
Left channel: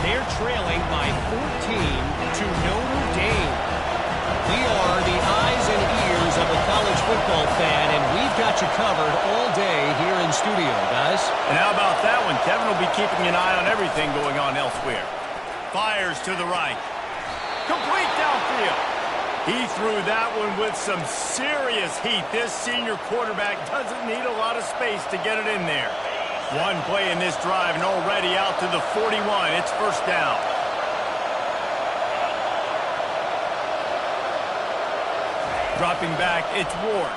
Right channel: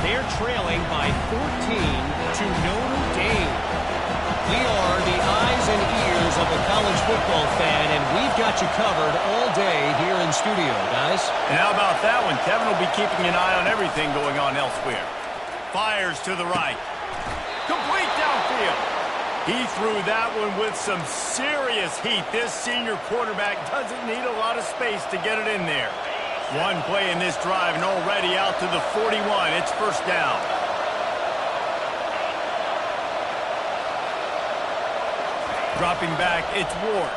They're trailing by 14 to Notre Dame. We are the eyes and ears of the college football fan, and we've got you covered all day here in studio, guys. And how about that one? Kevin will be keeping an eye on everything going on elsewhere. Fires to the right. Complete downfield. He threw that one with some serious heat. This senior quarterback doesn't need a lot of space to get it in there. One play in this drive and already out to the 41. It's 1st down. Dropping back, it's Ward.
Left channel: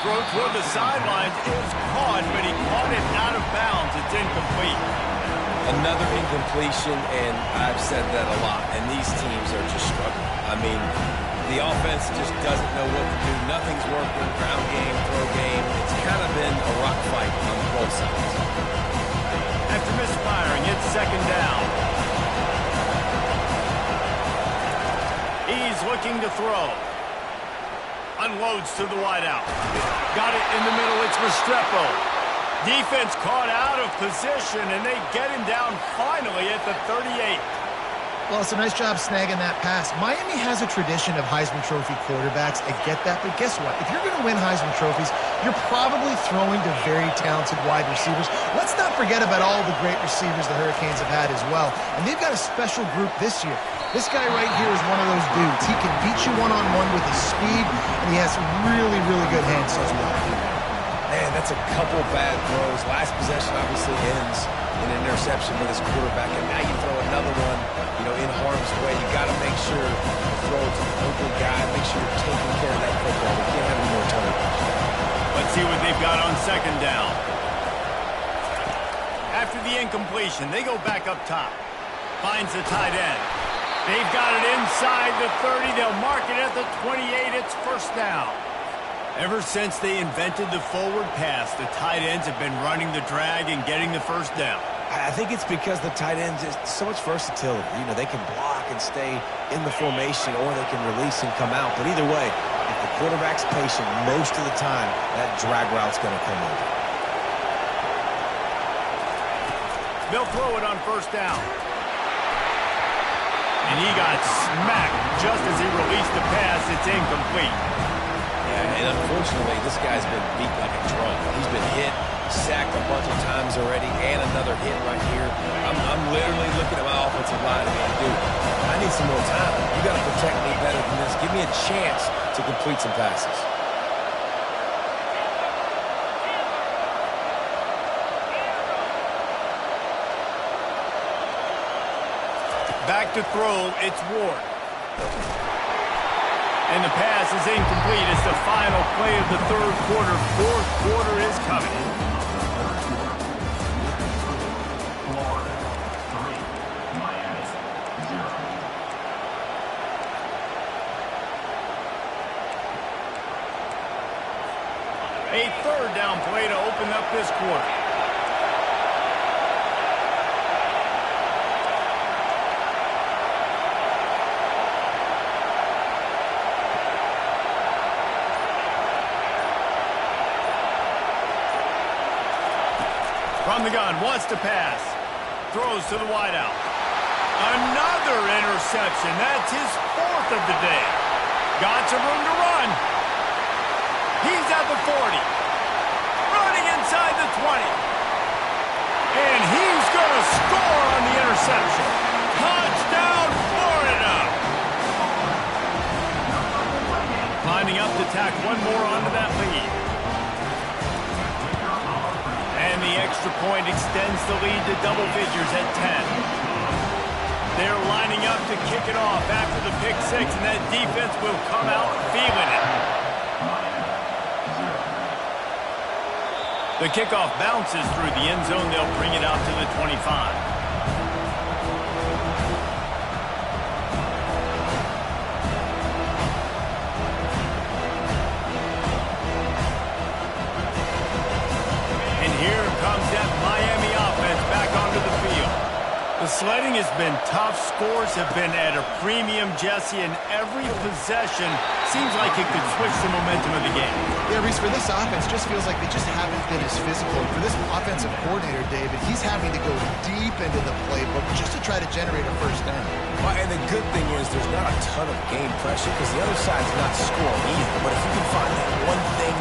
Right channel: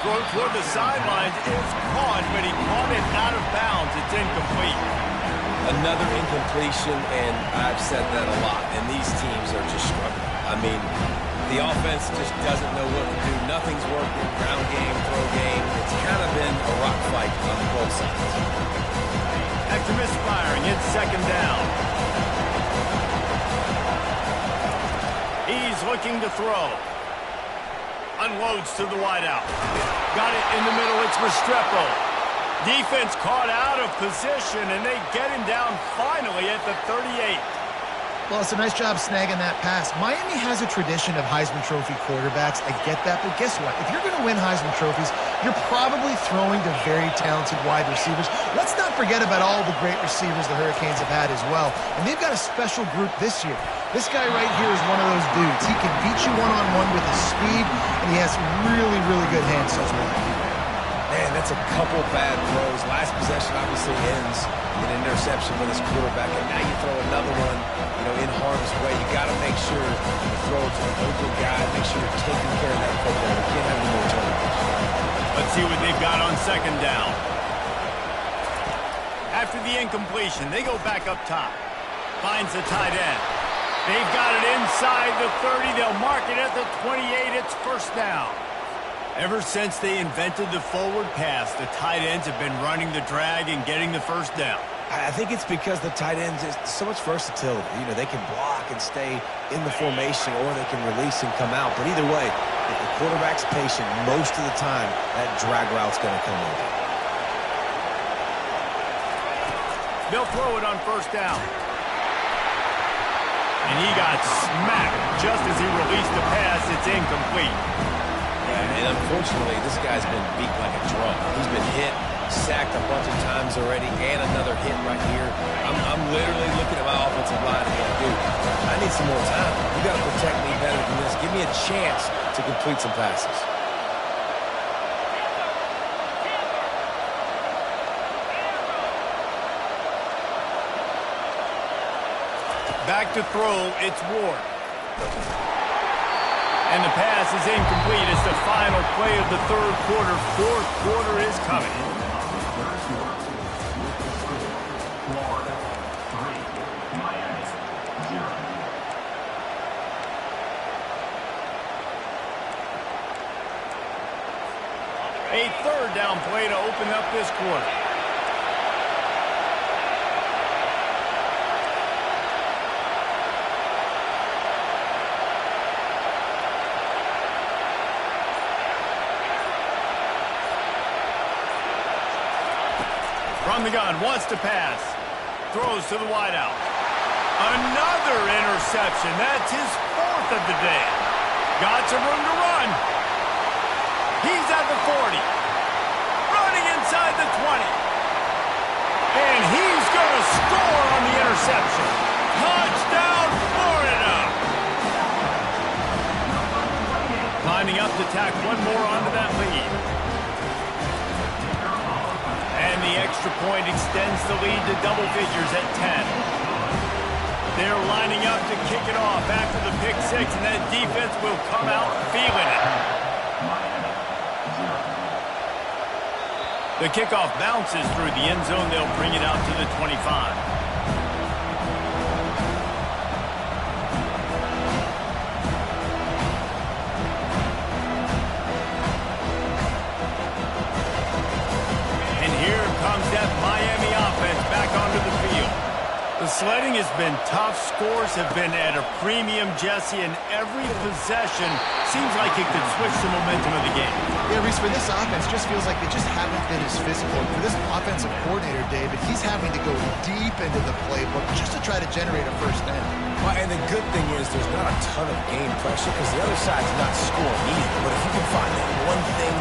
Throw toward the sidelines is caught, but he caught it out of bounds. It's incomplete. Another incompletion, and I've said that a lot, and these teams are just struggling. I mean, the offense just doesn't know what to do. Nothing's working. Ground game, throw game. It's kind of been a rock fight on both sides. After misfiring, it's 2nd down. He's looking to throw. Unloads to the wideout. Got it in the middle. It's Restrepo. Defense caught out of position, and they get him down finally at the 38. Well, it's a nice job snagging that pass. Miami has a tradition of Heisman Trophy quarterbacks. I get that, but guess what? If you're going to win Heisman Trophies, you're probably throwing to very talented wide receivers. Let's not forget about all the great receivers the Hurricanes have had as well. And they've got a special group this year. This guy right here is one of those dudes. He can beat you one-on-one with his speed, and he has really, really good hands as well. Man, that's a couple bad throws. Last possession obviously ends in an interception for this quarterback, and now you throw another one, in harm's way. You got to make sure you throw it to the open guy. Make sure you're taking care of that football. We can't have any more turnovers. Let's see what they've got on second down. After the incompletion, they go back up top. Finds the tight end. They've got it inside the 30. They'll mark it at the 28. It's first down. Ever since they invented the forward pass, the tight ends have been running the drag and getting the first down. I think it's because the tight ends is so much versatility. They can block and stay in the formation, or they can release and come out. But either way, if the quarterback's patient, most of the time, that drag route's going to come over. They'll throw it on first down. And he got smacked just as he released the pass. It's incomplete. Yeah, and unfortunately, this guy's been beat like a drum. He's been hit, sacked a bunch of times already, and another hit right here. I'm literally looking at my offensive line and going, dude, I need some more time. You got to protect me better than this. Give me a chance to complete some passes. Back to throw, it's Ward. And the pass is incomplete. It's the final play of the third quarter. Fourth quarter is coming. Florida 3, Miami 0. A third down play to open up this quarter. From the gun, wants to pass. Throws to the wideout. Another interception. That's his fourth of the day. Got some room to run. He's at the 40. Running inside the 20. And he's going to score on the interception. Touchdown, Florida. Lining up to tack one more onto that lead. And the extra point extends the lead to double figures at 10. They're lining up to kick it off after the pick six, and that defense will come out feeling it. The kickoff bounces through the end zone. They'll bring it out to the 25. Here comes that Miami offense back onto the field. The sledding has been tough. Scores have been at a premium, Jesse, and every possession seems like it could switch the momentum of the game. Yeah, Reese, for this offense, just feels like they just haven't been as physical. And for this offensive coordinator, David, he's having to go deep into the playbook just to try to generate a first down. Well, and the good thing is there's not a ton of game pressure because the other side's not scoring either. But if you can find that one thing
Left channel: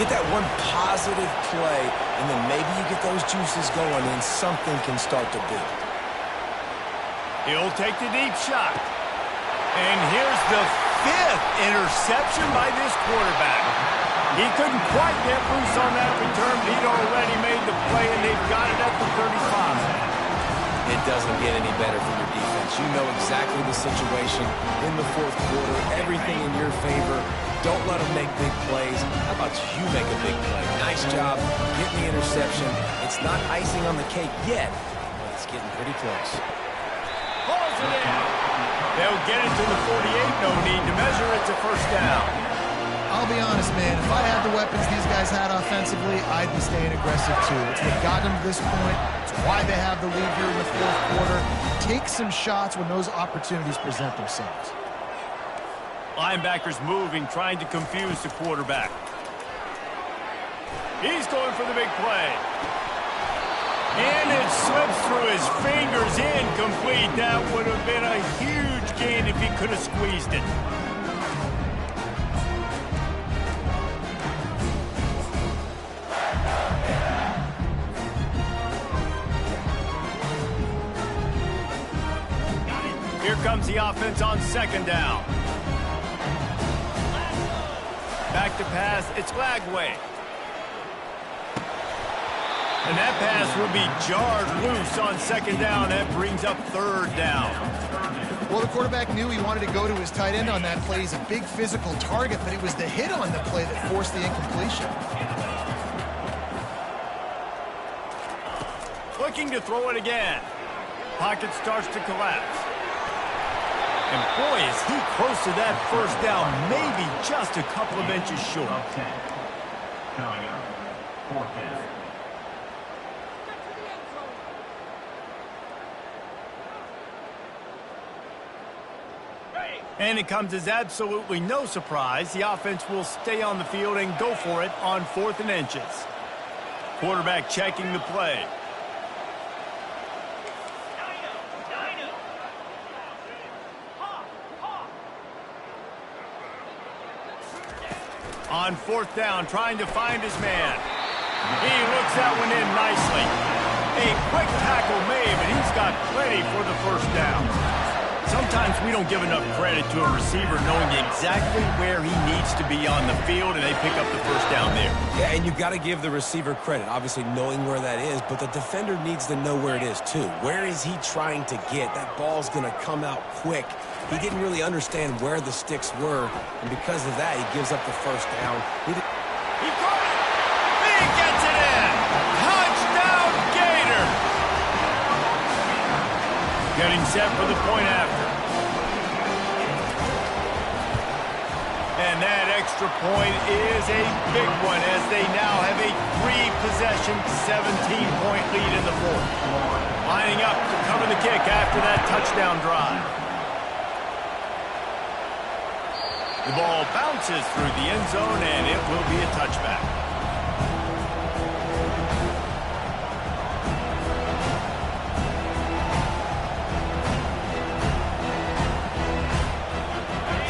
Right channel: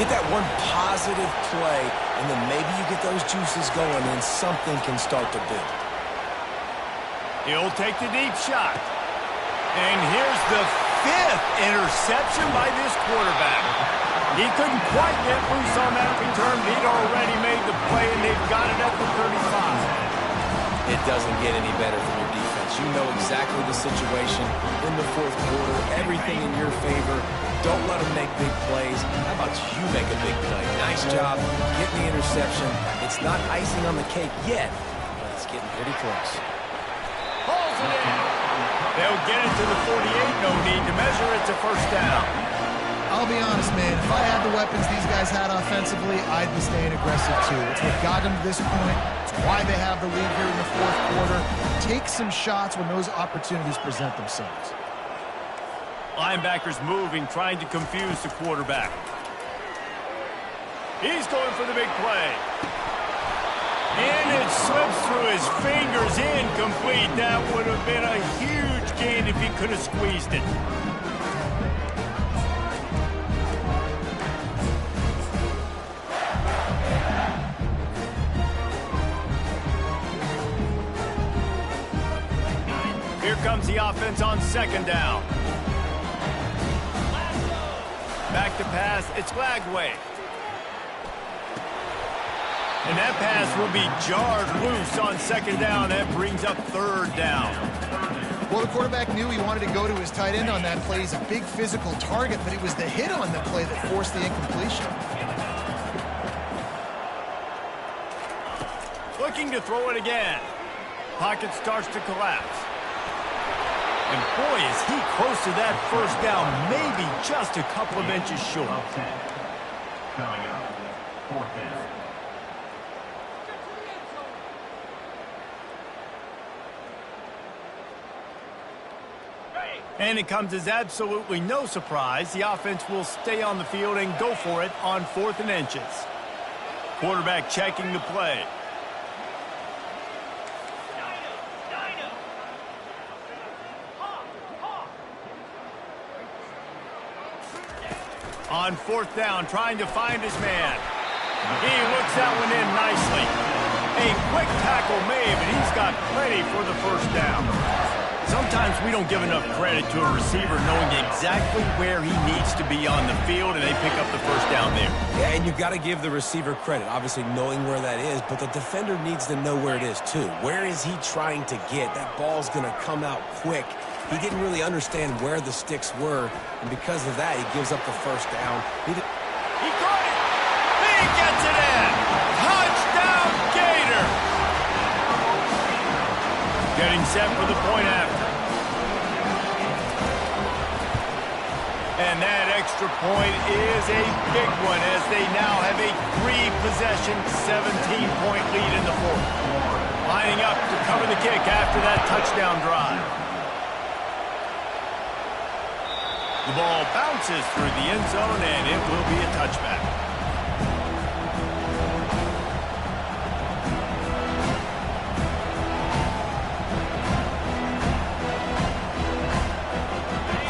get that one positive play, and then maybe you get those juices going and something can start to build. He'll take the deep shot. And here's the fifth interception by this quarterback. He couldn't quite get loose on that return. He'd already made the play, and they've got it at the 35. It doesn't get any better from your defense. You know exactly the situation in the fourth quarter, everything in your favor. Don't let them make big plays. How about you make a big play? Nice job getting the interception. It's not icing on the cake yet, but it's getting pretty close. Pulls it in. They'll get it to the 48. No need to measure. It's a first down. I'll be honest, man. If I had the weapons these guys had offensively, I'd be staying aggressive too. It's what got them to this point. It's why they have the lead here in the fourth quarter. Take some shots when those opportunities present themselves. Linebackers moving, trying to confuse the quarterback. He's going for the big play. And it slips through his fingers, incomplete. That would have been a huge gain if he could have squeezed it. Here comes the offense on second down. Back to pass, it's Lagway. And that pass will be jarred loose on second down. That brings up third down. Well, the quarterback knew he wanted to go to his tight end on that play. He's a big physical target, but it was the hit on the play that forced the incompletion. Looking to throw it again. Pocket starts to collapse. And boy, is he close to that first down, maybe just a couple of inches short. Coming up, fourth down. And it comes as absolutely no surprise. The offense will stay on the field and go for it on 4th and inches. Quarterback checking the play. On 4th down, trying to find his man. He looks that one in nicely. A quick tackle made, but he's got plenty for the first down. Sometimes we don't give enough credit to a receiver knowing exactly where he needs to be on the field, and they pick up the first down there. Yeah, and you've got to give the receiver credit, obviously knowing where that is, but the defender needs to know where it is too. Where is he trying to get? That ball's going to come out quick. He didn't really understand where the sticks were, and because of that, he gives up the first down. He caught it! He gets it in! Touchdown, Gators! Getting set for the point after. And that extra point is a big one as they now have a 3-possession, 17-point lead in the fourth. Lining up to cover the kick after that touchdown drive. The ball bounces through the end zone, and it will be a touchback.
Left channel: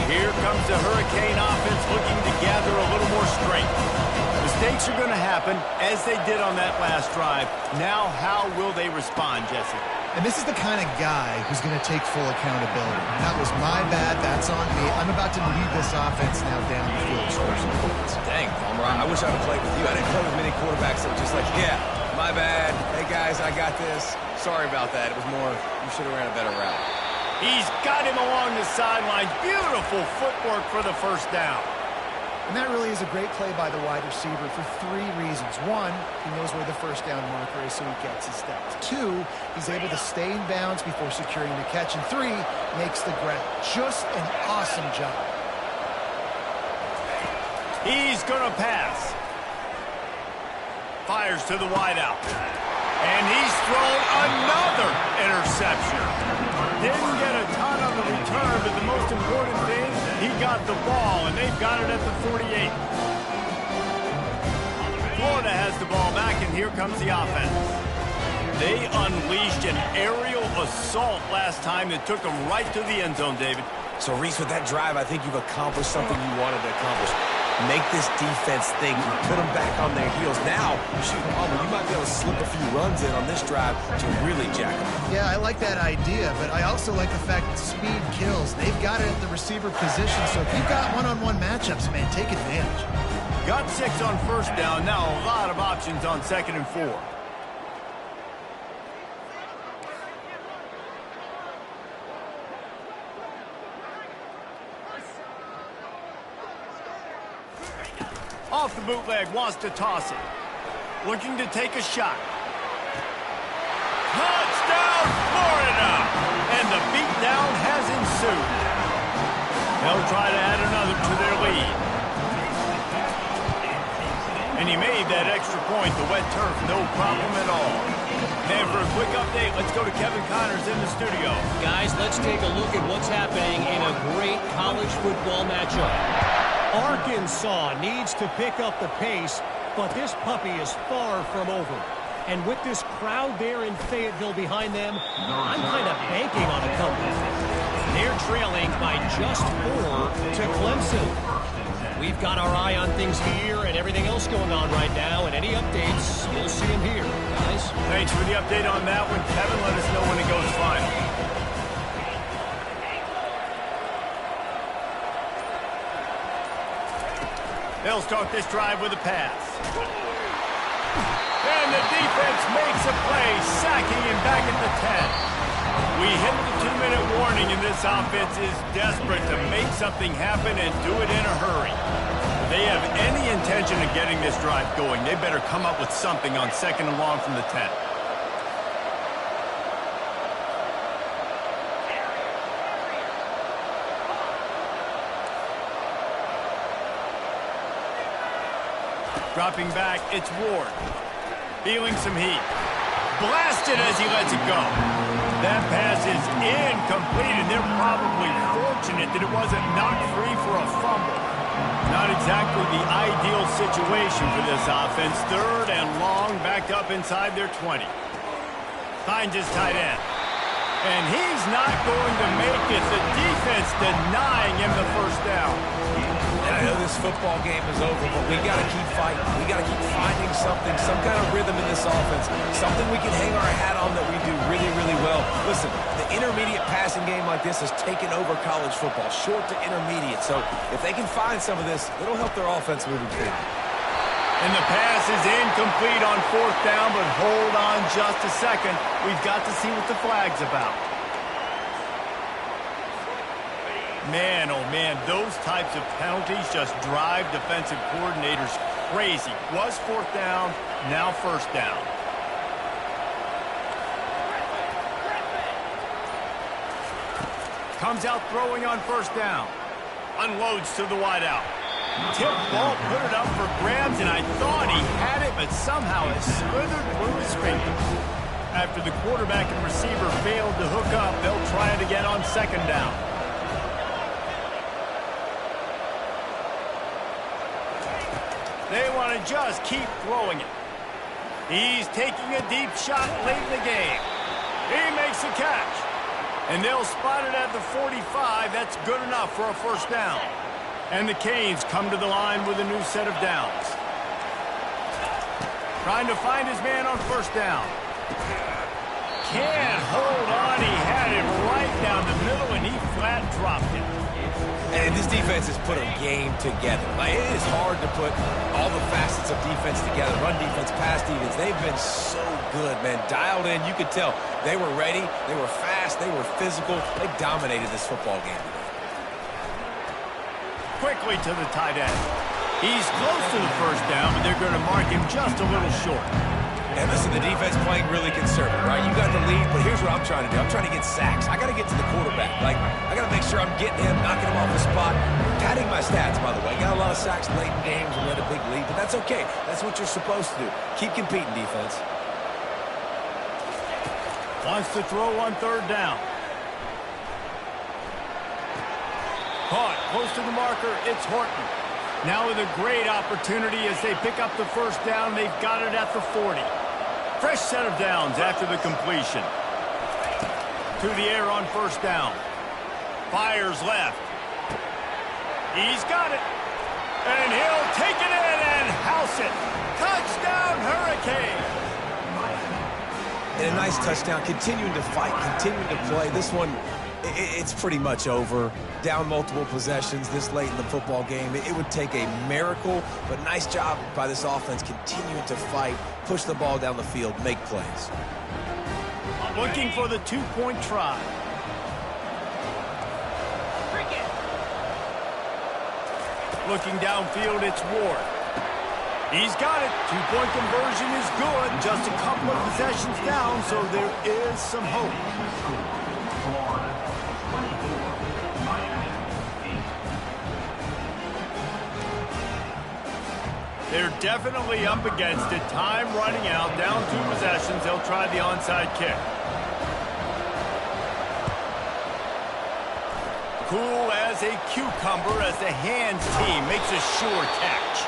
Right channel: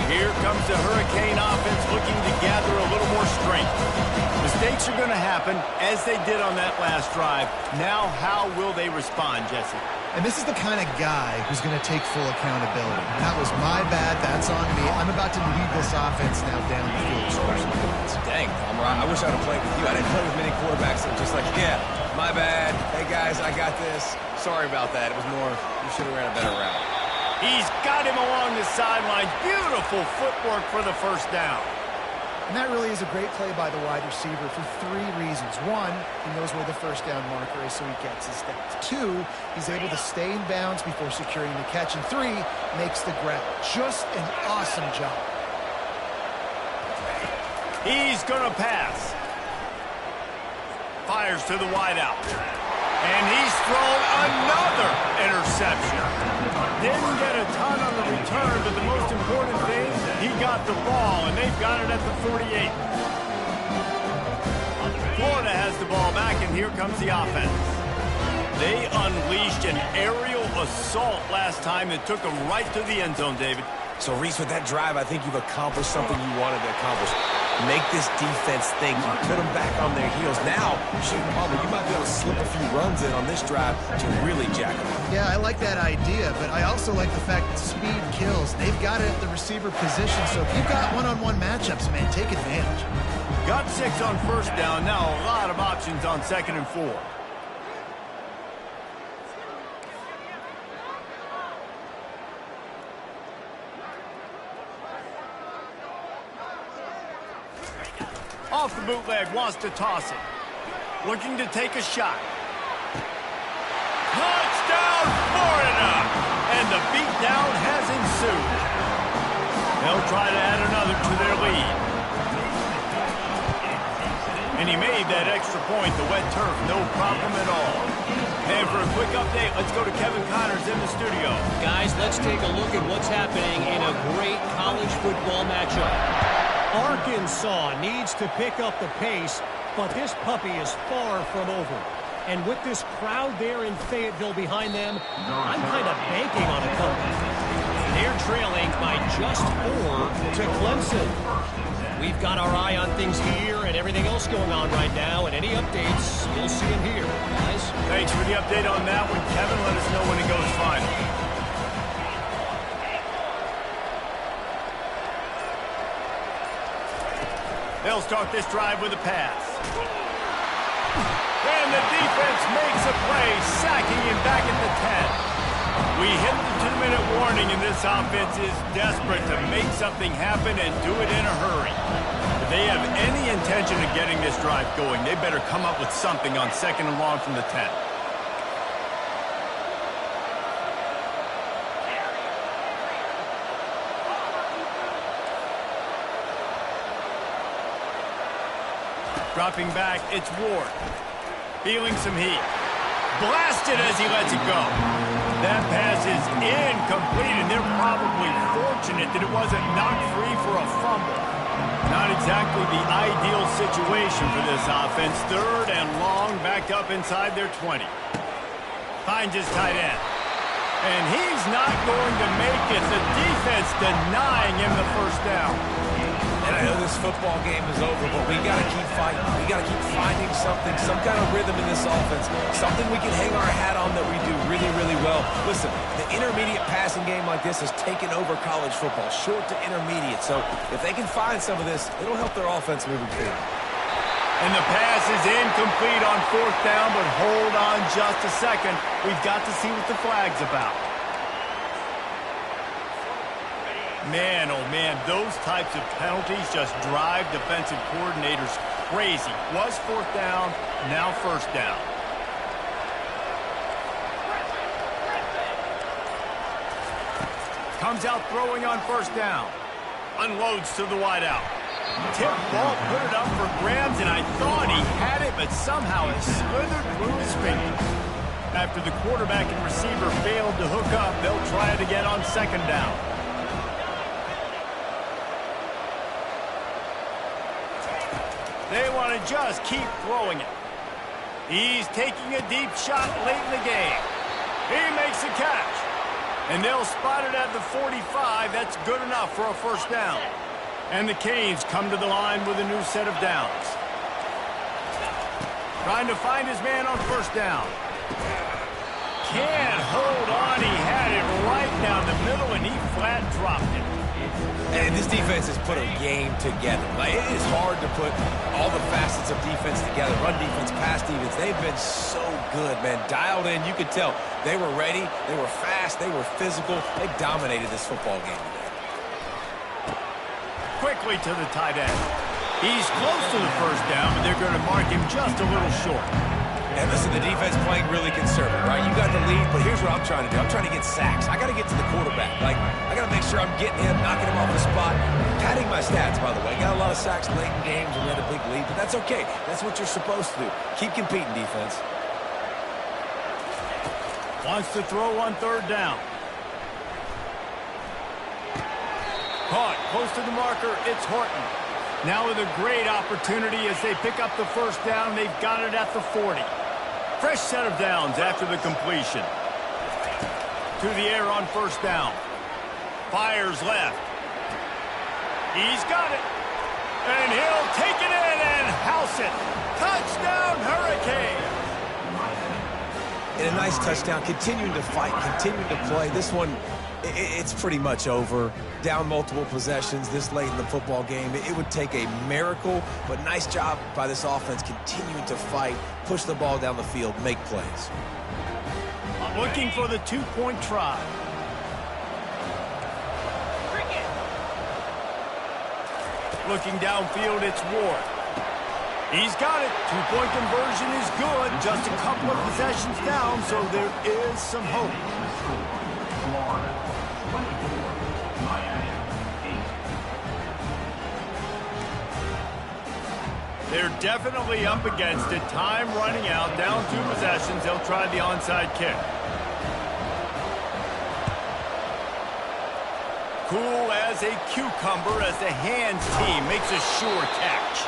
Here comes the Hurricane offense looking to gather a little more strength. Mistakes are going to happen, as they did on that last drive. Now, how will they respond, Jesse? And this is the kind of guy who's going to take full accountability. That was my bad. That's on me. I'm about to lead this offense now down the field. Score some points. Dang, Palmer, I wish I would have played with you. I didn't play with many quarterbacks that were just like, yeah, my bad. Hey, guys, I got this. Sorry about that. It was more, you should have ran a better route. He's got him along the sidelines. Beautiful footwork for the first down. And that really is a great play by the wide receiver for 3 reasons. 1, he knows where the first down marker is, so he gets his steps. 2, he's able to stay in bounds before securing the catch. And 3, makes the grab. Just an awesome job. He's going to pass. Fires to the wideout. And he's thrown another interception. Didn't get a ton on the return, but the most important thing, he got the ball, and they've got it at the 48. Florida has the ball back, and here comes the offense. They unleashed an aerial assault last time that took them right to the end zone, David. So, Reese, with that drive, I think you've accomplished something you wanted to accomplish. Make this defense think. You put them back on their heels. Now, shoot, Palmer, you might be able to slip a few runs in on this drive to really jack them up. Yeah, I like that idea, but I also like the fact that speed kills. They've got it at the receiver position, so if you've got one-on-one matchups, man, take advantage. Got 6 on first down. Now a lot of options on 2nd and 4. Off the bootleg, wants to toss it. Looking to take a shot. Touchdown, Florida! And the beatdown has ensued. They'll try to add another to their lead. And he made that extra point, the wet turf, no problem at all. And for a quick update, let's go to Kevin Connors in the studio. Guys, let's take a look at what's happening in a great college football matchup. Arkansas needs to pick up the pace, but this puppy is far from over. And with this crowd there in Fayetteville behind them, I'm kind of banking on a comeback. They're trailing by just 4 to Clemson. We've got our eye on things here and everything else going on right now, and any updates, you'll see them here, guys. Thanks for the update on that one, Kevin. Let us know when it goes final. They'll start this drive with a pass. And the defense makes a play, sacking him back at the 10. We hit the 2-minute warning, and this offense is desperate to make something happen and do it in a hurry. If they have any intention of getting this drive going, they better come up with something on 2nd and long from the 10. Dropping back, it's Ward. Feeling some heat. Blasted as he lets it go. That pass is incomplete, and they're probably fortunate that it wasn't knocked free for a fumble. Not exactly the ideal situation for this offense. 3rd and long, backed up inside their 20. Finds his tight end. And he's not going to make it. The defense denying him the first down. And I know this football game is over, but we got to keep fighting. We got to keep finding something, some kind of rhythm in this offense, something we can hang our hat on that we do really, really well. Listen, the intermediate passing game like this has taken over college football, short to intermediate. So if they can find some of this, it'll help their offense moving forward. And the pass is incomplete on 4th down, but hold on just a second. We've got to see what the flag's about. Man, oh man, those types of penalties just drive defensive coordinators crazy. Was 4th down, now 1st down. Comes out throwing on 1st down. Unloads to the wideout. Tip ball, put it up for grabs, and I thought he had it, but somehow it slithered through his fingers. After the quarterback and receiver failed to hook up, they'll try it again on 2nd down. They want to just keep throwing it. He's taking a deep shot late in the game. He makes a catch. And they'll spot it at the 45. That's good enough for a 1st down. And the Canes come to the line with a new set of downs. Trying to find his man on 1st down. Can't hold on. He had it right down the middle, and he flat dropped it. And this defense has put a game together. Like, it is hard to put all the facets of defense together. Run defense, pass defense. They've been so good, man. Dialed in. You could tell they were ready. They were fast. They were physical. They dominated this football game today. Quickly to the tight end. He's close to the 1st down, but they're going to mark him just a little short. And listen, the defense playing really conservative, right? You got the lead, but here's what I'm trying to do. I'm trying to get sacks. I got to get to the quarterback. Like, I got to make sure I'm getting him, knocking him off the spot. Padding my stats, by the way. Got a lot of sacks late in games when we had a big lead, but that's okay. That's what you're supposed to do. Keep competing, defense. Wants to throw on 3rd down. Caught close to the marker. It's Horton. Now with a great opportunity as they pick up the 1st down. They've got it at the 40. Fresh set of downs after the completion. To the air on 1st down. Fires left. He's got it. And he'll take it in and house it. Touchdown, Hurricane. And a nice touchdown. Continuing to fight, continuing to play. This one, it's pretty much over. Down multiple possessions this late in the football game. It would take a miracle, but nice job by this offense continuing to fight, push the ball down the field, make plays. Looking for the 2-point try. Looking downfield, it's Ward. He's got it. 2-point conversion is good. Just a couple of possessions down, so there is some hope. Florida, 24, Miami, 8. They're definitely up against it. Time running out. Down 2 possessions. They'll try the onside kick. Cool as a cucumber as the hands team makes a sure catch.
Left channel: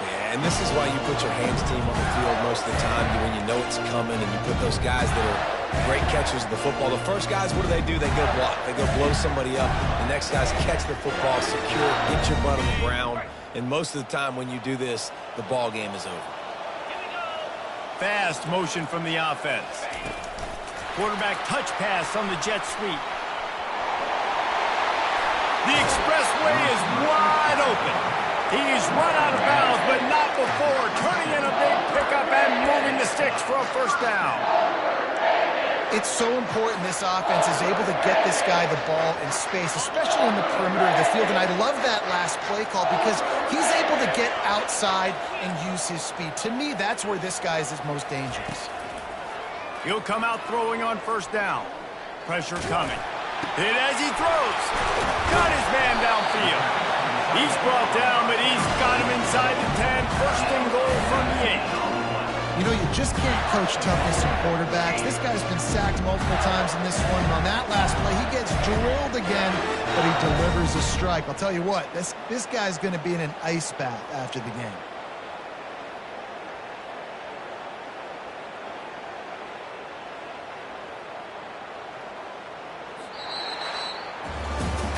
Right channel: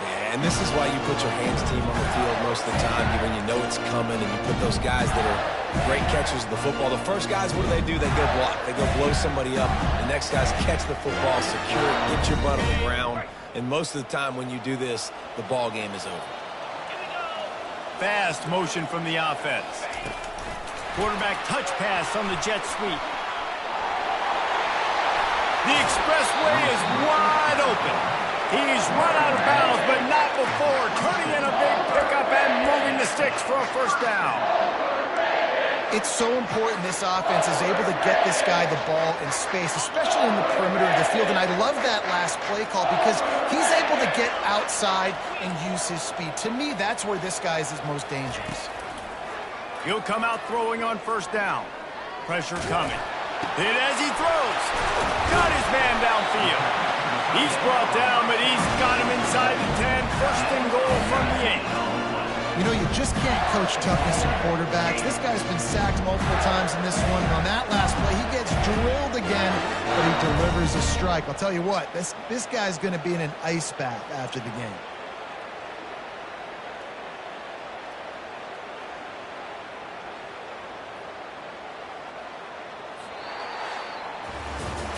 Yeah, and this is why you put your hands team on the field most of the time when you know it's coming, and you put those guys that are great catchers of the football. The first guys, what do? They go block. They go blow somebody up. The next guys catch the football, secure it, get your butt on the ground. And most of the time when you do this, the ball game is over. Fast motion from the offense. Quarterback touch pass on the jet sweep. The expressway is wide open. He's run out of bounds, but not before turning in a big pickup and moving the sticks for a first down. It's so important this offense is able to get this guy the ball in space, especially in the perimeter of the field. And I love that last play call because he's able to get outside and use his speed. To me, that's where this guy is his most dangerous. He'll come out throwing on first down. Pressure coming. Hit as he throws. Got his man downfield. He's brought down, but he's got him inside the 10. First and goal from the 8. You know, you just can't coach toughness in quarterbacks. This guy's been sacked multiple times in this one, and on that last play, he gets drilled again, but he delivers a strike. I'll tell you what, this guy's going to be in an ice bath after the game.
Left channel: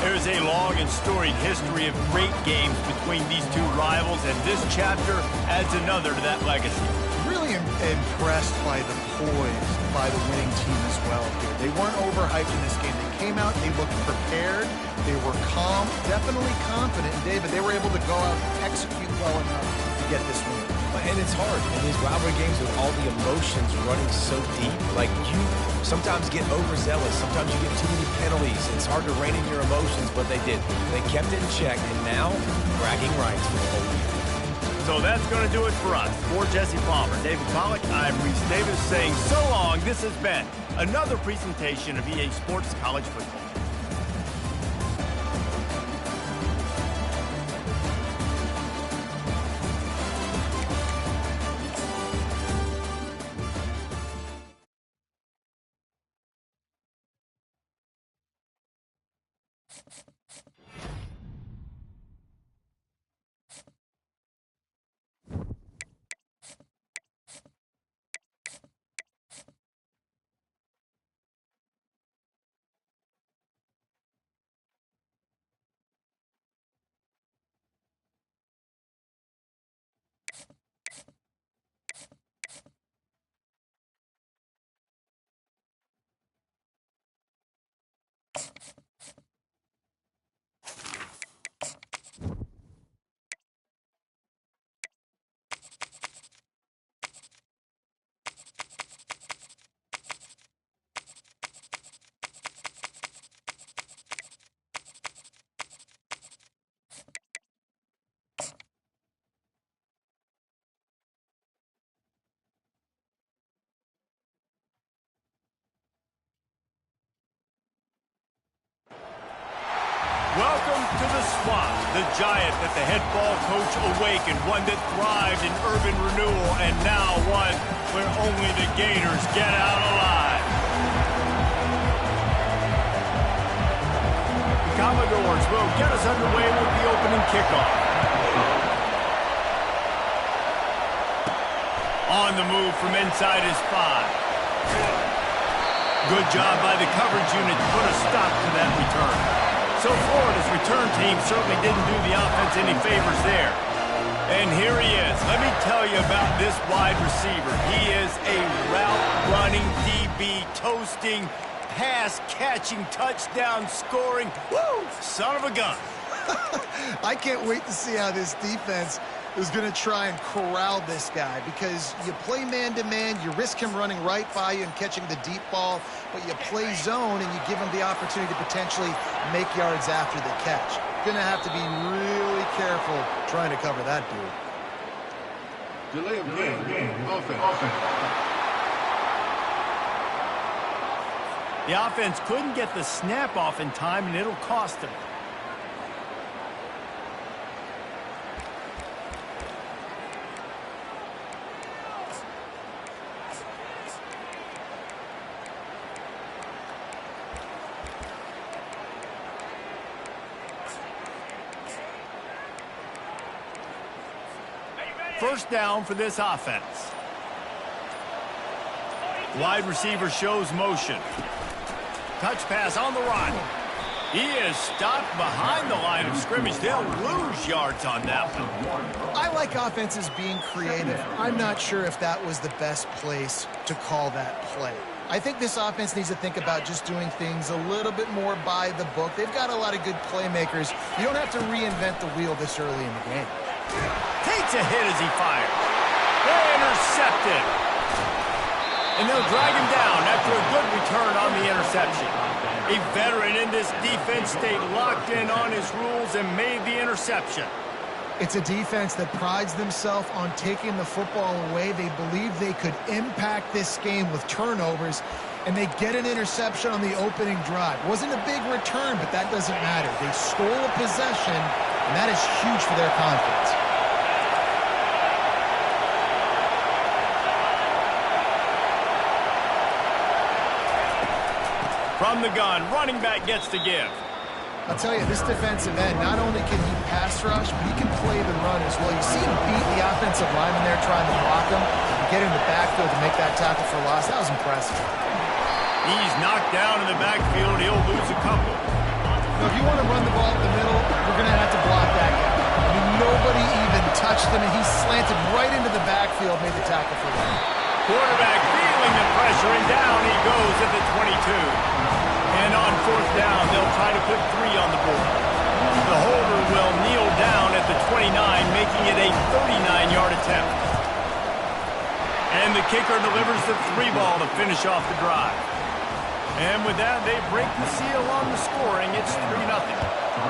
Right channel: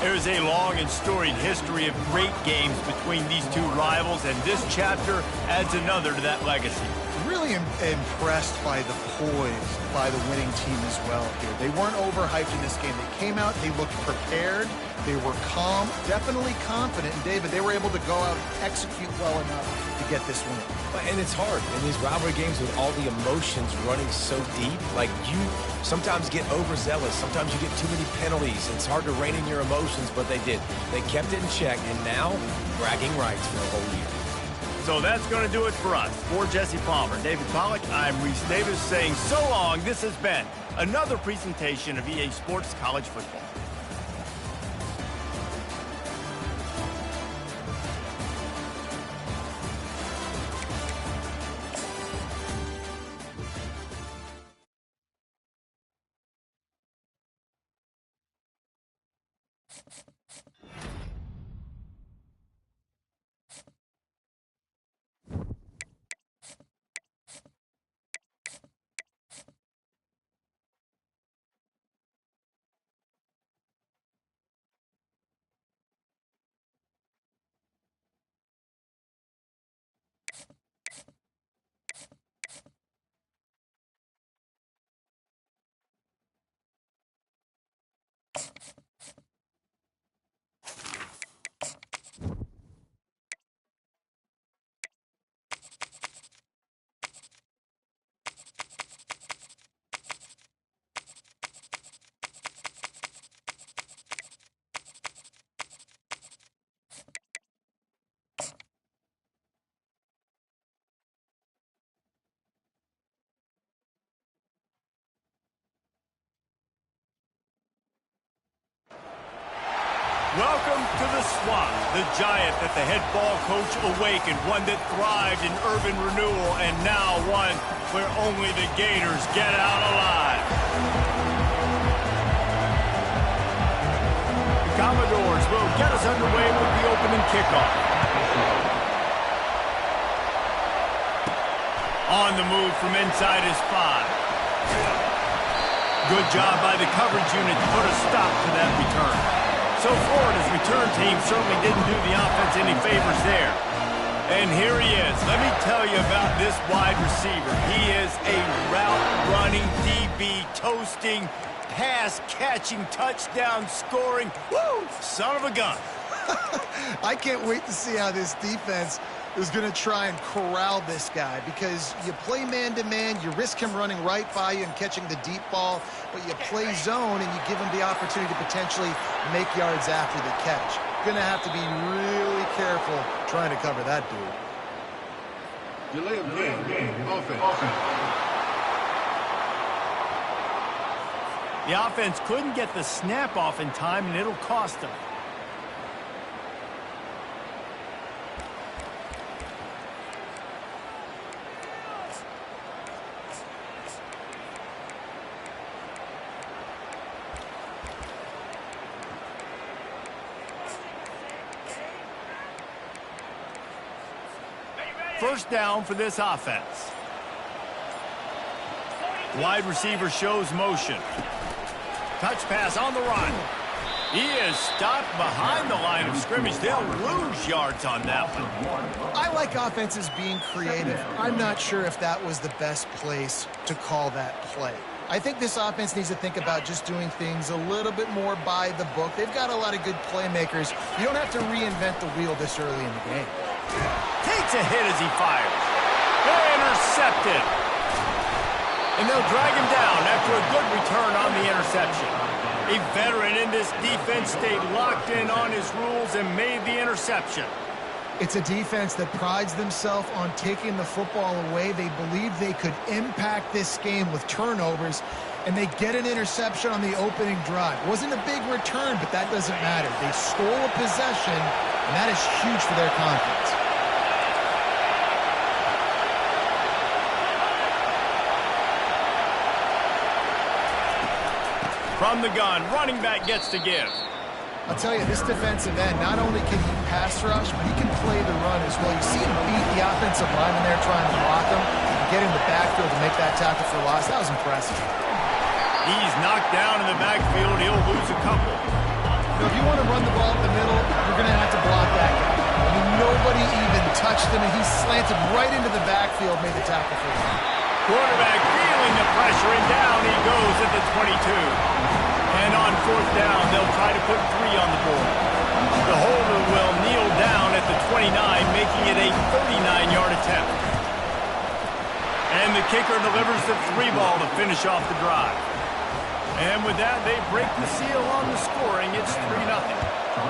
There is a long and storied history of great games between these two rivals, and this chapter adds another to that legacy. Really impressed by the poise by the winning team as well here. They weren't overhyped in this game. They came out, they looked prepared, they were calm, definitely confident. And David, they were able to go out and execute well enough to get this win. And it's hard in these rivalry games with all the emotions running so deep. Like, you sometimes get overzealous. Sometimes you get too many penalties. It's hard to rein in your emotions, but they did. They kept it in check, and now bragging rights for the whole year. So that's going to do it for us. For Jesse Palmer, David Pollack, I'm Reese Davis saying so long. This has been another presentation of EA Sports College Football. Welcome to the Swamp, the giant that the head ball coach awakened, one that thrived in urban renewal, and now one where only the Gators get out alive. The Commodores will get us underway with the opening kickoff. On the move from inside his 5. Good job by the coverage unit to put a stop to that return. So Florida's return team certainly didn't do the offense any favors there. And here he is. Let me tell you about this wide receiver. He is a route-running DB, toasting, pass-catching, touchdown-scoring, woo, son of a gun. I can't wait to see how this defense is going to try and corral this guy, because you play man-to-man, you risk him running right by you and catching the deep ball, but you play zone and you give him the opportunity to potentially make yards after the catch. Going to have to be really careful trying to cover that dude. Delay of game. Offense. The offense couldn't get the snap off in time, and it'll cost them. First down for this offense. Wide receiver shows motion. Touch pass on the run. He is stopped behind the line of scrimmage. They'll lose yards on that one. I like offenses being creative. I'm not sure if that was the best place to call that play. I think this offense needs to think about just doing things a little bit more by the book. They've got a lot of good playmakers. You don't have to reinvent the wheel this early in the game. Takes a hit as he fires. They're intercepted. And they'll drag him down after a good return on the interception. A veteran in this defense stayed locked in on his rules and made the interception. It's a defense that prides themselves on taking the football away. They believe they could impact this game with turnovers, and they get an interception on the opening drive. Wasn't a big return, but that doesn't matter. They stole a possession, and that is huge for their confidence. From the gun, running back gets to give. I'll tell you, this defensive end, not only can he pass rush, but he can play the run as well. You see him beat the offensive lineman there trying to block him, and get in the backfield to make that tackle for loss. That was impressive. He's knocked down in the backfield. He'll lose a couple. Now, if you want to run the ball up the middle, you're going to have to block that guy. I mean, nobody even touched him, and he slanted right into the backfield, made the tackle for loss. Quarterback feeling the pressure, and down he goes at the 22. And on fourth down, they'll try to put 3 on the board. The holder will kneel down at the 29, making it a 39-yard attempt. And the kicker delivers the 3 ball to finish off the drive. And with that, they break the seal on the scoring. It's 3-0.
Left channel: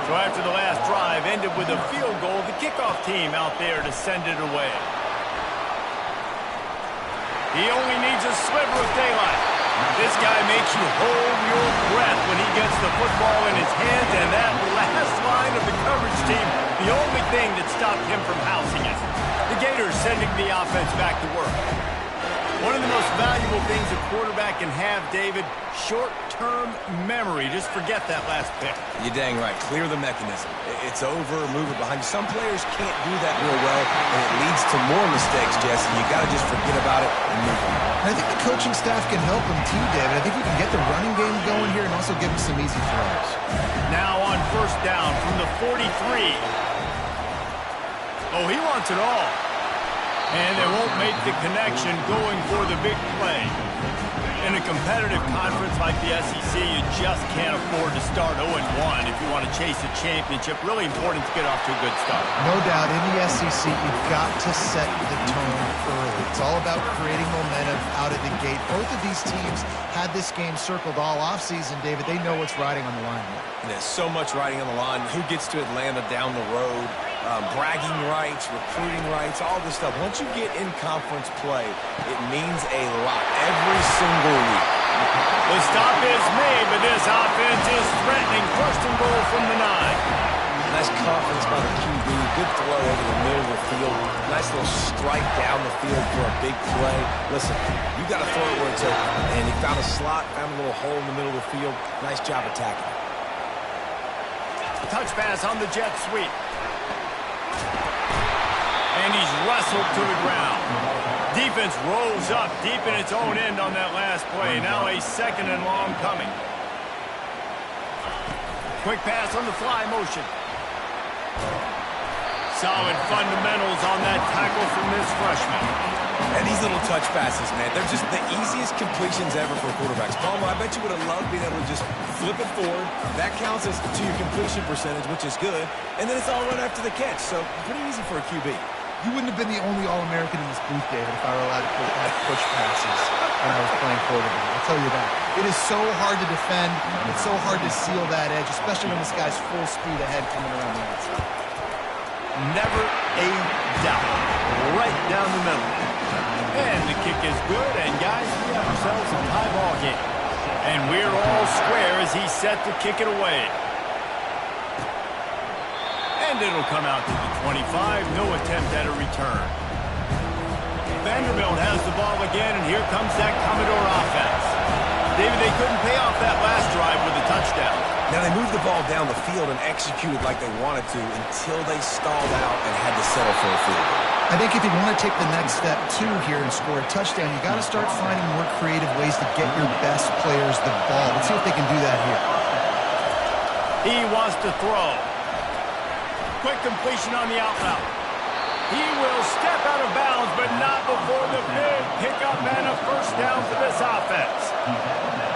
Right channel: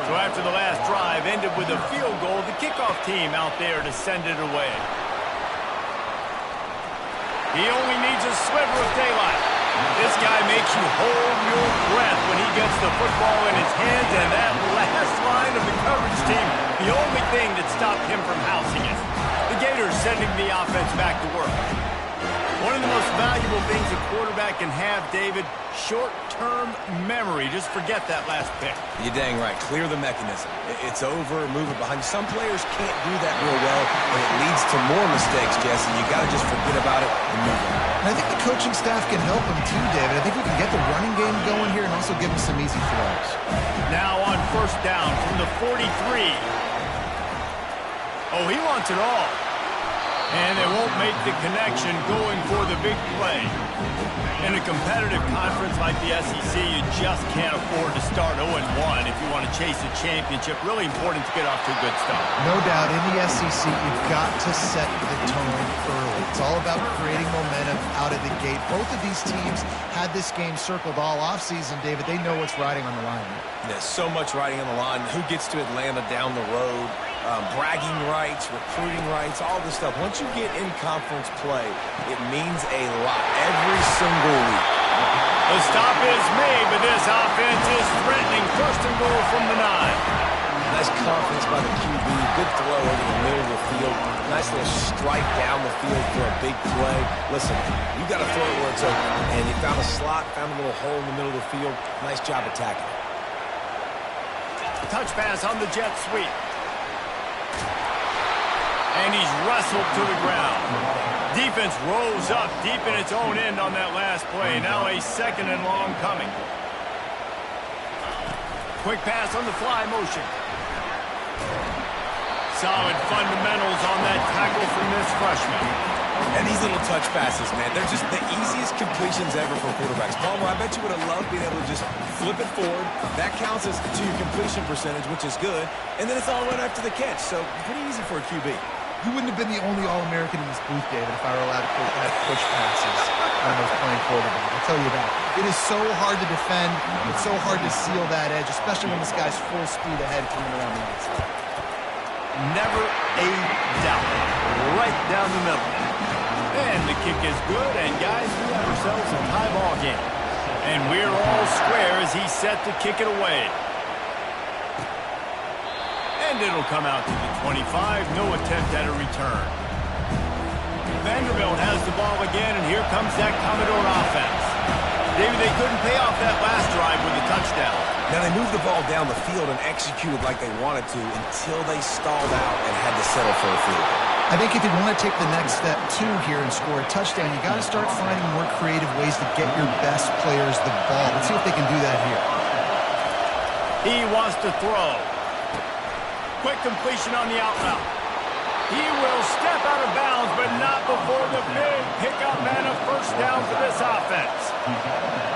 So after the last drive ended with a field goal, the kickoff team out there to send it away. He only needs a sliver of daylight. This guy makes you hold your breath when he gets the football in his hands, and that last line of the coverage team, the only thing that stopped him from housing it. The Gators sending the offense back to work. One of the most valuable things a quarterback can have, David, short-term memory. Just forget that last pick. You're dang right. Clear the mechanism. It's over, move it behind you. Some players can't do that real well, and it leads to more mistakes, Jesse. You got to just forget about it and move on. And I think the coaching staff can help him too, David. I think we can get the running game going here and also give him some easy throws. Now on first down from the 43. Oh, he wants it all. And they won't make the connection going for the big play. In a competitive conference like the SEC, you just can't afford to start 0-1 if you want to chase a championship. Really important to get off to a good start. No doubt, in the SEC, you've got to set the tone early. It's all about creating momentum out of the gate. Both of these teams had this game circled all offseason, David. They know what's riding on the line here. There's so much riding on the line. Who gets to Atlanta down the road? Bragging rights, recruiting rights, all this stuff. Once you get in conference play, it means a lot every single week. The stop is made, but this offense is threatening. First and goal from the 9. Nice confidence by the QB. Good throw over the middle of the field. Nice little strike down the field for a big play. Listen, you got to throw it where it's open. And he found a slot, found a little hole in the middle of the field. Nice job attacking it. Touch pass on the jet sweep. And he's wrestled to the ground. Defense rose up deep in its own end on that last play. Now a 2nd and long coming. Quick pass on the fly motion. Solid fundamentals on that tackle from this freshman. And these little touch passes, man, they're just the easiest completions ever for quarterbacks. Palmer, I bet you would have loved being able to just flip it forward. That counts as to your completion percentage, which is good. And then it's all run after the catch, so pretty easy for a QB. You wouldn't have been the only All-American in this booth, David, if I were allowed to have push passes when I was playing quarterback. I'll tell you that. It is so hard to defend. It's so hard to seal that edge, especially when this guy's full speed ahead coming around the outside. Never a doubt. Right down the middle. And the kick is good, and guys, we have ourselves a tie ball game. And we're all square as he's set to kick it away. And it'll come out to the 25. No attempt at a return. Vanderbilt has the ball again, and here comes that Commodore offense. David, they couldn't pay off that last drive with a touchdown. Now, they moved the ball down the field and executed like they wanted to until they stalled out and had to settle for a field goal. I think if you want to take the next step, too, here and score a touchdown, you got to start finding more creative ways to get your best players the ball. Let's see if they can do that here. He wants to throw. Quick completion on the out route. He will step out of bounds, but not before the big pickup and a first down for this offense. He's at the net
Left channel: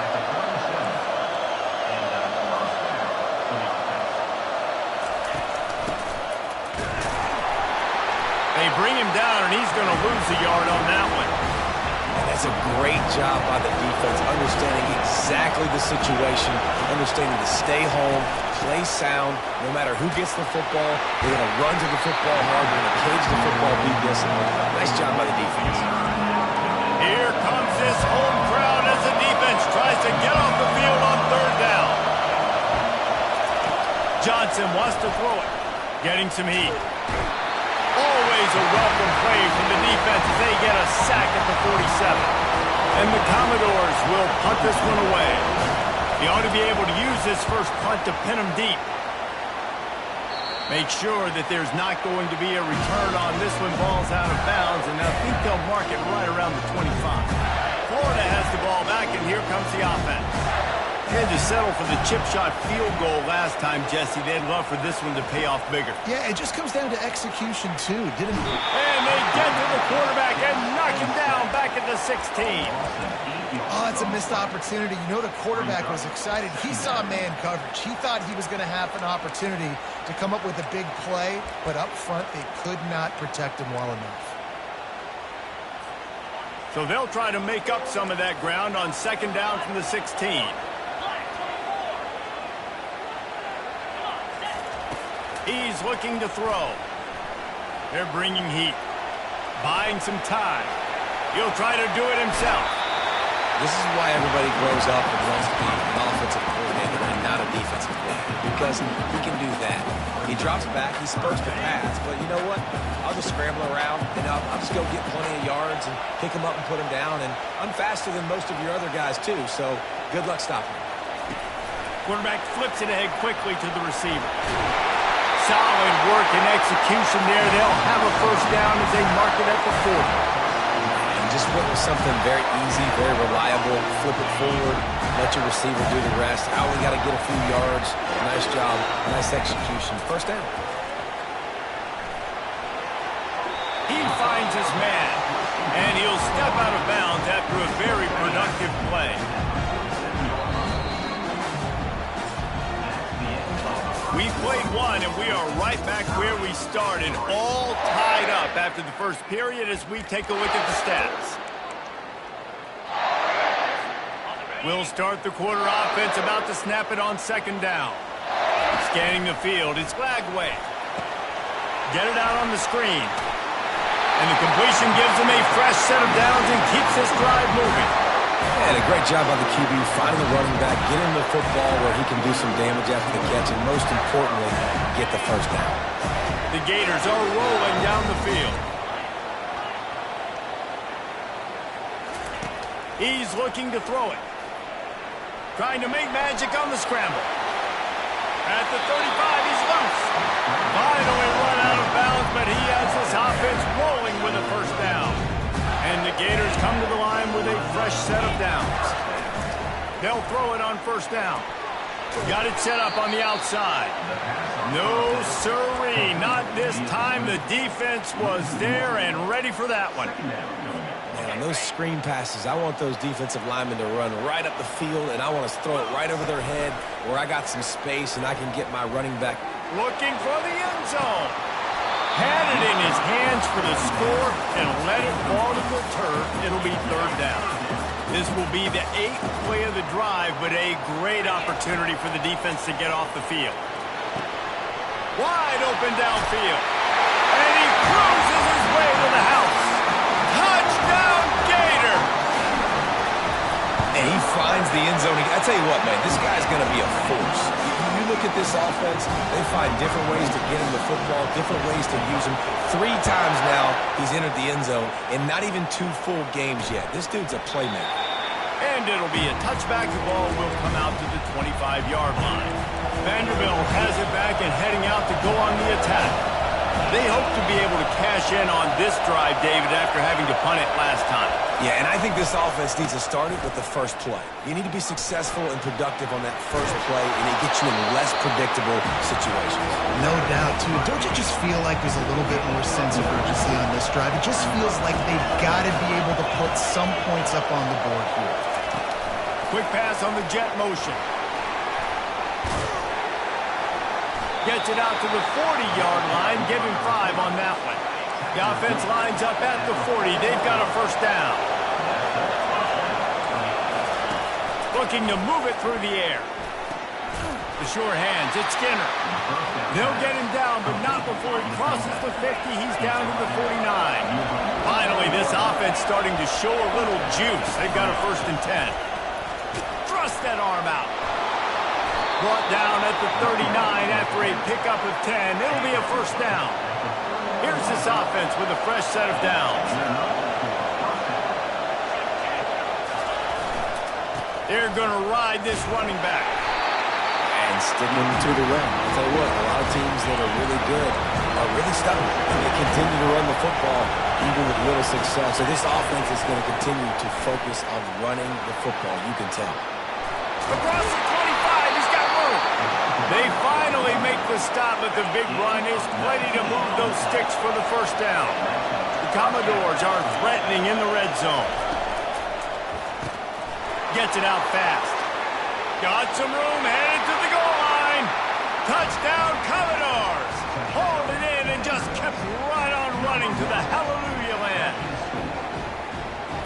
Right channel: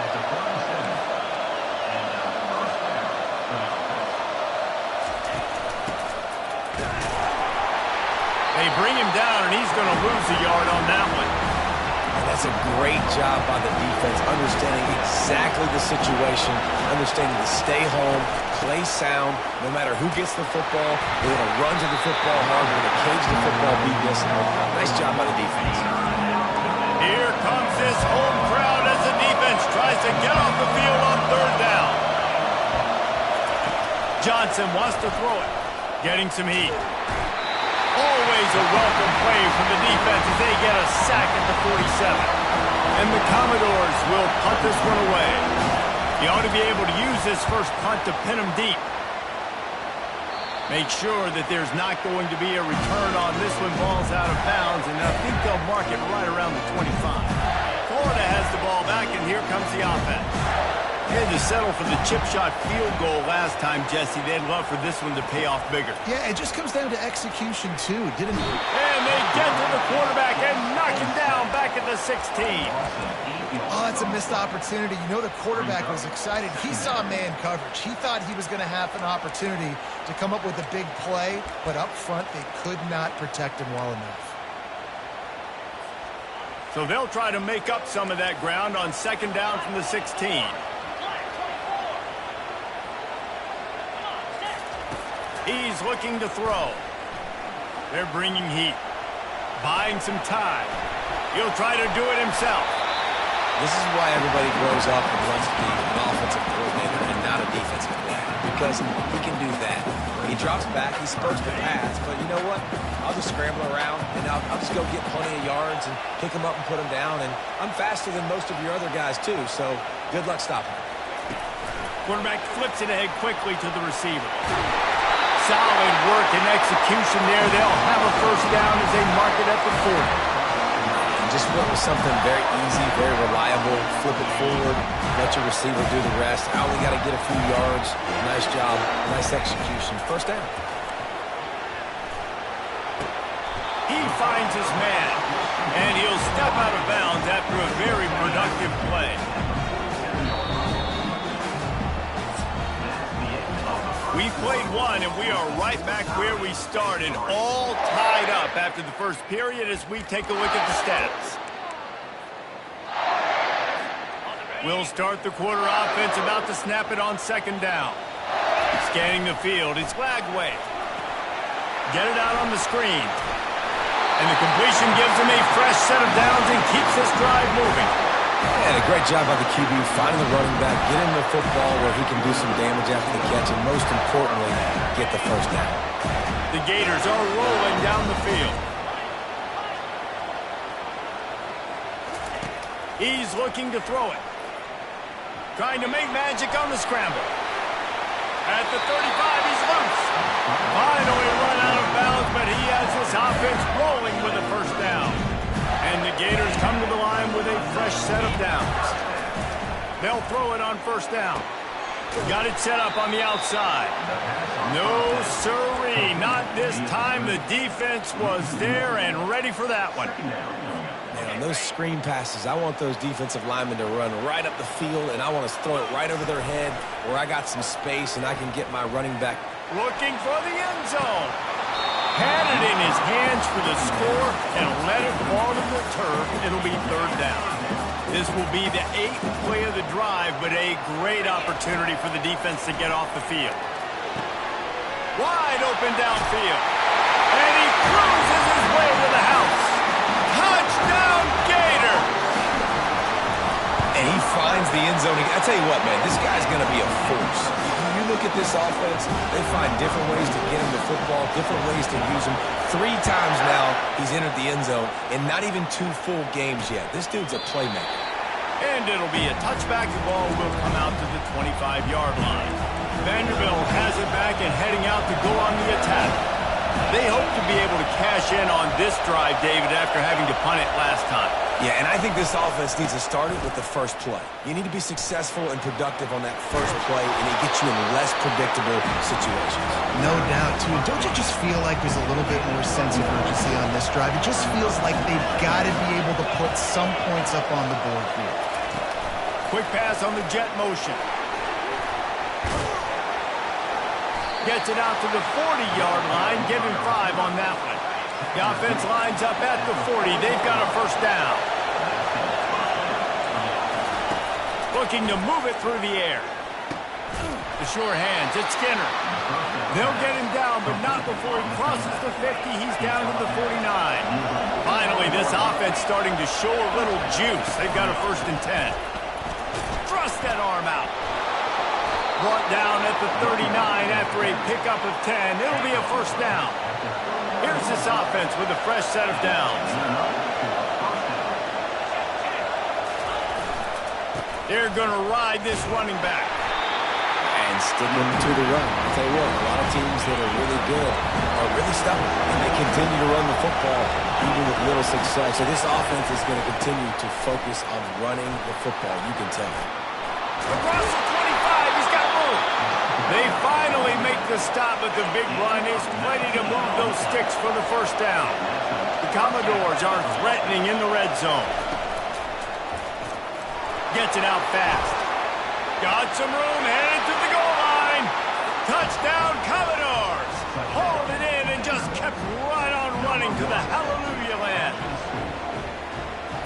at the 37. And first down for the offense. They bring him down, and he's going to lose a yard on that one. And that's a great job by the defense, understanding exactly the situation, understanding to stay home, play sound. No matter who gets the football, they're going to run to the football hard. They're going to cage the football, be disciplined. Nice job by the defense. Here comes this home crowd as the defense tries to get off the field on third down. Johnson wants to throw it, getting some heat. Always a welcome play from the defense as they get a sack at the 47. And the Commodores will punt this one away. He ought to be able to use this first punt to pin him deep. Make sure that there's not going to be a return on this one. Ball's out of bounds, and I think they'll mark it right around the 25. Florida has the ball back, and here comes the offense. They had to settle for the chip shot field goal last time, Jesse. They'd love for this one to pay off bigger. Yeah, it just comes down to execution, too. And they get to the quarterback and knock him down back at the 16. Oh, it's a missed opportunity. You know the quarterback was excited. He saw man coverage. He thought he was going to have an opportunity to come up with a big play, but up front they could not protect him well enough. So they'll try to make up some of that ground on second down from the 16. He's looking to throw. They're bringing heat. Buying some time. He'll try to do it himself. This is why everybody grows up and wants to be an offensive coordinator and not a defensive player, because he can do that. He drops back, he's supposed to pass, but you know what? I'll just scramble around, and I'll just go get plenty of yards and pick him up and put him down, and I'm faster than most of your other guys, too, so good luck stopping him. Quarterback flips it ahead quickly to the receiver. Solid work and execution there. They'll have a first down as they mark it at the 40. And just went with something very easy, very reliable. Flip it forward, let your receiver do the rest. I only got to get a few yards. Nice job, nice execution. First down. He finds his man, and he'll step out of bounds after a very productive play. We've played one, and we are right back where we started, all tied up after the first period as we take a look at the stats. We'll start the quarter offense, about to snap it on second down. Scanning the field, it's Lagway. Get it out on the screen. And the completion gives him a fresh set of downs and keeps this drive moving. And a great job by the QB, finding the running back, getting the football where he can do some damage after the catch, and most importantly, get the first down. The Gators are rolling down the field. He's looking to throw it. Trying to make magic on the scramble. At the 35, he's loose. Finally run out of bounds, but he has this offense rolling with a first down. And the Gators come to the line with a fresh set of downs. They'll throw it on first down. Got it set up on the outside. No siree, not this time. The defense was there and ready for that one. Man, on those screen passes, I want those defensive linemen to run right up the field, and I want to throw it right over their head where I got some space and I can get my running back. Looking for the end zone. Had it in his hands for the score and let it fall to the turf. It'll be third down. This will be the 8th play of the drive, but a great opportunity for the defense to get off the field. Wide open downfield. And he cruises his way to the house. Touchdown, Gator! And he finds the end zone. I tell you what, man, this guy's going to be a force. You look at this offense, they find different ways to get him the football, different ways to use him. 3 times now he's entered the end zone, and not even 2 full games yet. This dude's a playmaker. And it'll be a touchback. The ball will come out to the 25-yard line. Vanderbilt has it back and heading out to go on the attack. They hope to be able to cash in on this drive, David, after having to punt it last time. Yeah, and I think this offense needs to start it with the first play. You need to be successful and productive on that first play, and it gets you in less predictable situations. No doubt, too. Don't you just feel like there's a little bit more sense of urgency on this drive? It just feels like they've got to be able to put some points up on the board here. Quick pass on the jet motion. Gets it out to the 40-yard line. Give him 5 on that one. The offense lines up at the 40. They've got a first down. Looking to move it through the air. The sure hands. It's Skinner. They'll get him down, but not before he crosses the 50. He's down to the 49. Finally, this offense starting to show a little juice. They've got a 1st and 10. Thrust that arm out. Brought down at the 39 after a pickup of 10. It'll be a first down. Here's this offense with a fresh set of downs. They're going to ride this running back. And sticking to the run. I'll tell you what, a lot of teams that are really good are really stubborn, and they continue to run the football even with little success. So this offense is going to continue to focus on running the football, you can tell. Across the 25, he's got room. They finally make the stop, but the big run is plenty to move those sticks for the first down. The Commodores are threatening in the red zone. Gets it out fast. Got some room, headed to the goal line. Touchdown, Commodores. Hauled it in and just kept right on running to the hallelujah land.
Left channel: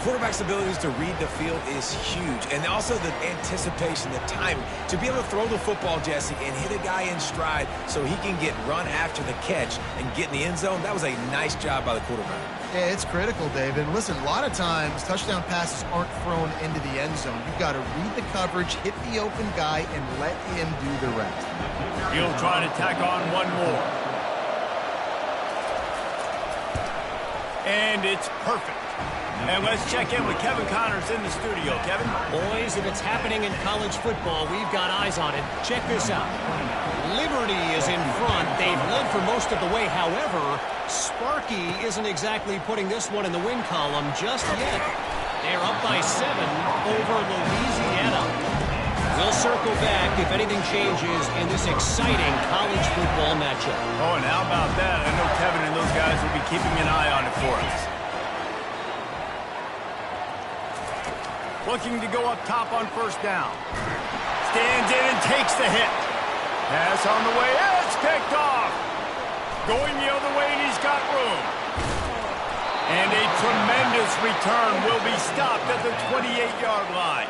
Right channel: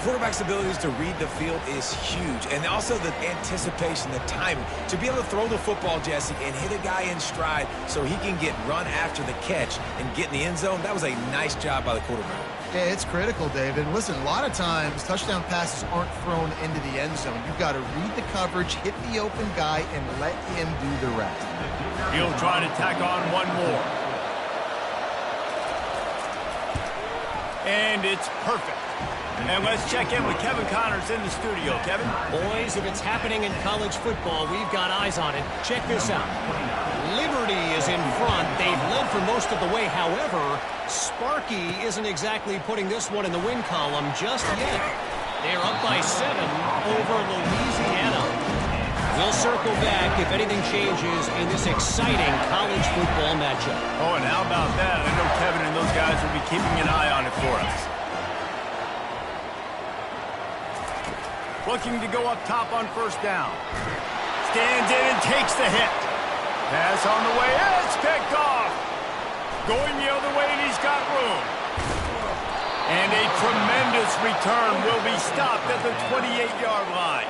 Quarterback's abilities to read the field is huge, and also the anticipation, the timing. To be able to throw the football, Jesse, and hit a guy in stride so he can get run after the catch and get in the end zone, that was a nice job by the quarterback. Yeah, it's critical, David. Listen, a lot of times touchdown passes aren't thrown into the end zone. You've got to read the coverage, hit the open guy, and let him do the rest. He'll try to tack on one more. And it's perfect. And let's check in with Kevin Connors in the studio. Kevin? Boys, if it's happening in college football, we've got eyes on it. Check this out. Liberty is in front. They've led for most of the way. However, Sparky isn't exactly putting this one in the win column just yet. They're up by 7 over Louisiana. We'll circle back if anything changes in this exciting college football matchup. Oh, and how about that? I know Kevin and those guys will be keeping an eye on it for us. Looking to go up top on first down. Stands in and takes the hit. Pass on the way. It's picked off. Going the other way, and he's got room. And a tremendous return will be stopped at the 28-yard line.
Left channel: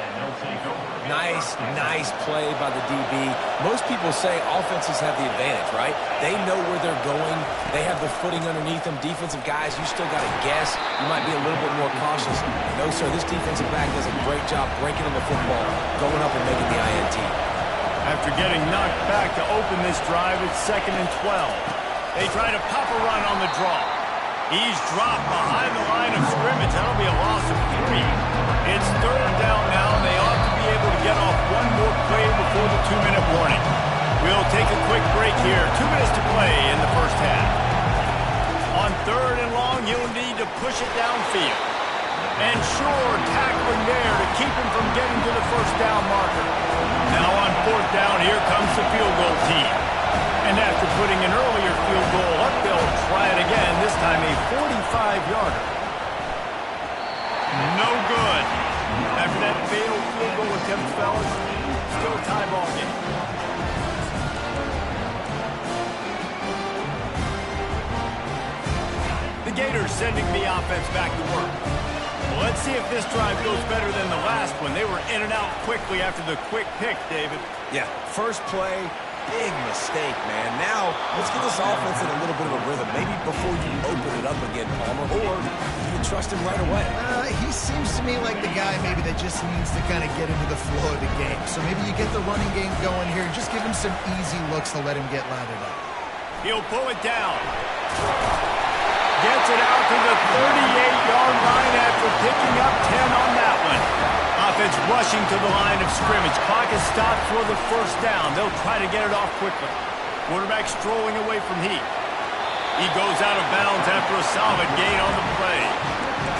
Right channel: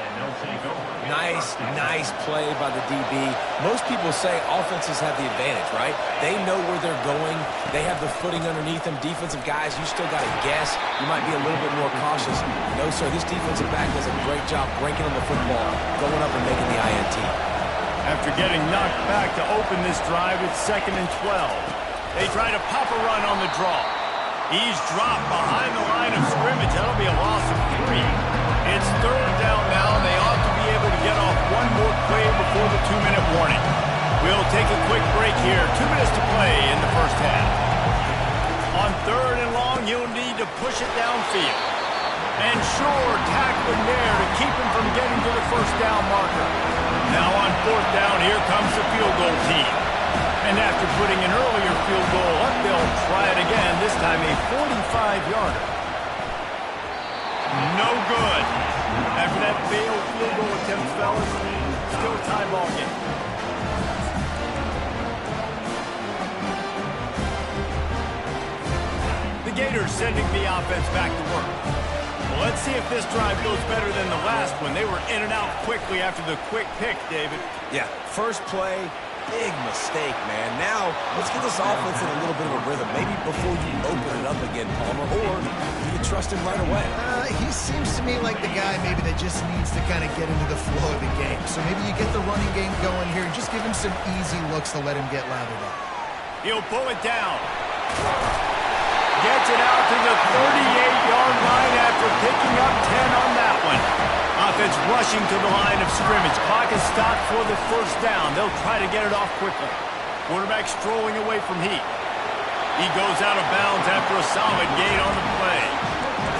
Nice play by the DB. Most people say offenses have the advantage, right? They know where they're going. They have the footing underneath them. Defensive guys, you still got to guess. You might be a little bit more cautious. No, sir, this defensive back does a great job breaking on the football, going up and making the INT. After getting knocked back to open this drive, it's 2nd and 12. They try to pop a run on the draw. He's dropped behind the line of scrimmage. That'll be a loss of 3. It's 3rd down now, and they ought to be able to get off one more play before the 2-minute warning. We'll take a quick break here. 2 minutes to play in the first half. On 3rd and long, he'll need to push it downfield. And sure, tackling there to keep him from getting to the first down marker. Now on 4th down, here comes the field goal team. And after putting an earlier field goal up, they'll try it again, this time a 45-yarder. No good. After that failed field goal attempt, fellas, still a tie ball game. The Gators sending the offense back to work. Well, let's see if this drive goes better than the last one. They were in and out quickly after the quick pick, David. Yeah, first play, big mistake, man. Now, let's get this offense in a little bit of a rhythm. Maybe before you open it up again, Palmer, or do you trust him right away? He seems to me like the guy maybe that just needs to kind of get into the flow of the game. So maybe you get the running game going here and just give him some easy looks to let him get lathered up. He'll pull it down. Gets it out to the 38-yard line after picking up 10 on that one. Offense rushing to the line of scrimmage. Clock is stopped for the first down. They'll try to get it off quickly. Quarterback strolling away from heat. He goes out of bounds after a solid gain on the play.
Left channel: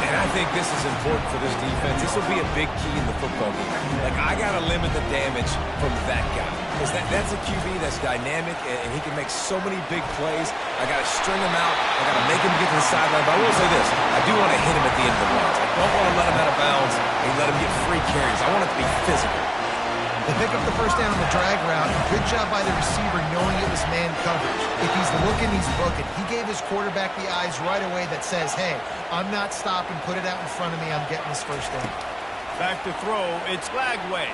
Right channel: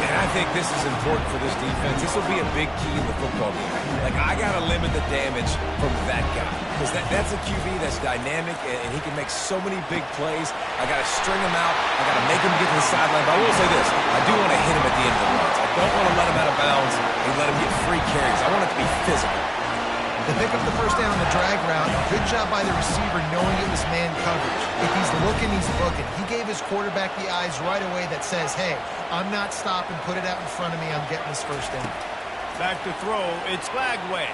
And I think this is important for this defense. This will be a big key in the football game. Like, I got to limit the damage from that guy. Because that's a QB that's dynamic, and he can make so many big plays. I got to string him out. I got to make him get to the sideline. But I will say this. I do want to hit him at the end of the runs. I don't want to let him out of bounds and let him get free carries. I want it to be physical. They pick up the first down on the drag route. Good job by the receiver knowing it was man coverage. If he's looking, he's booking. He gave his quarterback the eyes right away that says, hey, I'm not stopping. Put it out in front of me. I'm getting this first down. Back to throw. It's Flagway.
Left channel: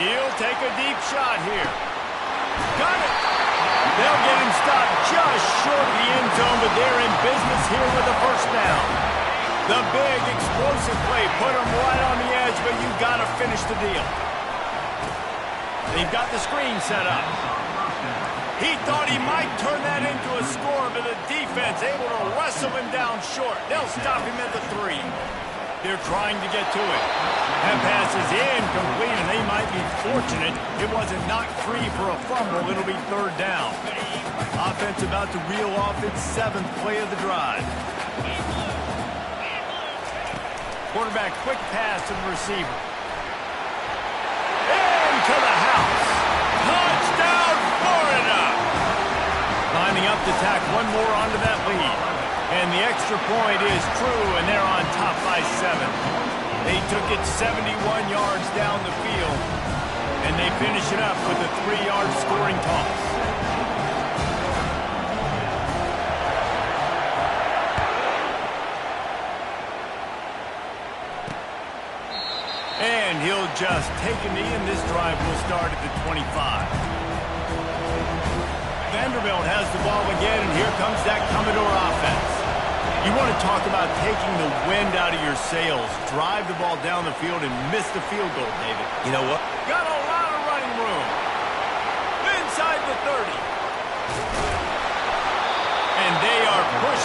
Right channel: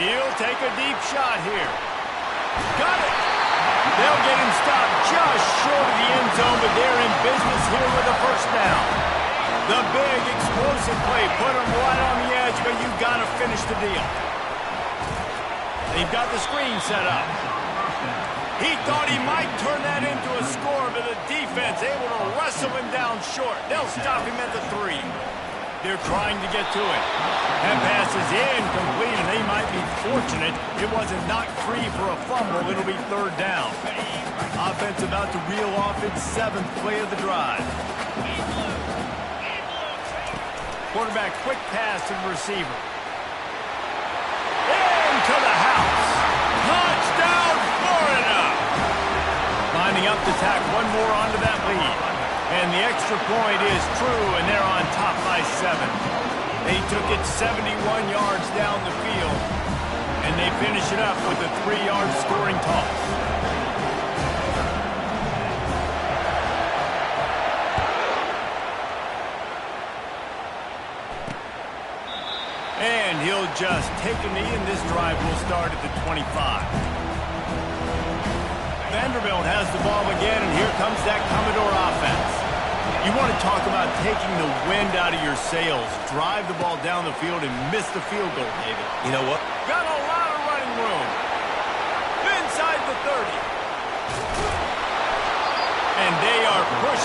He'll take a deep shot here. Got it. They'll get him stopped just short of the end zone, but they're in business here with a first down. The big explosive play put him right on the edge, but you got to finish the deal. They've got the screen set up. He thought he might turn that into a score, but the defense able to wrestle him down short. They'll stop him at the 3. They're trying to get to it. That pass is incomplete, and they might be fortunate it wasn't knocked free for a fumble. It'll be third down. Offense about to reel off its 7th play of the drive. Quarterback quick pass to the receiver. To the house. Touchdown, Florida! Lining up to tack one more onto that lead. And the extra point is true, and they're on top by 7. They took it 71 yards down the field, and they finish it up with a 3-yard scoring toss. And he'll just take a knee, and this drive will start at the 25. Vanderbilt has the ball again, and here comes that Commodore offense. You want to talk about taking the wind out of your sails. Drive the ball down the field and miss the field goal, David. You know what? Got a lot of running room. Inside the 30. And they are pushing.